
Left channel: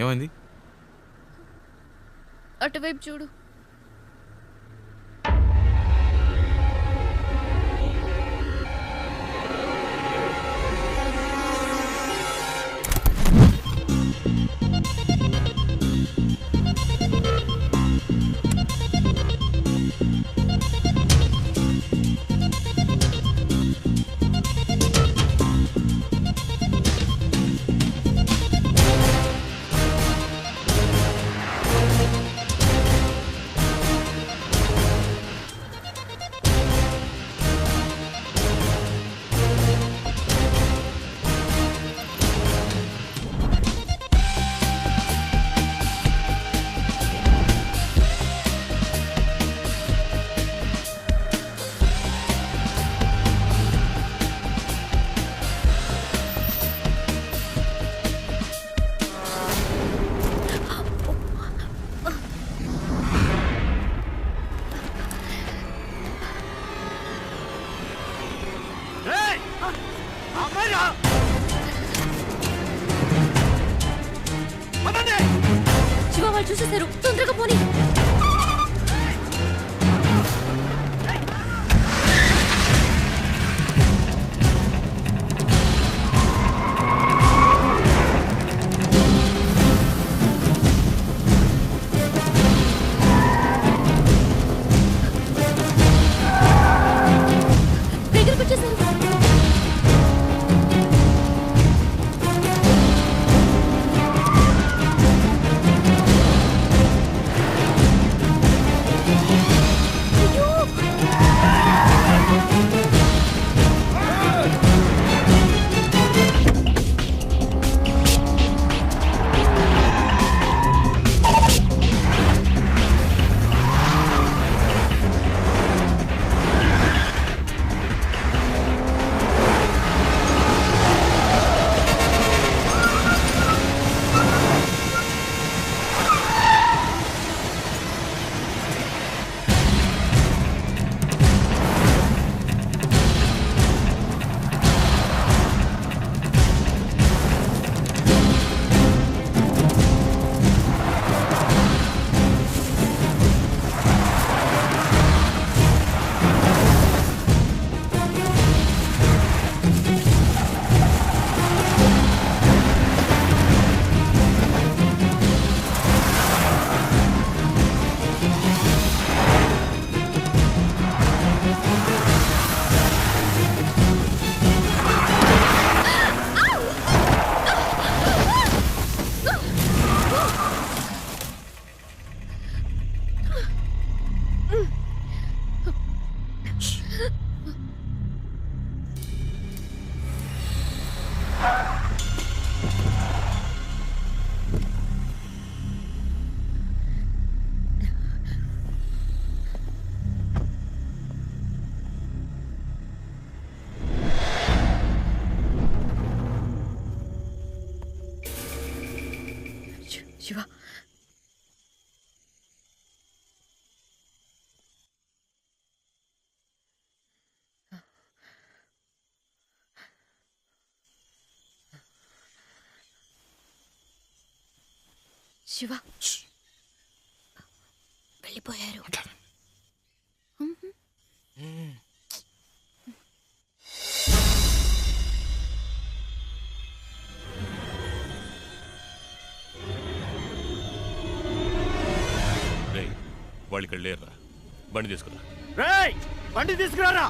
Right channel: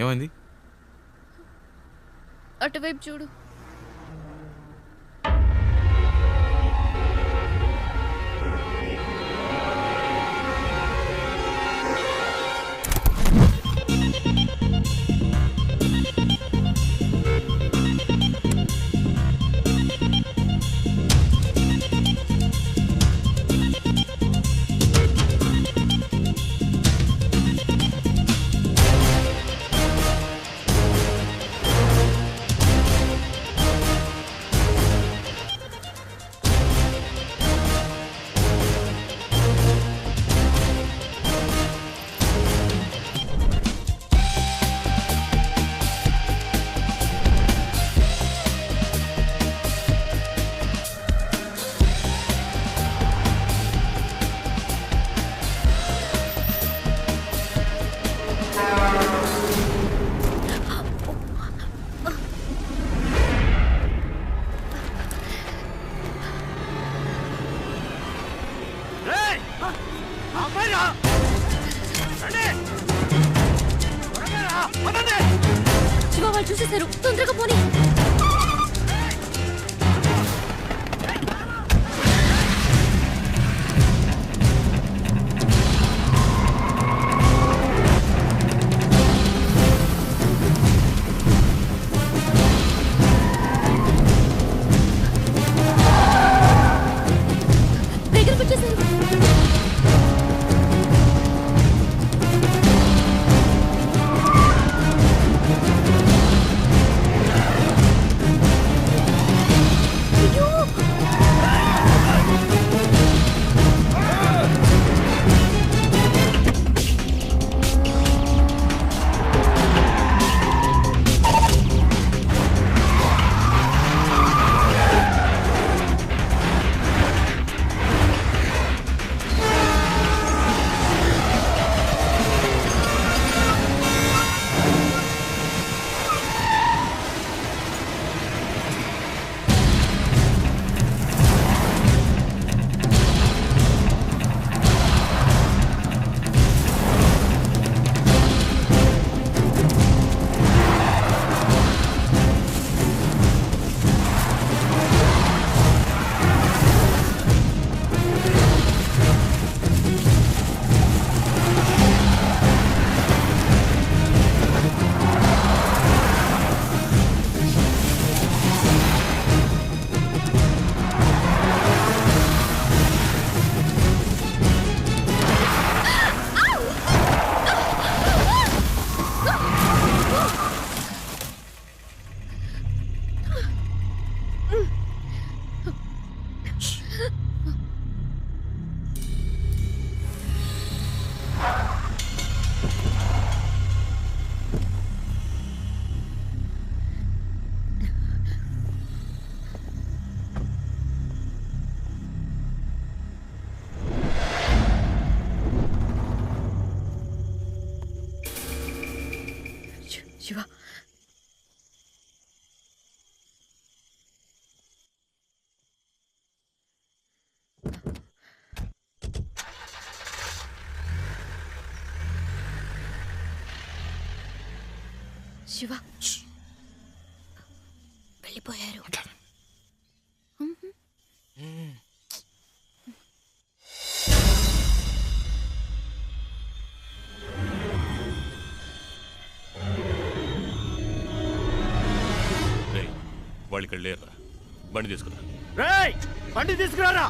ఏమైంది? అటువైపు చూడు. శివ, వాళ్ళు చూసేశారు. తొందరగా పోనీ. దగ్గరకు వచ్చేసారు. శివ వెళ్ళిపోయారు. రేయ్ వాళ్ళు ఇక్కడ లేరురా, బండి తీసుకురా. రేయ్ బండి తీసుకురారా.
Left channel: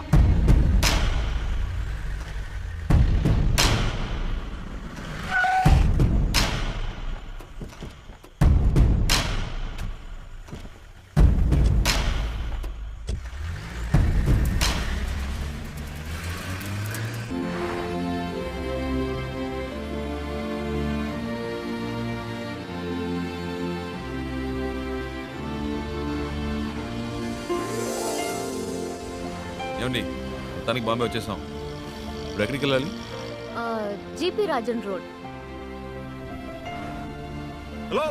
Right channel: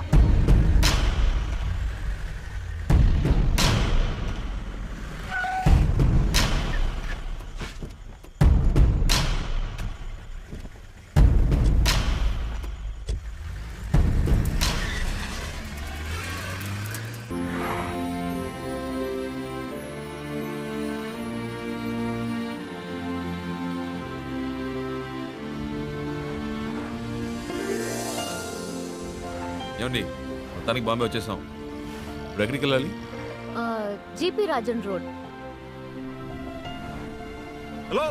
ఏమండి మొత్తానికి బాంబే వచ్చేసాం. ఇప్పుడు ఎక్కడికి వెళ్ళాలి? GP Rajan road. Hello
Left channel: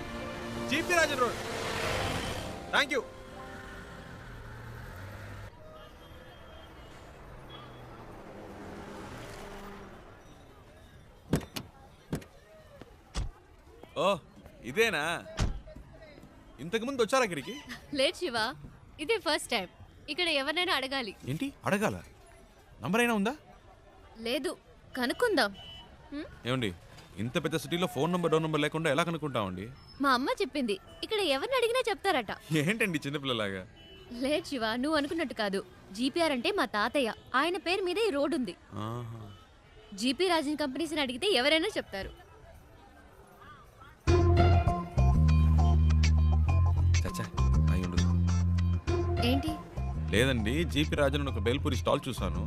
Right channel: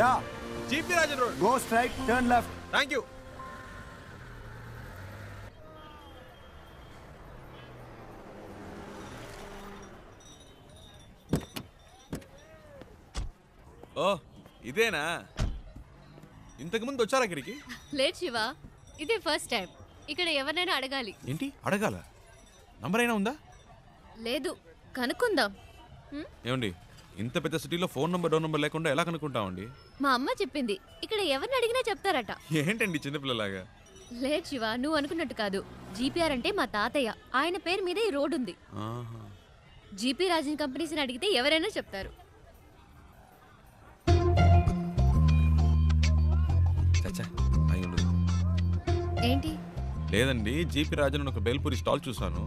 yeah GP Rajan road. Go straight, turn left. Thank you. ఓ ఇదేనా? ఇంతకు ముందు వచ్చారా ఇక్కడికి? లేదు శివ, ఇదే ఫస్ట్ టైం. ఇక్కడ ఎవరినైనా అడగాలి. ఏంటి అడగాల? నంబర్ అయినా ఉందా? లేదు, కనుక్కుందాం. ఏమండి ఇంత పెద్ద సిటీలో ఫోన్ నంబర్ డోర్ నంబర్ లేకుండా ఎలా కనుక్కుంటామండి? మా అమ్మ చెప్పింది ఇక్కడ ఎవరిని అడిగినా చెప్తారట. ఏంటండి చిన్నపిల్లలాగా? లేదు శివ, నువ్వు అనుకున్నట్టు కాదు. జీపీఆర్ అంటే మా తాతయ్య, ఆయన పేరు మీద ఈ రోడ్ ఉంది. జీపీ రాజన్ కంపెనీస్ని అడిగితే ఎవరైనా చెప్తారు. చచ్చా అయి ఉండదు. ఏంటి? లేదండి, జీపీ రాజన్ ఒక బేల్పూరి స్టాల్ చూసాను.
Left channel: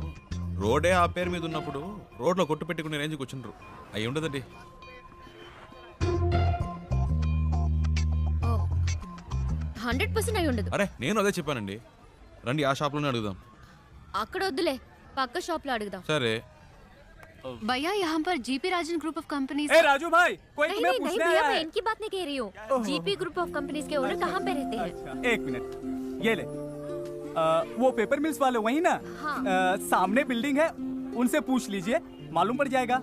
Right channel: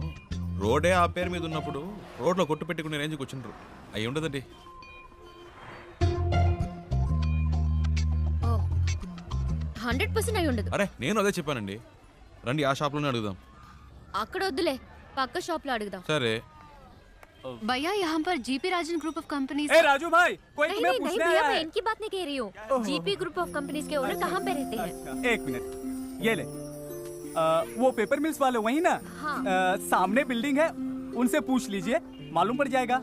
రోడే ఆ పేరు మీద ఉన్నప్పుడు రోడ్లో కొట్టు పెట్టుకునే రేంజ్కి వచ్చిండ్రు. అయి ఉండదండి. 100% అయి ఉండదు. అరే నేను అదే చెప్పానండి. రండి ఆ షాప్లోనే అడుగుదాం. అక్కడ వద్దులే, పక్క షాప్ లో అడుగుదాం. సరే. भैया यहाँ पर GP Rajan group of companies. ए राजू भाई, कोई तुम्हें नहीं पूछने भैया, आया मैं है। इनकी बात नहीं कह रही हूँ। जीपी ग्रुप ऑफ कंपनीज के ओनर कहाँ पे रहते हैं? एक मिनट, ये ले। वो पेपर मिल्स वाले वही ना? हाँ। सामने बिल्डिंग है, उनसे पूछ लीजिए, मालूम पड़ जाएगा।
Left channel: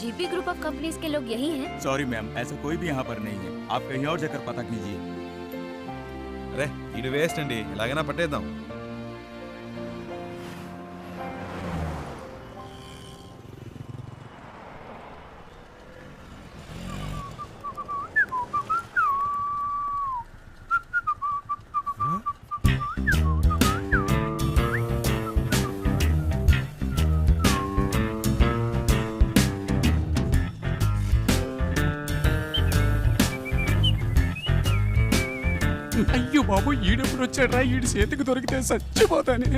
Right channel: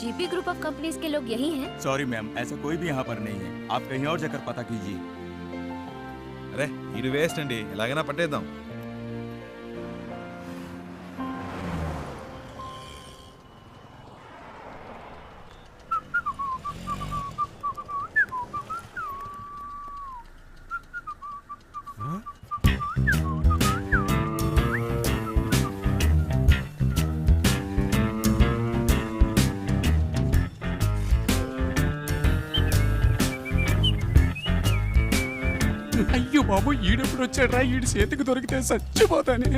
जीपी ग्रुप ऑफ कंपनीज के लोग यही हैं? सॉरी मैम, ऐसा कोई भी यहाँ पर नहीं है, आप कहीं और जाकर पता कीजिए। అరే ఇది వేస్ట్ అండి, ఎలాగైనా పట్టేద్దాం. అయ్యో బాబు, ఈడెప్పుడు వచ్చాడ్రా? ఈడి చేతికి దొరికితే చచ్చిపోతానే.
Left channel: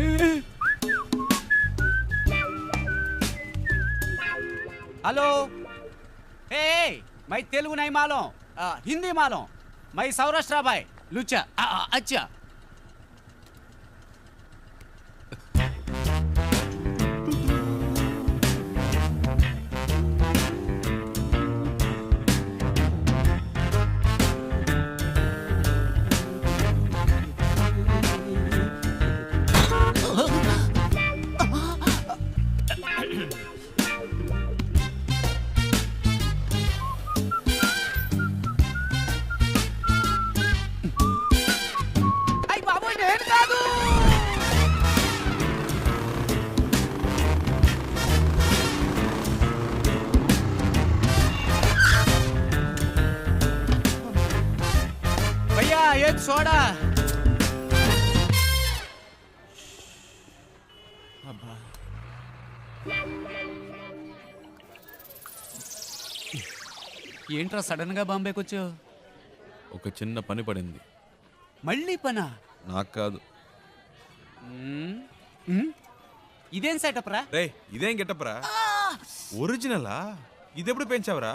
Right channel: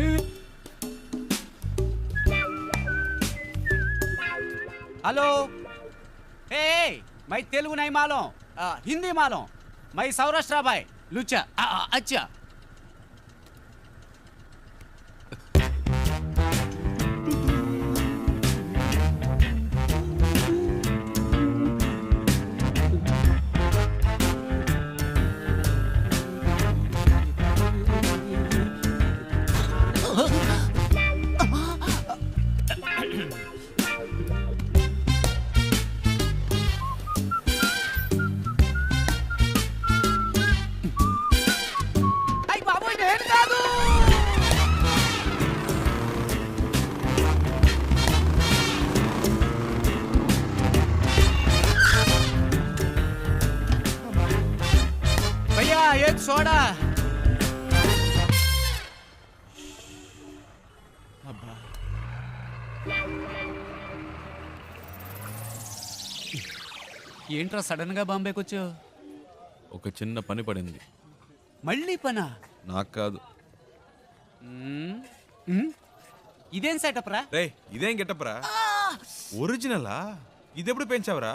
हेलो, ए मैं तेलुगु नहीं मालूम, हिंदी मालूम, मैं सौराष्ट्र भाई लुच्चा। अच्छा బాబు, నేను కాదు. भैया एक सोडा. ఏంట్రా సడన్ గా బాంబేకి వచ్చావు? ఒక చిన్న పని పడింది. మళ్ళీ పనా? నాకు కాదు. ఇదేం సెటప్ రా? రే ఇదేం గెటప్ రా? ఒరిజినలా? ఇదెప్పుడు పెంచావురా?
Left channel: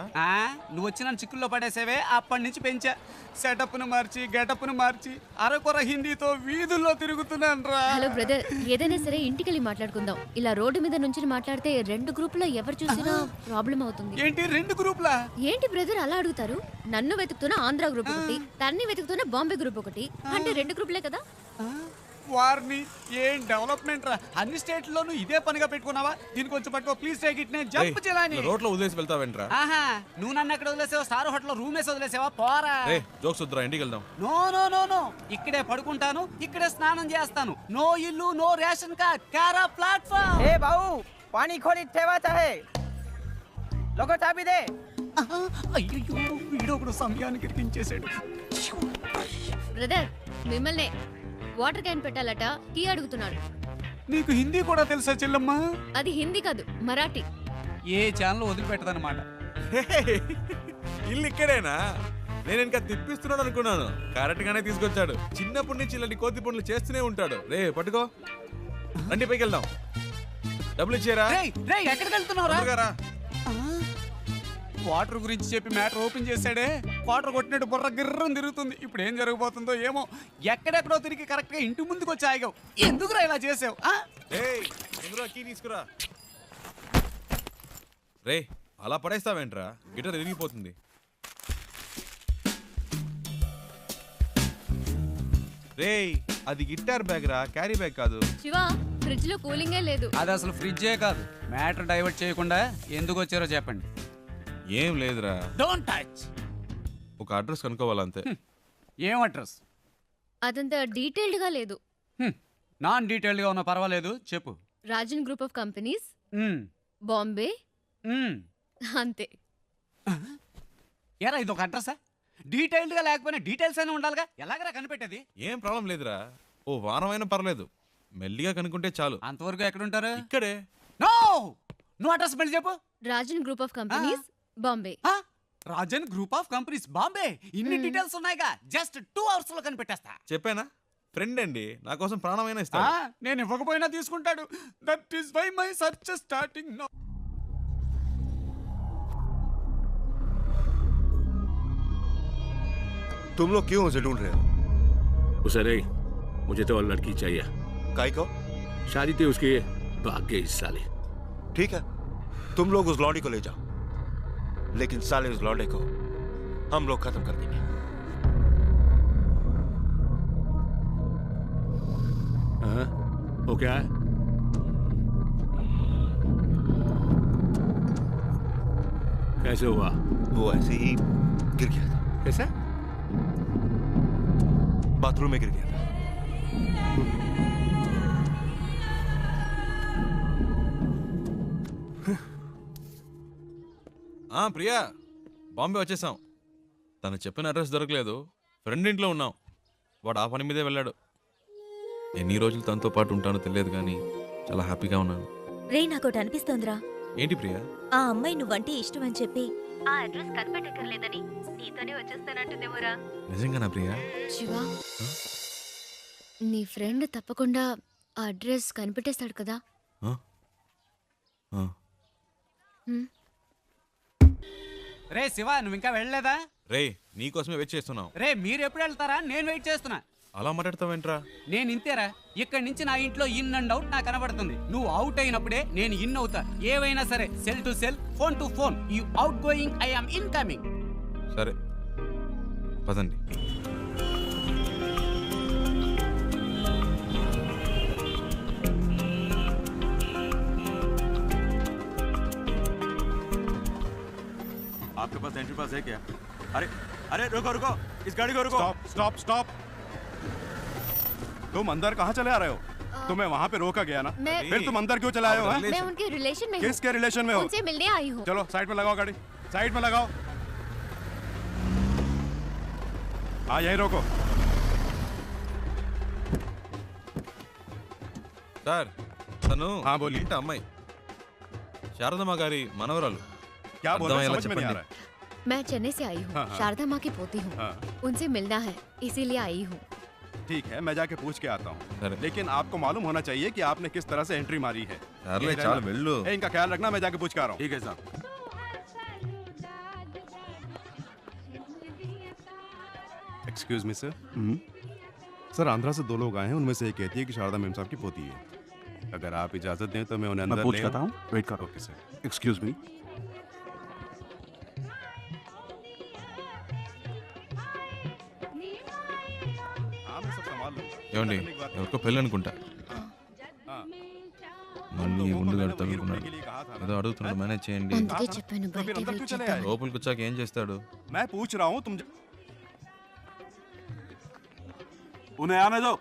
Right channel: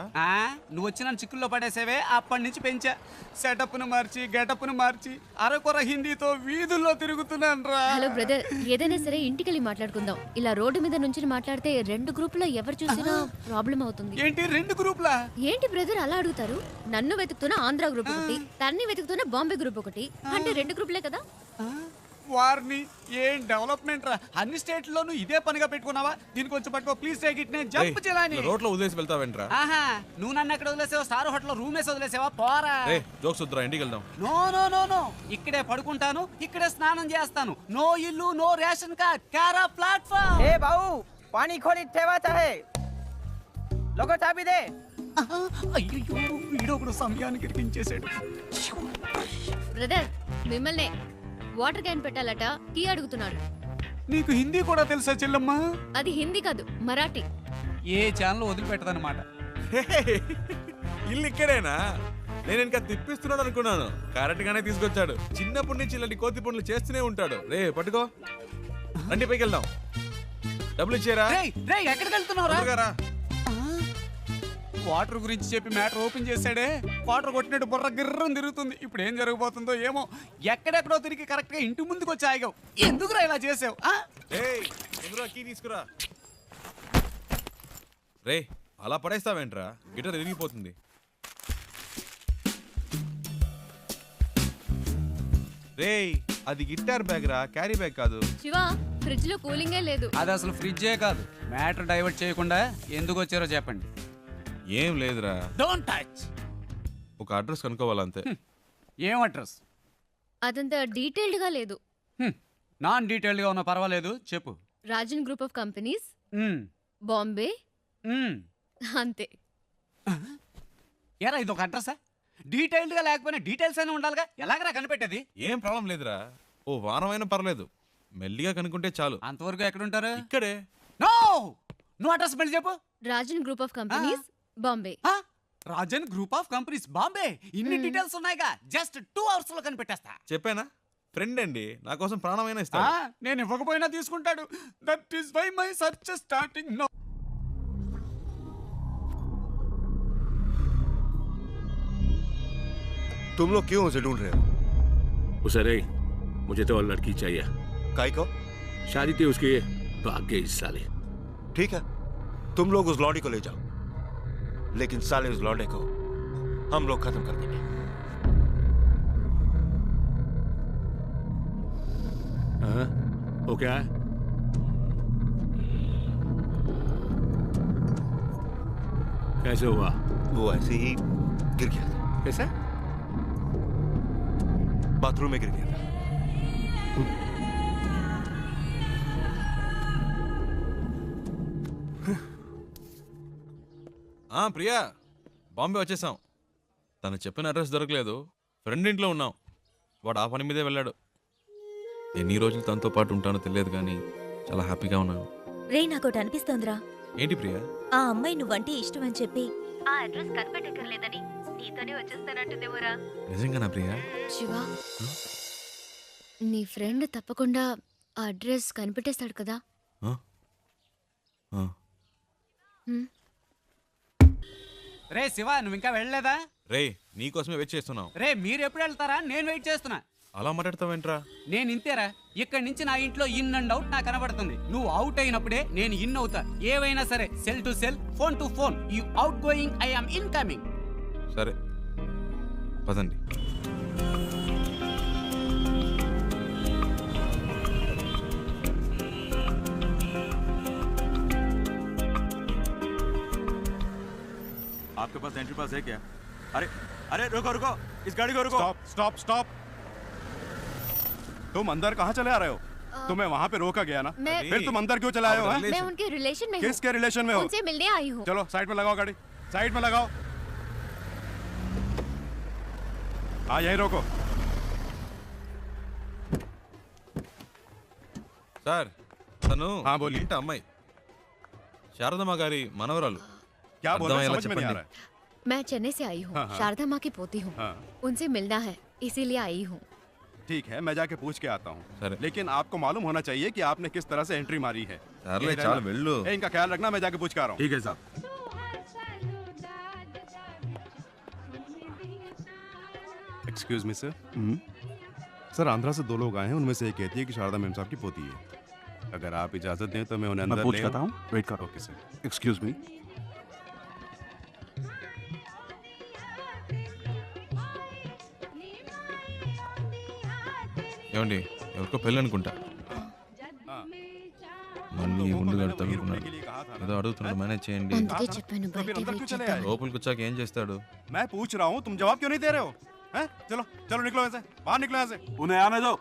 నువ్వు వచ్చి నన్ను చిక్కుల్లో పడేసేవే, అప్పటి నుంచి పెంచా. సెటప్ను మార్చి గెటప్ను మార్చి అరకొర హిందీతో వీధుల్లో తిరుగుతున్నాను రా. హలో బ్రదర్, ఏదైనా సరే ఇంటికెళ్ళి మాట్లాడుకుందాం. ఇలా రోడ్డు మీద నుంచి మాట్లాడితే రెండు గ్రూపులో ఎవరు చూసినా ప్రాబ్లం అవుతుంది. ఏంటి రెండు గ్రూపులా? ఏంటి బ్రదర్ అలా అడుగుతారు? నన్ను వెతుకుతున్న ఆంధ్ర గ్రూప్ ఒకటి, తన్ని వెతుకుతున్న బాంబే గ్రూప్ ఒకటి, అంటే రెండు గ్రూపులే కదా. వారిని ఏం డెవలప్మెంట్ రా, అన్ని స్టేట్లోనూ ఇదే పనిగా పెట్టుకున్నావా? దీనికి కొంచెం పట్టుకో ప్లీజ్ టేక్ ఇట్. నేను జంప్ చేయాలని రోడ్లో వదిలేసి వెళ్తావేంట్రా? ఆహా, నువ్వు నన్ను ఎక్కడ వదిలేసావా? స్టార్ హోటల్లో రూమ్ వేసి వదిలేసావా? పోరా. జోక్స్ వద్దురా, ఇంటికి వెళ్దాం. నో నో నో నో, ఇక్కడే పడుకుంటాను, ఇక్కడే స్నానం చేస్తాను. నో ఇల్లు, నో రేషన్ కార్డ్, కారా ప్లాట్ఫామ్. ఏ బావు, పానీ खोली ठेवाचा है लोगो चाबी दे. అయ్యో, వీడొకడు సమయానికి ఇరికించేశాడు. బ్రదర్ మిమ్మల్ని వాటర్ క్యాన్ పెట్టాలట, టీ అడుగుతున్నాడు. నీకు హిందీ కూడా తెలుసా చెల్లమ్మా? అది హిందీ కాదు, మరాఠీ. ఏ ఛానల్ వదిలిపెట్టదన్నమాట. ఇల్లు ఇక్కడేనా? నేను ఇంకా తిప్పిస్తున్నాడు అనుకున్నాను. కరెక్ట్ గానే తీసుకొచ్చాడు. చిన్నప్పటి నుంచి ఇలాంటి కోతి పనులు చేస్తూనే ఉంటాడు. రే పట్టుకో, రండి పైకి వెళ్దాం. డబ్బులు ఇచ్చారా? ఎక్కడికి వెళ్తున్నావురా? వాటర్ గురించి చెప్పి మ్యాటర్ ఓపెన్ చేశాడే, వాటర్ కొట్టినట్టు బుర్ర గిర్రం తిరుగుతుంది. ఇప్పుడు ఏం జరగబోతుందో ఏమో. ఎక్కడెక్కడో తిరిగి కరెక్ట్ గా ఇంటి ముందుకు వచ్చి ఆగావు. ఎందుకురా ఇలా చేసావు? కీ తీసుకురా. రే అలా పడేస్తావేంట్రా? గిటార్ ఎరిగిపోతుంది. రే అది గిటార్ బ్యాగ్ రా, క్యారీ బ్యాగ్ కాదు. శివ, ఫ్రిడ్జ్ లో కూలింగే లేదు. అది అసలు ఫ్రిడ్జే కాదు. మ్యాటర్ డైవర్ట్ చేయకుండా ఎందుకు వచ్చారో చెప్పండి. ఏం లేదురా, డోంట్ టచ్. ఒక అడ్రస్ కనుక్కోవాలంతే. ఏం అడ్రస్? అదంతా డీటెయిల్డ్ గా లేదు. నాన్ డీటెయిల్డ్ గా ఉన్నా పర్వాలేదు, చెప్పు. Rajan group of companies, Bombay, అంతే. ఏరా ఇది ఒక అడ్రసా? డీటెయిల్డ్ గా లేకపోయినా డీటెయిల్స్ అయినా ఉండాలిగా. ఎలాగైనా కనిపెట్టేది? ఏం ప్రాబ్లం లేదురా, ఓ వారమైనా పర్లేదు, మెల్లిగా కనుక్కుంటే చాలు. అంతవరకు ఎక్కడ ఉంటారు? ఇక్కడే. నో, నువ్వు అడ్రస్ మళ్ళీ చెప్పు. Rajan group of companies, Bombay. Rajan group of companies, Bombay. ఇన్ని డీటెయిల్స్ ఉన్నాయిగా, జస్ట్ 2 hours లో కనిపెట్టేస్తా. చెప్పానా? ఫ్రెండ్ అండి, నా కోసం ప్రాణమైనా ఇస్తా. నేను ఇవ్వకపోయినా తీసుకుంటాడు. That is why my search starting now. तुम लोग क्यों उसे ढूंढ रहे हो? उसे नहीं, मुझे तो और लड़की चाहिए. काई को? शादी थी उसकी, भाग गई इस साले. ठीक है, तुम लोग उस लौंडी को ले जाओ, लेकिन साले उस लौंडे को हम लोग खत्म कर देंगे. हाँ, वो क्या है? कैसे हुआ? वो ऐसे ही गिर गया था. कैसे? बाथरूम में गिर गया था. ప్రియా, బాంబే వచ్చేసాం. తను చెప్పిన అడ్రస్ దొరకలేదు. ఫ్రెండ్ ఇంట్లో ఉన్నాం. వాడు ఆ పని మీదే వెళ్ళాడు. ఎన్ని రోజులు తనతో పాటు ఉంటానో తెలియదు కానీ చాలా హ్యాపీగా ఉన్నాను. రే నాకోటి అనిపిస్తోందిరా. ఏంటి ప్రియా? ఆ అమ్మాయి నువ్వంటే ఇష్టం అని చెప్పి ఆ అడ్రస్ కనిపెట్టక్కర్లేదని నీతోనే వచ్చేస్తానంటుందేమోరా. నిజంగానా ప్రియా? శివ, నీ ఫ్రెండ్ తప్పకుండా ఆ అడ్రస్ కనిపెట్టేస్తాడు కదా. రే శివ, నువ్వు ఇంకా వెళ్ళలేదా? రే నీకోసమే వెయిట్ చేస్తున్నాం. రే మీరు ఎప్పుడు వెళ్తారా? నేను వెయిట్ చేస్తున్నా. అలా మాట్లాడతావేంట్రా? నేను ఇంతేరా. ఇక్కడి నుంచి నా ఇంట్లో ఇన్ అండ్ అవుట్ నాకు కనబడుతుంది. నువ్వు అవుట్ అయినప్పుడే నేను ఇన్ అవుతా. ఏవైనా సరే, cell to cell, phone to phone. You out going, I am incoming. సరే పదండి. आपके पास एंट्री पास है क्या? अरे अरे रुको रुको, इस गाड़ी को रुको. Stop stop stop. तुम अंदर कहाँ चले आ रहे हो? तुम्हें वहाँ पे रोका गया ना, फिर तुम अंदर क्यों चले आए हो? मैं उनके रिलेशन में हूँ. किसके रिलेशन में हो? उनसे मिलने आई हूँ. चलो साइड में लगाओ गाड़ी, साइड में लगाओ. हाँ यही रोको. సార్, తను ఇంటి అమ్మాయి, శారదమ్మ గారి మనవరాలు. क्या बोल रहे हो? समझ में नहीं आ रहा है. मैं चेन्नई से आई हूँ. शारदा माँ की पोती हूँ. उनसे मिलना है, इसीलिए आई हूँ. ठीक है, मैं जाके पूछ के आता हूँ. लेकिन आपको मालूम होना चाहिए कि आपने किस तरह से एंट्री मारी है. इनका ख्याल रखना, मैं जाके पूछ के आ रहा हूँ. ठीक है साहब. Excuse me sir. Sir Andhra से 2 लोग आए हैं, उनमें से एक कहती है कि शारदा मेम साहब की पोती है. अगर आप इजाजत दें तो मैं उन्हें अंदर पूछ करता हूँ. वेट करो. Okay sir. Excuse me. ఏమండి ఎవరికో పెళ్ళి అనుకుంటా. మళ్ళీ ఉండు తగులుకున్నాడు. ఏదో అడుగుతున్నాడు, మేనేజ్ చేయండి. అందుకే చెప్పాను బయట వెయిట్ చేద్దామని. లోపలికి వచ్చాక ఏం చేస్తాడు? मैं पूछ रहा हूँ तुम जवाब क्यों नहीं दे रहे हो? हैं? चलो चलो निकलो ऐसे, बाहर निकलो ऐसे. उन्हें आने दो.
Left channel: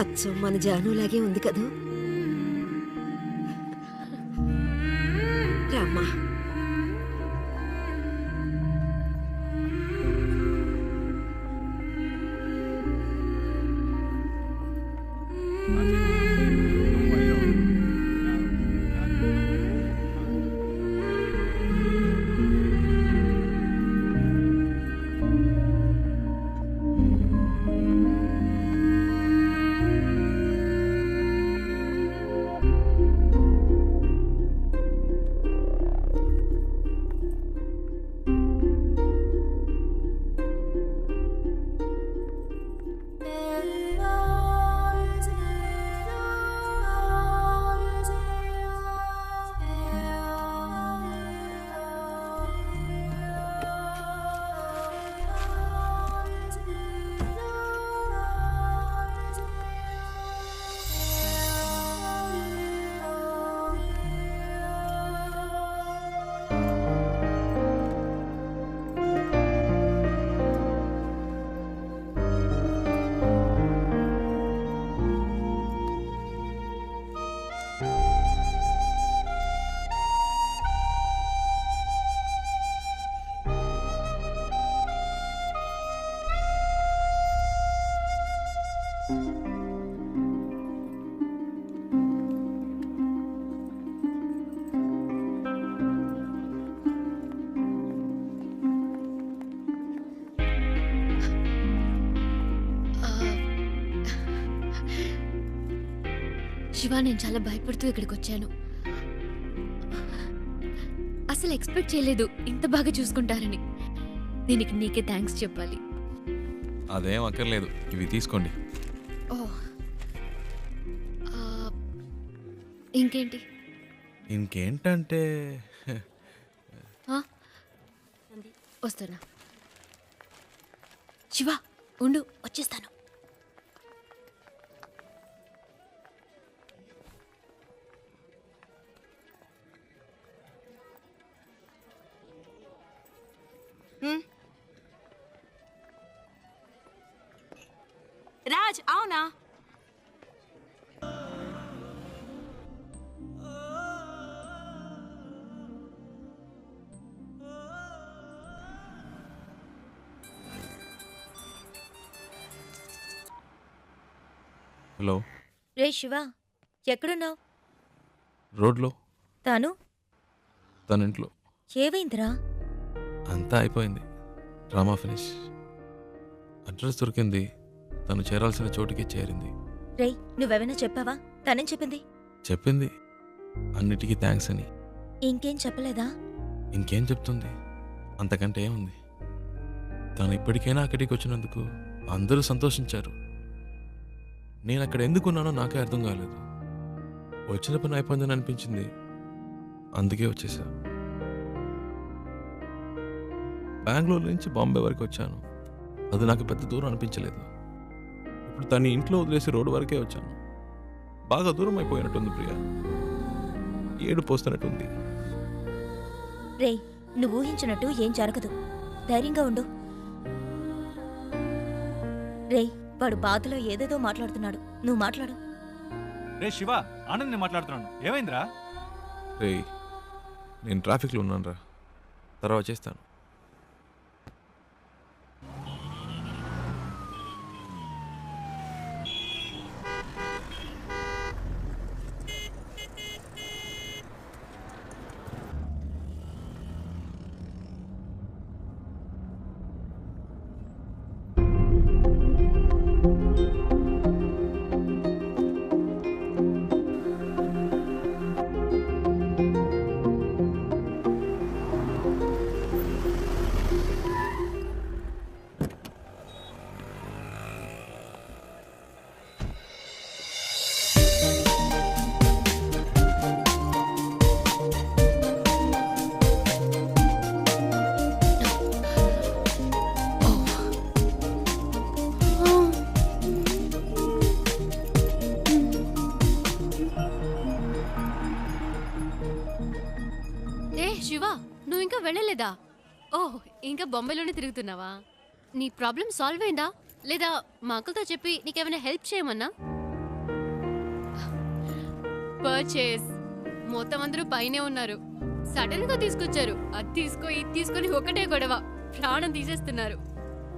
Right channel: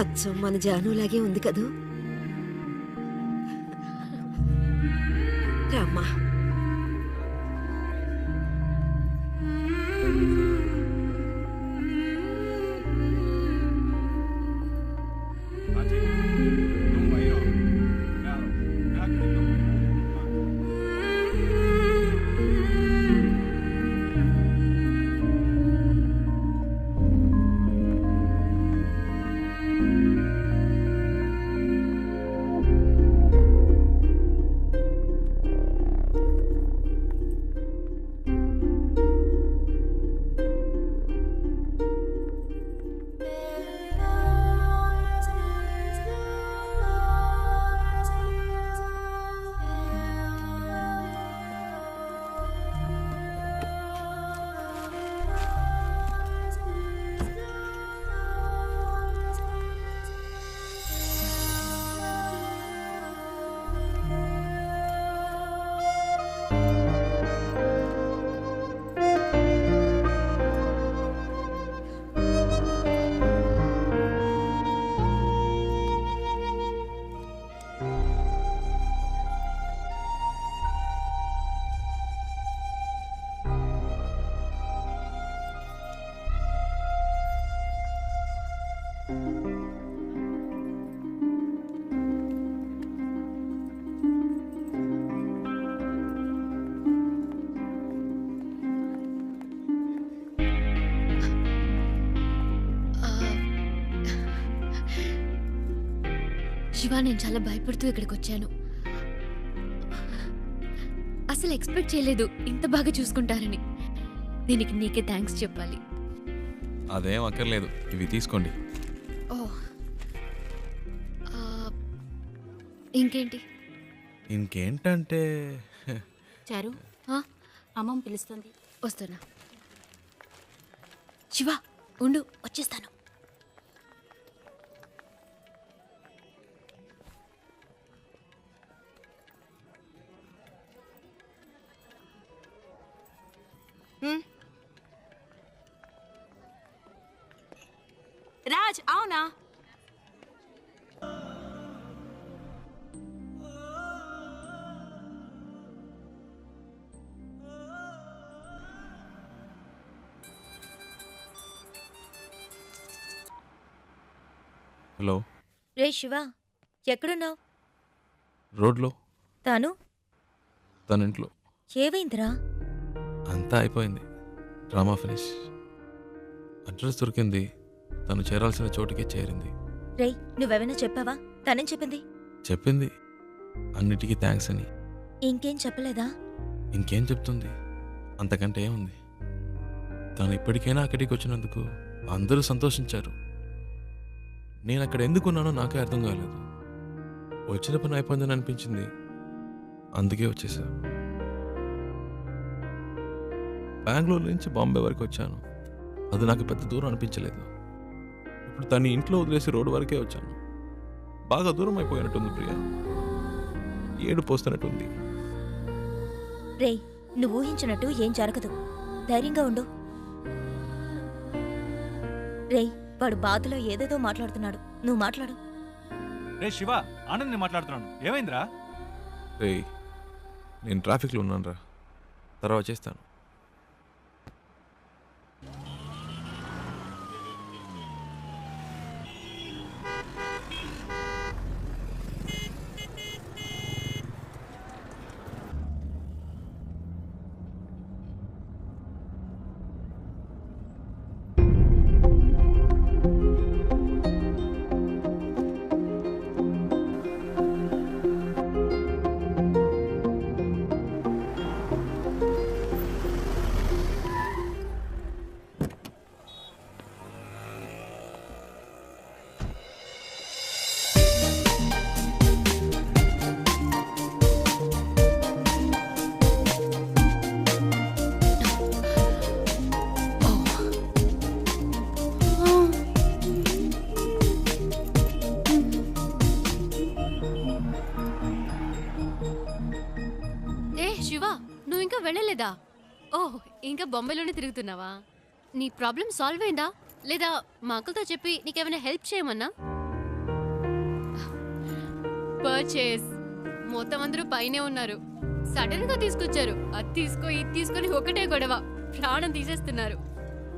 అచ్చం మన జానులాగే ఉంది కదూ. రామ్మా. శివ, నేను చాలా భయపడుతూ ఇక్కడికి వచ్చాను. అసలు ఎక్స్పెక్ట్ చేయలేదు ఇంత బాగా చూసుకుంటారని. దీనికి నీకే థ్యాంక్స్ చెప్పాలి. అదేం అక్కర్లేదు, ఇవి తీసుకోండి. ఓ, ఇంకేంటి? ఇంకేంటంటే చారు, అమ్మమ్మ పిలుస్తుంది. వస్తున్నా. శివ ఉండు, వచ్చేస్తాను. రాజ్, అవునా? హలో. రే శివ, ఎక్కడున్నావు? రోడ్లో. తాను తన ఇంట్లో. ఏవైందిరా? అంతా అయిపోయింది, డ్రామా ఫినిష్. అడ్రస్ దొరికింది, తను చేరాల్సిన చోటుకే చేరింది. రే, నువ్వెవైనా చెప్పావా? తనేం చెప్పింది? చెప్పింది అన్నిటికీ థ్యాంక్స్ అని. ఇంకేం చెప్పలేదా? ఇంకేం చెప్తుంది, అంతకంటే ఏముంది. తను ఇప్పటికైనా అక్కడికి వచ్చినందుకు అందరూ సంతోషించారు. నేను అక్కడ ఎందుకున్నానో నాకే అర్థం కాలేదు. వచ్చిన పని అయిపోయిందని అనిపించింది, అందుకే వచ్చేసా. బెంగళూరు నుంచి బాంబే వరకు వచ్చాను. అది నాకు పెద్ద దూరం అనిపించలేదు. ఇప్పుడు తను ఇంట్లో వదిలేసి రోడ్డు వరకే వచ్చాను. బాగా దూరం అయిపోయినట్టుంది ప్రియా. ఏడు పోస్తున్నట్టుంది. రే, నువ్వు ఊహించినట్టు ఏం జరగదు. ధైర్యంగా ఉండు. రే, వాడు బాధలో ఏదేదో మాట్లాడుతున్నాడు, నువ్వు మాట్లాడు. రే శివ, ఆనంద్ మాట్లాడుతున్నాను. ఏమైందిరా? రే, నేను ట్రాఫిక్లో ఉన్నాను రా, తర్వాత చేస్తాను. ఓహ్, ఇంకా బొంబాయిలోనే తిరుగుతున్నావా? నీ ప్రాబ్లం సాల్వ్ అయిందా లేదా మా అంకుల్తో చెప్పి నీకేమైనా హెల్ప్ చేయమన్నా? పర్చేస్ మొత్తం అందరూ పైనే ఉన్నారు. సడన్ గా తీసుకొచ్చారు. అది తీసుకో ఇది తీసుకొని ఒకటే గొడవ, ప్రాణం తీసేస్తున్నారు.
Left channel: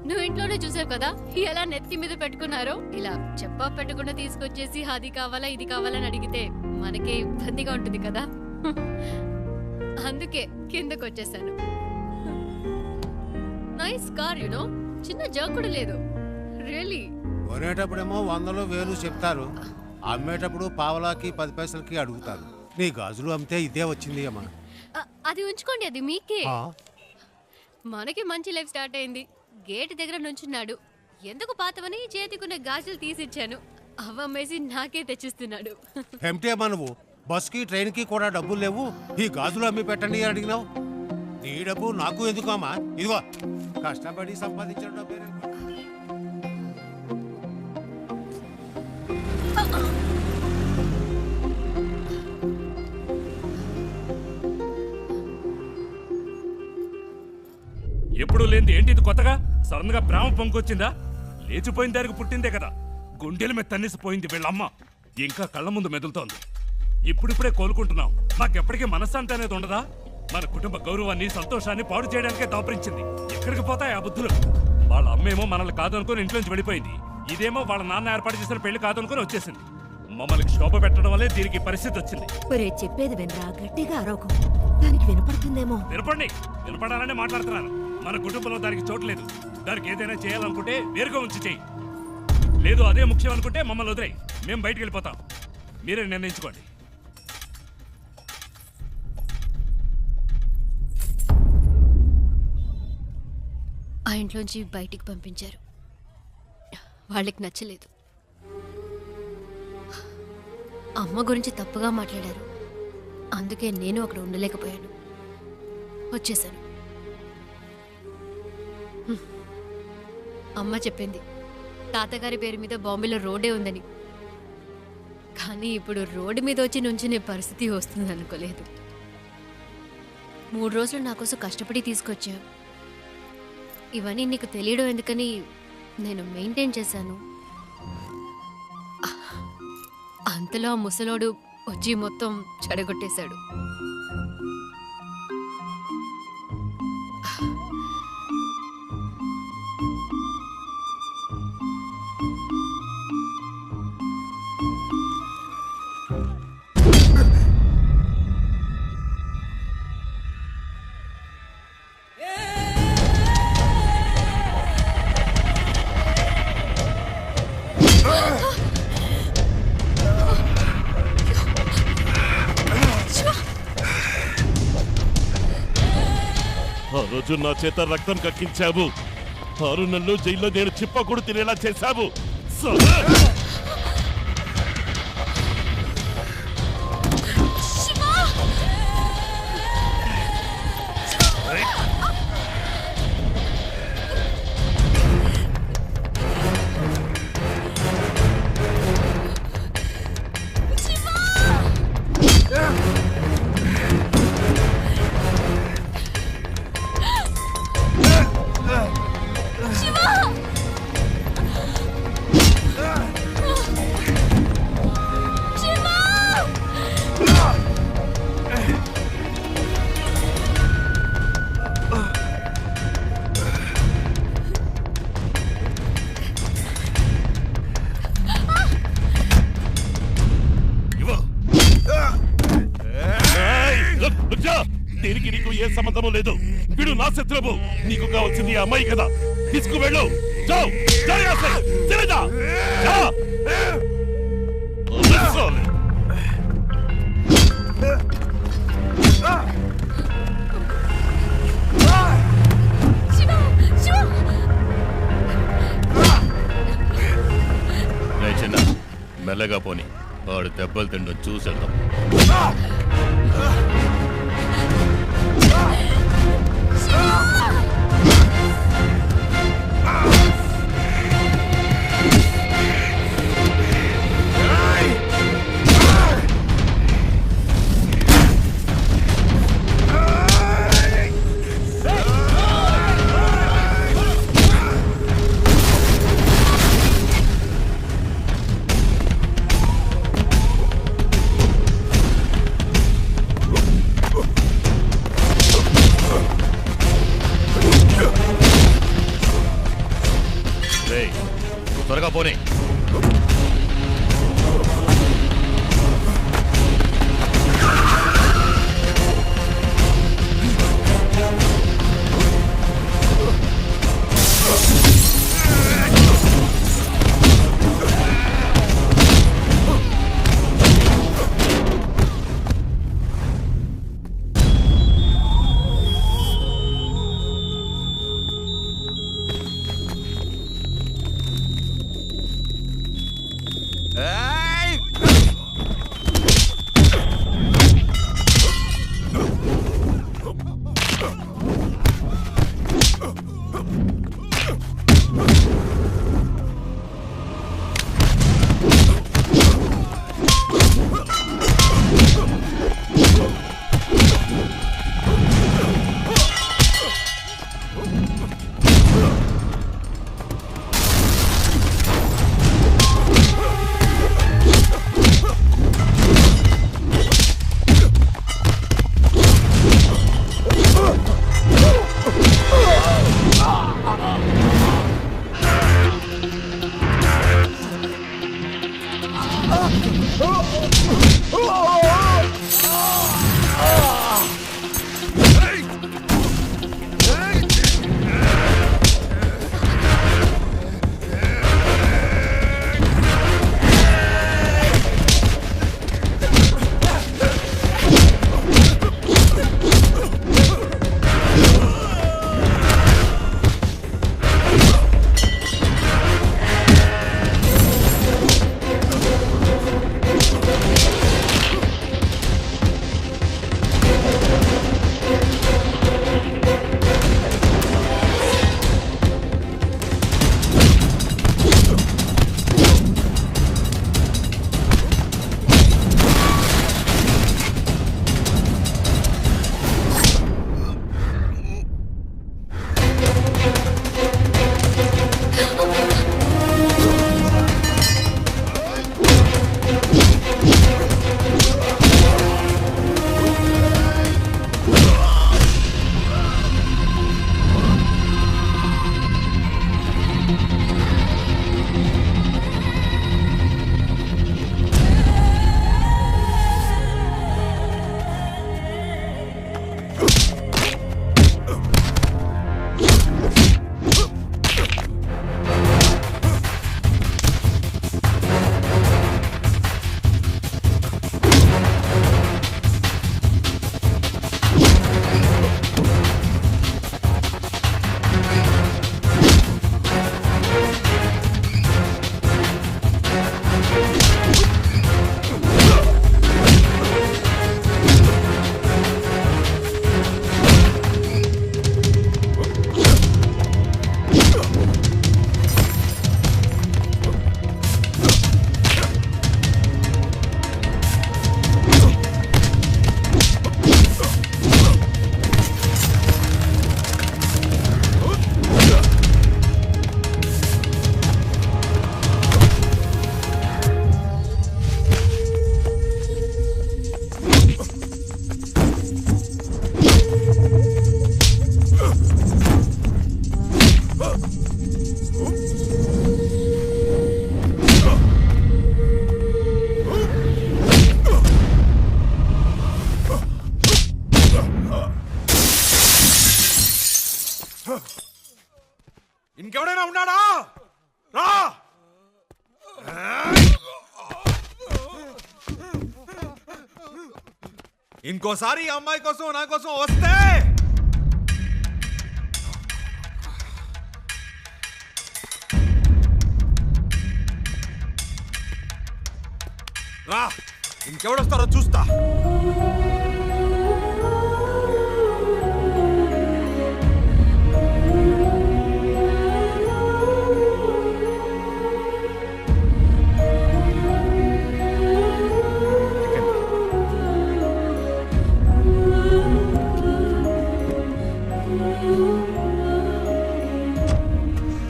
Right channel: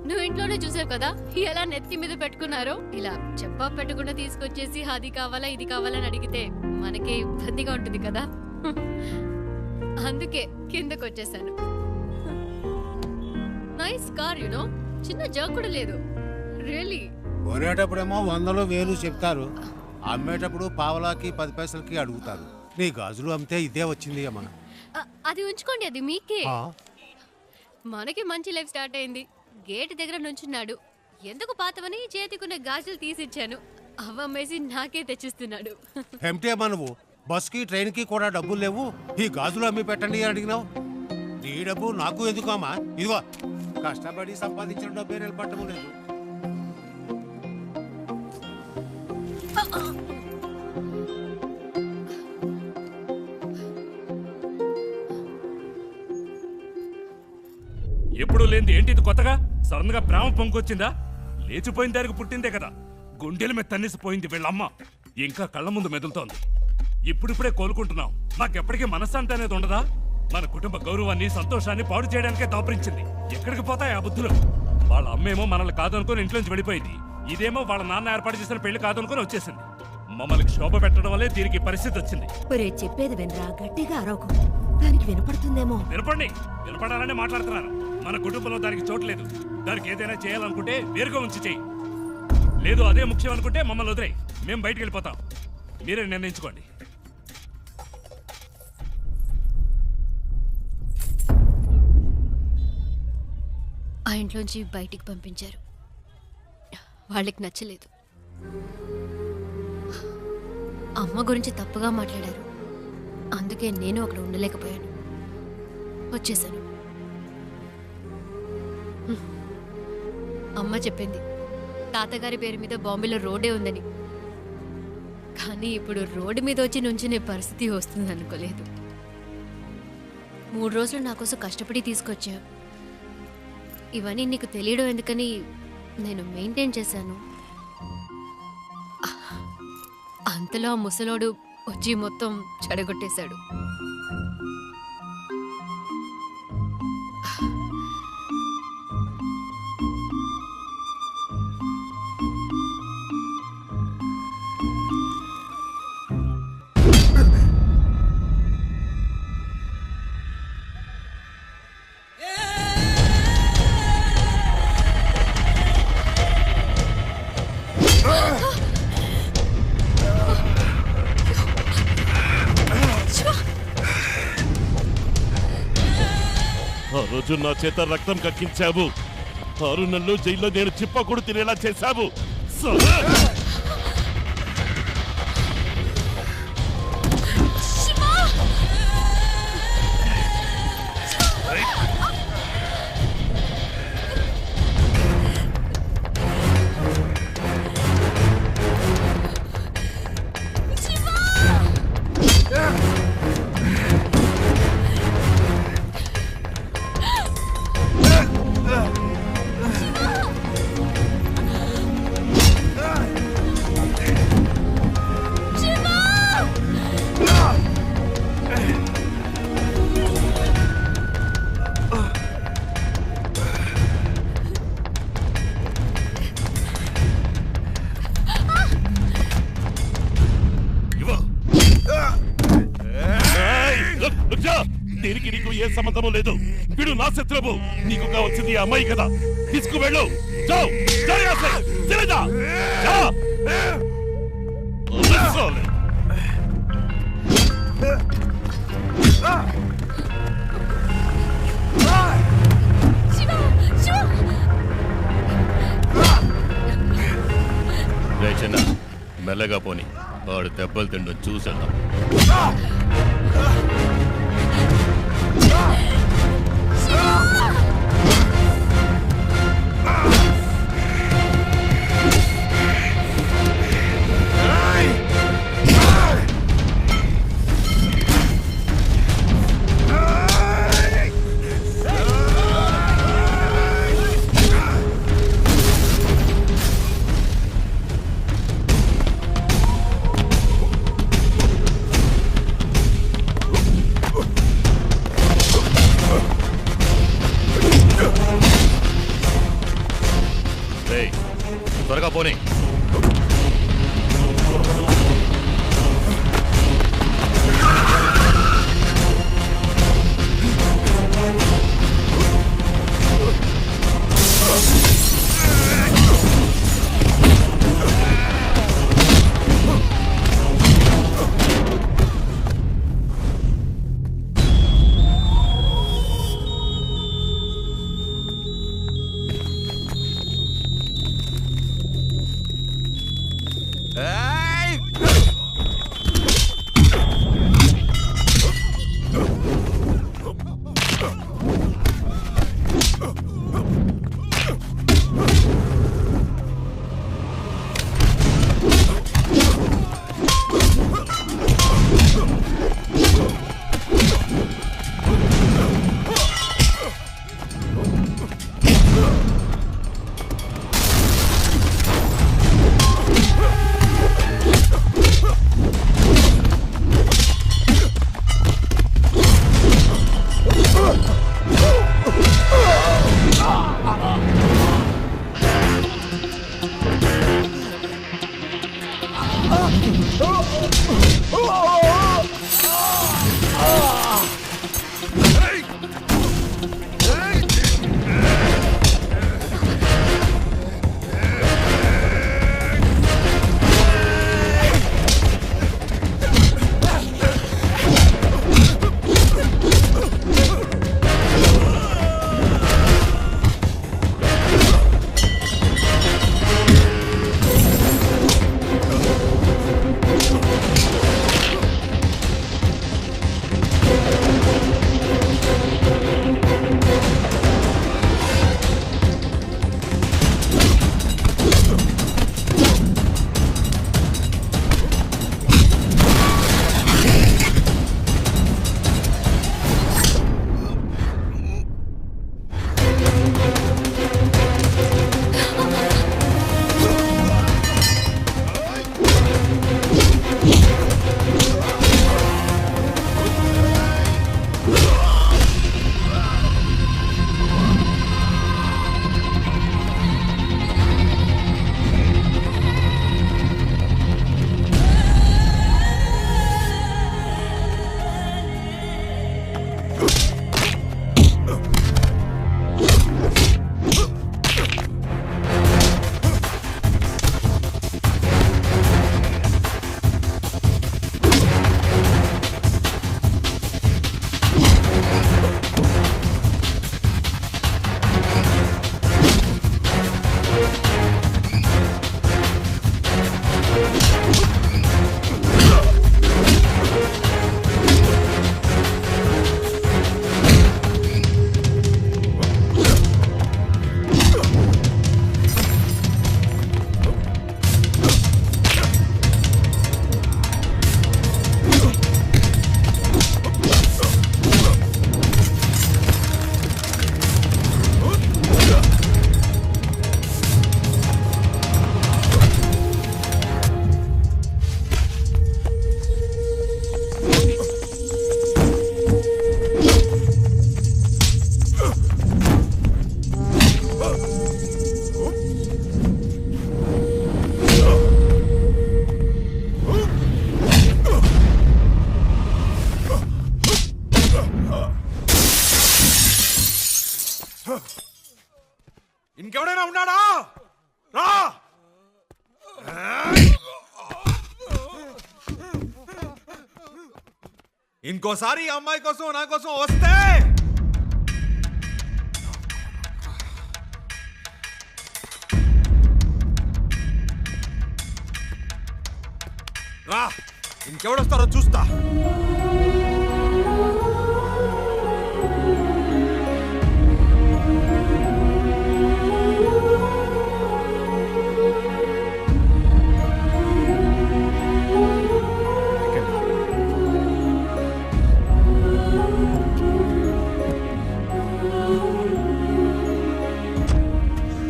నువ్వు ఇంట్లోనే చూసావు కదా ఎలా నెత్తి మీద పెట్టుకున్నారో. ఇలా చెప్పా పెట్టకుండా తీసుకొచ్చేసి అది కావాలా ఇది కావాలని అడిగితే మనకే ఇబ్బందిగా ఉంటుంది కదా. అందుకే కిందకు వచ్చేసాను. నైస్ కార్ యునో, చిన్న జర్క్ కూడా లేదు. రియల్లీ. కొనేటప్పుడేమో 100 1000 చెప్తారు, అమ్మేటప్పుడు పావలాకి 10 పైసలకి అడుగుతారు. నీ గాజులు అమ్మితే ఇదే వచ్చింది అమ్మా. అది ఉంచుకోండి, అది మీకే. మనకి మంచి లైఫ్ స్టార్ట్ అయింది. గేట్ దగ్గర నుంచున్నాడు. ఎందుకు పాతవని చేతికున్న గాజులు తీసిచ్చాను. అవమ్మేసి నాకే తెచ్చిస్తున్నాడు. ఏమిటి అమ్మా నువ్వు? బస్కి ట్రైన్కి కూడా డబ్బులు లేవు, ఈ గాజులు అమ్మి పెట్టండి అని అడిగినావు. నీ డబ్బు నాకు ఎందుకు అమ్మా? ఇదిగో కష్టపడి సంపాదించిన డబ్బే నిలబట్టడం లేదు. ఎప్పుడు లేనిది ఏంటి ఇది కొత్తగా? సడన్ గా ప్రేమ పొంగొచ్చిందా? లేచిపోయిన దానికి పుట్టిందే కదా. గుండెల మీద తన్నేసిపోయింది వీళ్ళమ్మ. ఇంకా కళ్ళ ముందు మెదులుతోంది. ఇప్పుడిప్పుడే కోలుకుంటున్నాం. నాకెప్పటికీ మనశ్శాంతి అనేది ఉండదా? మన కుటుంబ గౌరవాన్ని సంతోషాన్ని పాడు చేయడానికే దాపరించింది. ఎక్కడికి పోతాయి ఆ బుద్ధులు? వాళ్ళ అమ్మేమో మనల్ని కాదనుకుని ఇంట్లోంచి వెళ్ళిపోయింది. ఇదేమో వాళ్ళ నాన్న ఏర్పాటు చేసిన పెళ్లి కాదనుకుని వచ్చేసింది. మమ్మల్ని శోభ పెట్టడం వల్లే దీనికి పరిస్థితి వచ్చింది. ఒరే చెప్పేది వినరా, గట్టిగా అరవకు, దానికి వినపడుతుందేమో. వినపండి, వినపడాలనే మాట్లాడుతున్నాను. మన కుటుంబంలో దానికి చోట్లేదు. దానికి ఏదైనా చేయాలనుకుంటే వేరుగా ఉంచి చెయ్యి. లేదు అదే ముఖ్యం అనుకుంటే మమ్మల్ని వదిలేయి, మేము బయటికి వెళ్ళిపోతాం. మీరే నిర్ణయించుకోండి. ఆ ఇంట్లోంచి బయటికి పంపించారు. వాళ్ళకి నచ్చలేదు. అమ్మ గురించి తప్పుగా మాట్లాడారు. అందుకే నేను అక్కడ ఉండలేకపోయాను, వచ్చేసాను. అమ్మ చెప్పింది తాతగారి పేరు మీద బాంబేలో రోడ్డే ఉందని. కానీ ఇప్పుడు రోడ్డు మీద వచ్చి నుంచునే పరిస్థితి వస్తుంది అనుకోలేదు. 3 రోజులు నా కోసం కష్టపడి తీసుకొచ్చావు. ఇవన్నీ నీకు తెలియడం ఎందుకని నేను మెయింటైన్ చేశాను. అంతలో ఆ ముసలోడు వచ్చి మొత్తం చెడగొట్టేశాడు. ఆ రోజు నా చేత రక్తం కక్కించావు. 6 నెలలు జైల్లో నేను చిప్పకూడు తినేలా చేశావు. దీనికి నీకు ఏ సంబంధము లేదు. వీడు నా శత్రువు. నీకు కావాల్సింది ఆ అమ్మాయి కదా. తీసుకువెళ్ళు. చిన్న మెల్లగా పోని, వాడు దెబ్బలు తిండం చూసేద్దాం. రేయ్ త్వరగా పోనీ. ఇంకెవడైనా ఉన్నాడా? రా! ఇంకోసారి ఈ అమ్మాయి కోసం నా కోసం వస్తే రా, ఇంకెవడొస్తారో చూస్తా.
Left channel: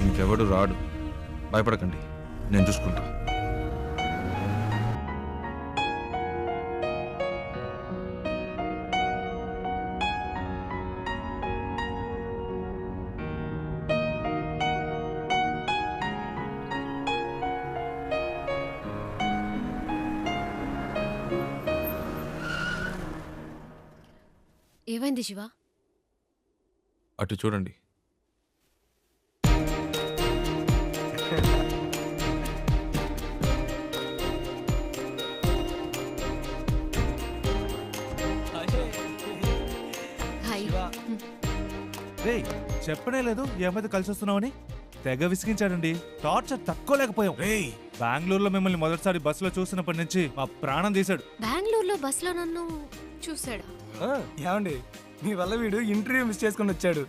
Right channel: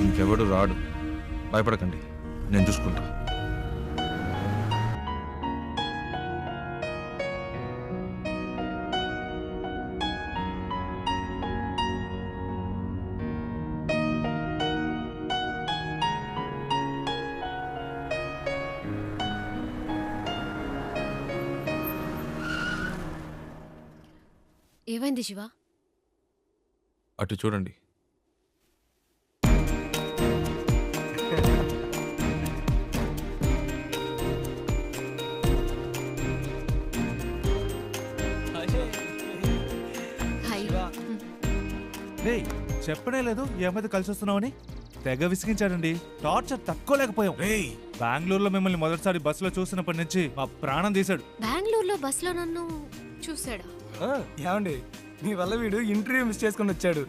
ఇంకెవడు రాడు, భయపడకండి, నేను చూసుకుంటా. ఏమైంది శివ? అటు చూడండి. హాయ్. రేయ్ చెప్పనే లేదు ఈ అమ్మాయితో కలిసి వస్తున్నావని. తెగ విసిగించాడండి. టార్చర్ తట్టుకోలేకపోయాం. రేయ్ బెంగళూరులో మిమ్మల్ని మొదటిసారి బస్సులో చూసినప్పటి నుంచి మా ప్రాణం తీశాడు. బెంగళూరులో బస్సులో నన్ను చూసాడా? ఏమండి మీ వల్ల వీడు ఇంటర్వ్యూ మిస్ చేసుకుని వచ్చాడు.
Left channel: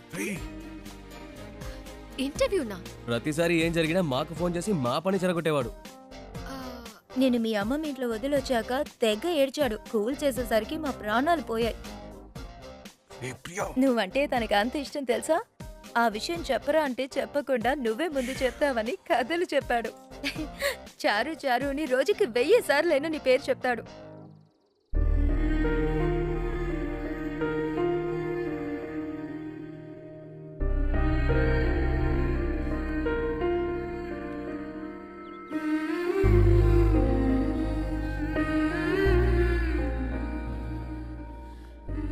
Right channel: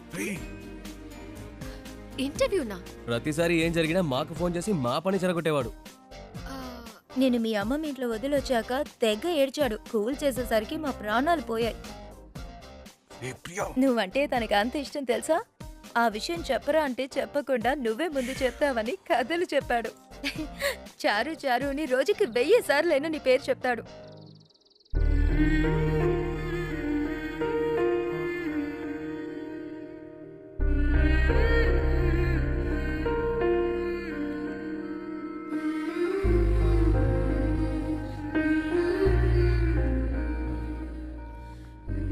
ఇంటర్వ్యూనా? ప్రతిసారి ఏం జరిగినా మాకు ఫోన్ చేసి మా పని చెరగొట్టేవాడు. నేను మీ అమ్మ మీ ఇంట్లో వదిలొచ్చాక తెగ ఏడ్చాడు. కూల్ చేసేసరికి మా ప్రాణాలు పోయాయి. నువ్వంటే తనకి అంత ఇష్టం తెలుసా? ఆ విషయం చెప్పరా అంటే చెప్పకుండా నువ్వే ముందు చెప్తావని కథలు చెప్పాడు. చారు చారుని రోజుకి 1000 సార్లైనా నీ పేరు చెప్తాడు.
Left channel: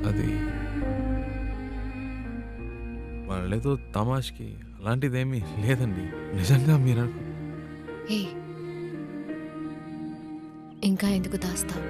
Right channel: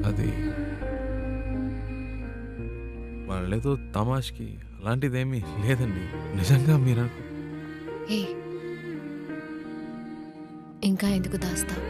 అది వాళ్ళేదో తమాష్కి అలాంటిదేమీ లేదండి. నిజంగా మీరు ఇంకా ఎందుకు దాస్తావు?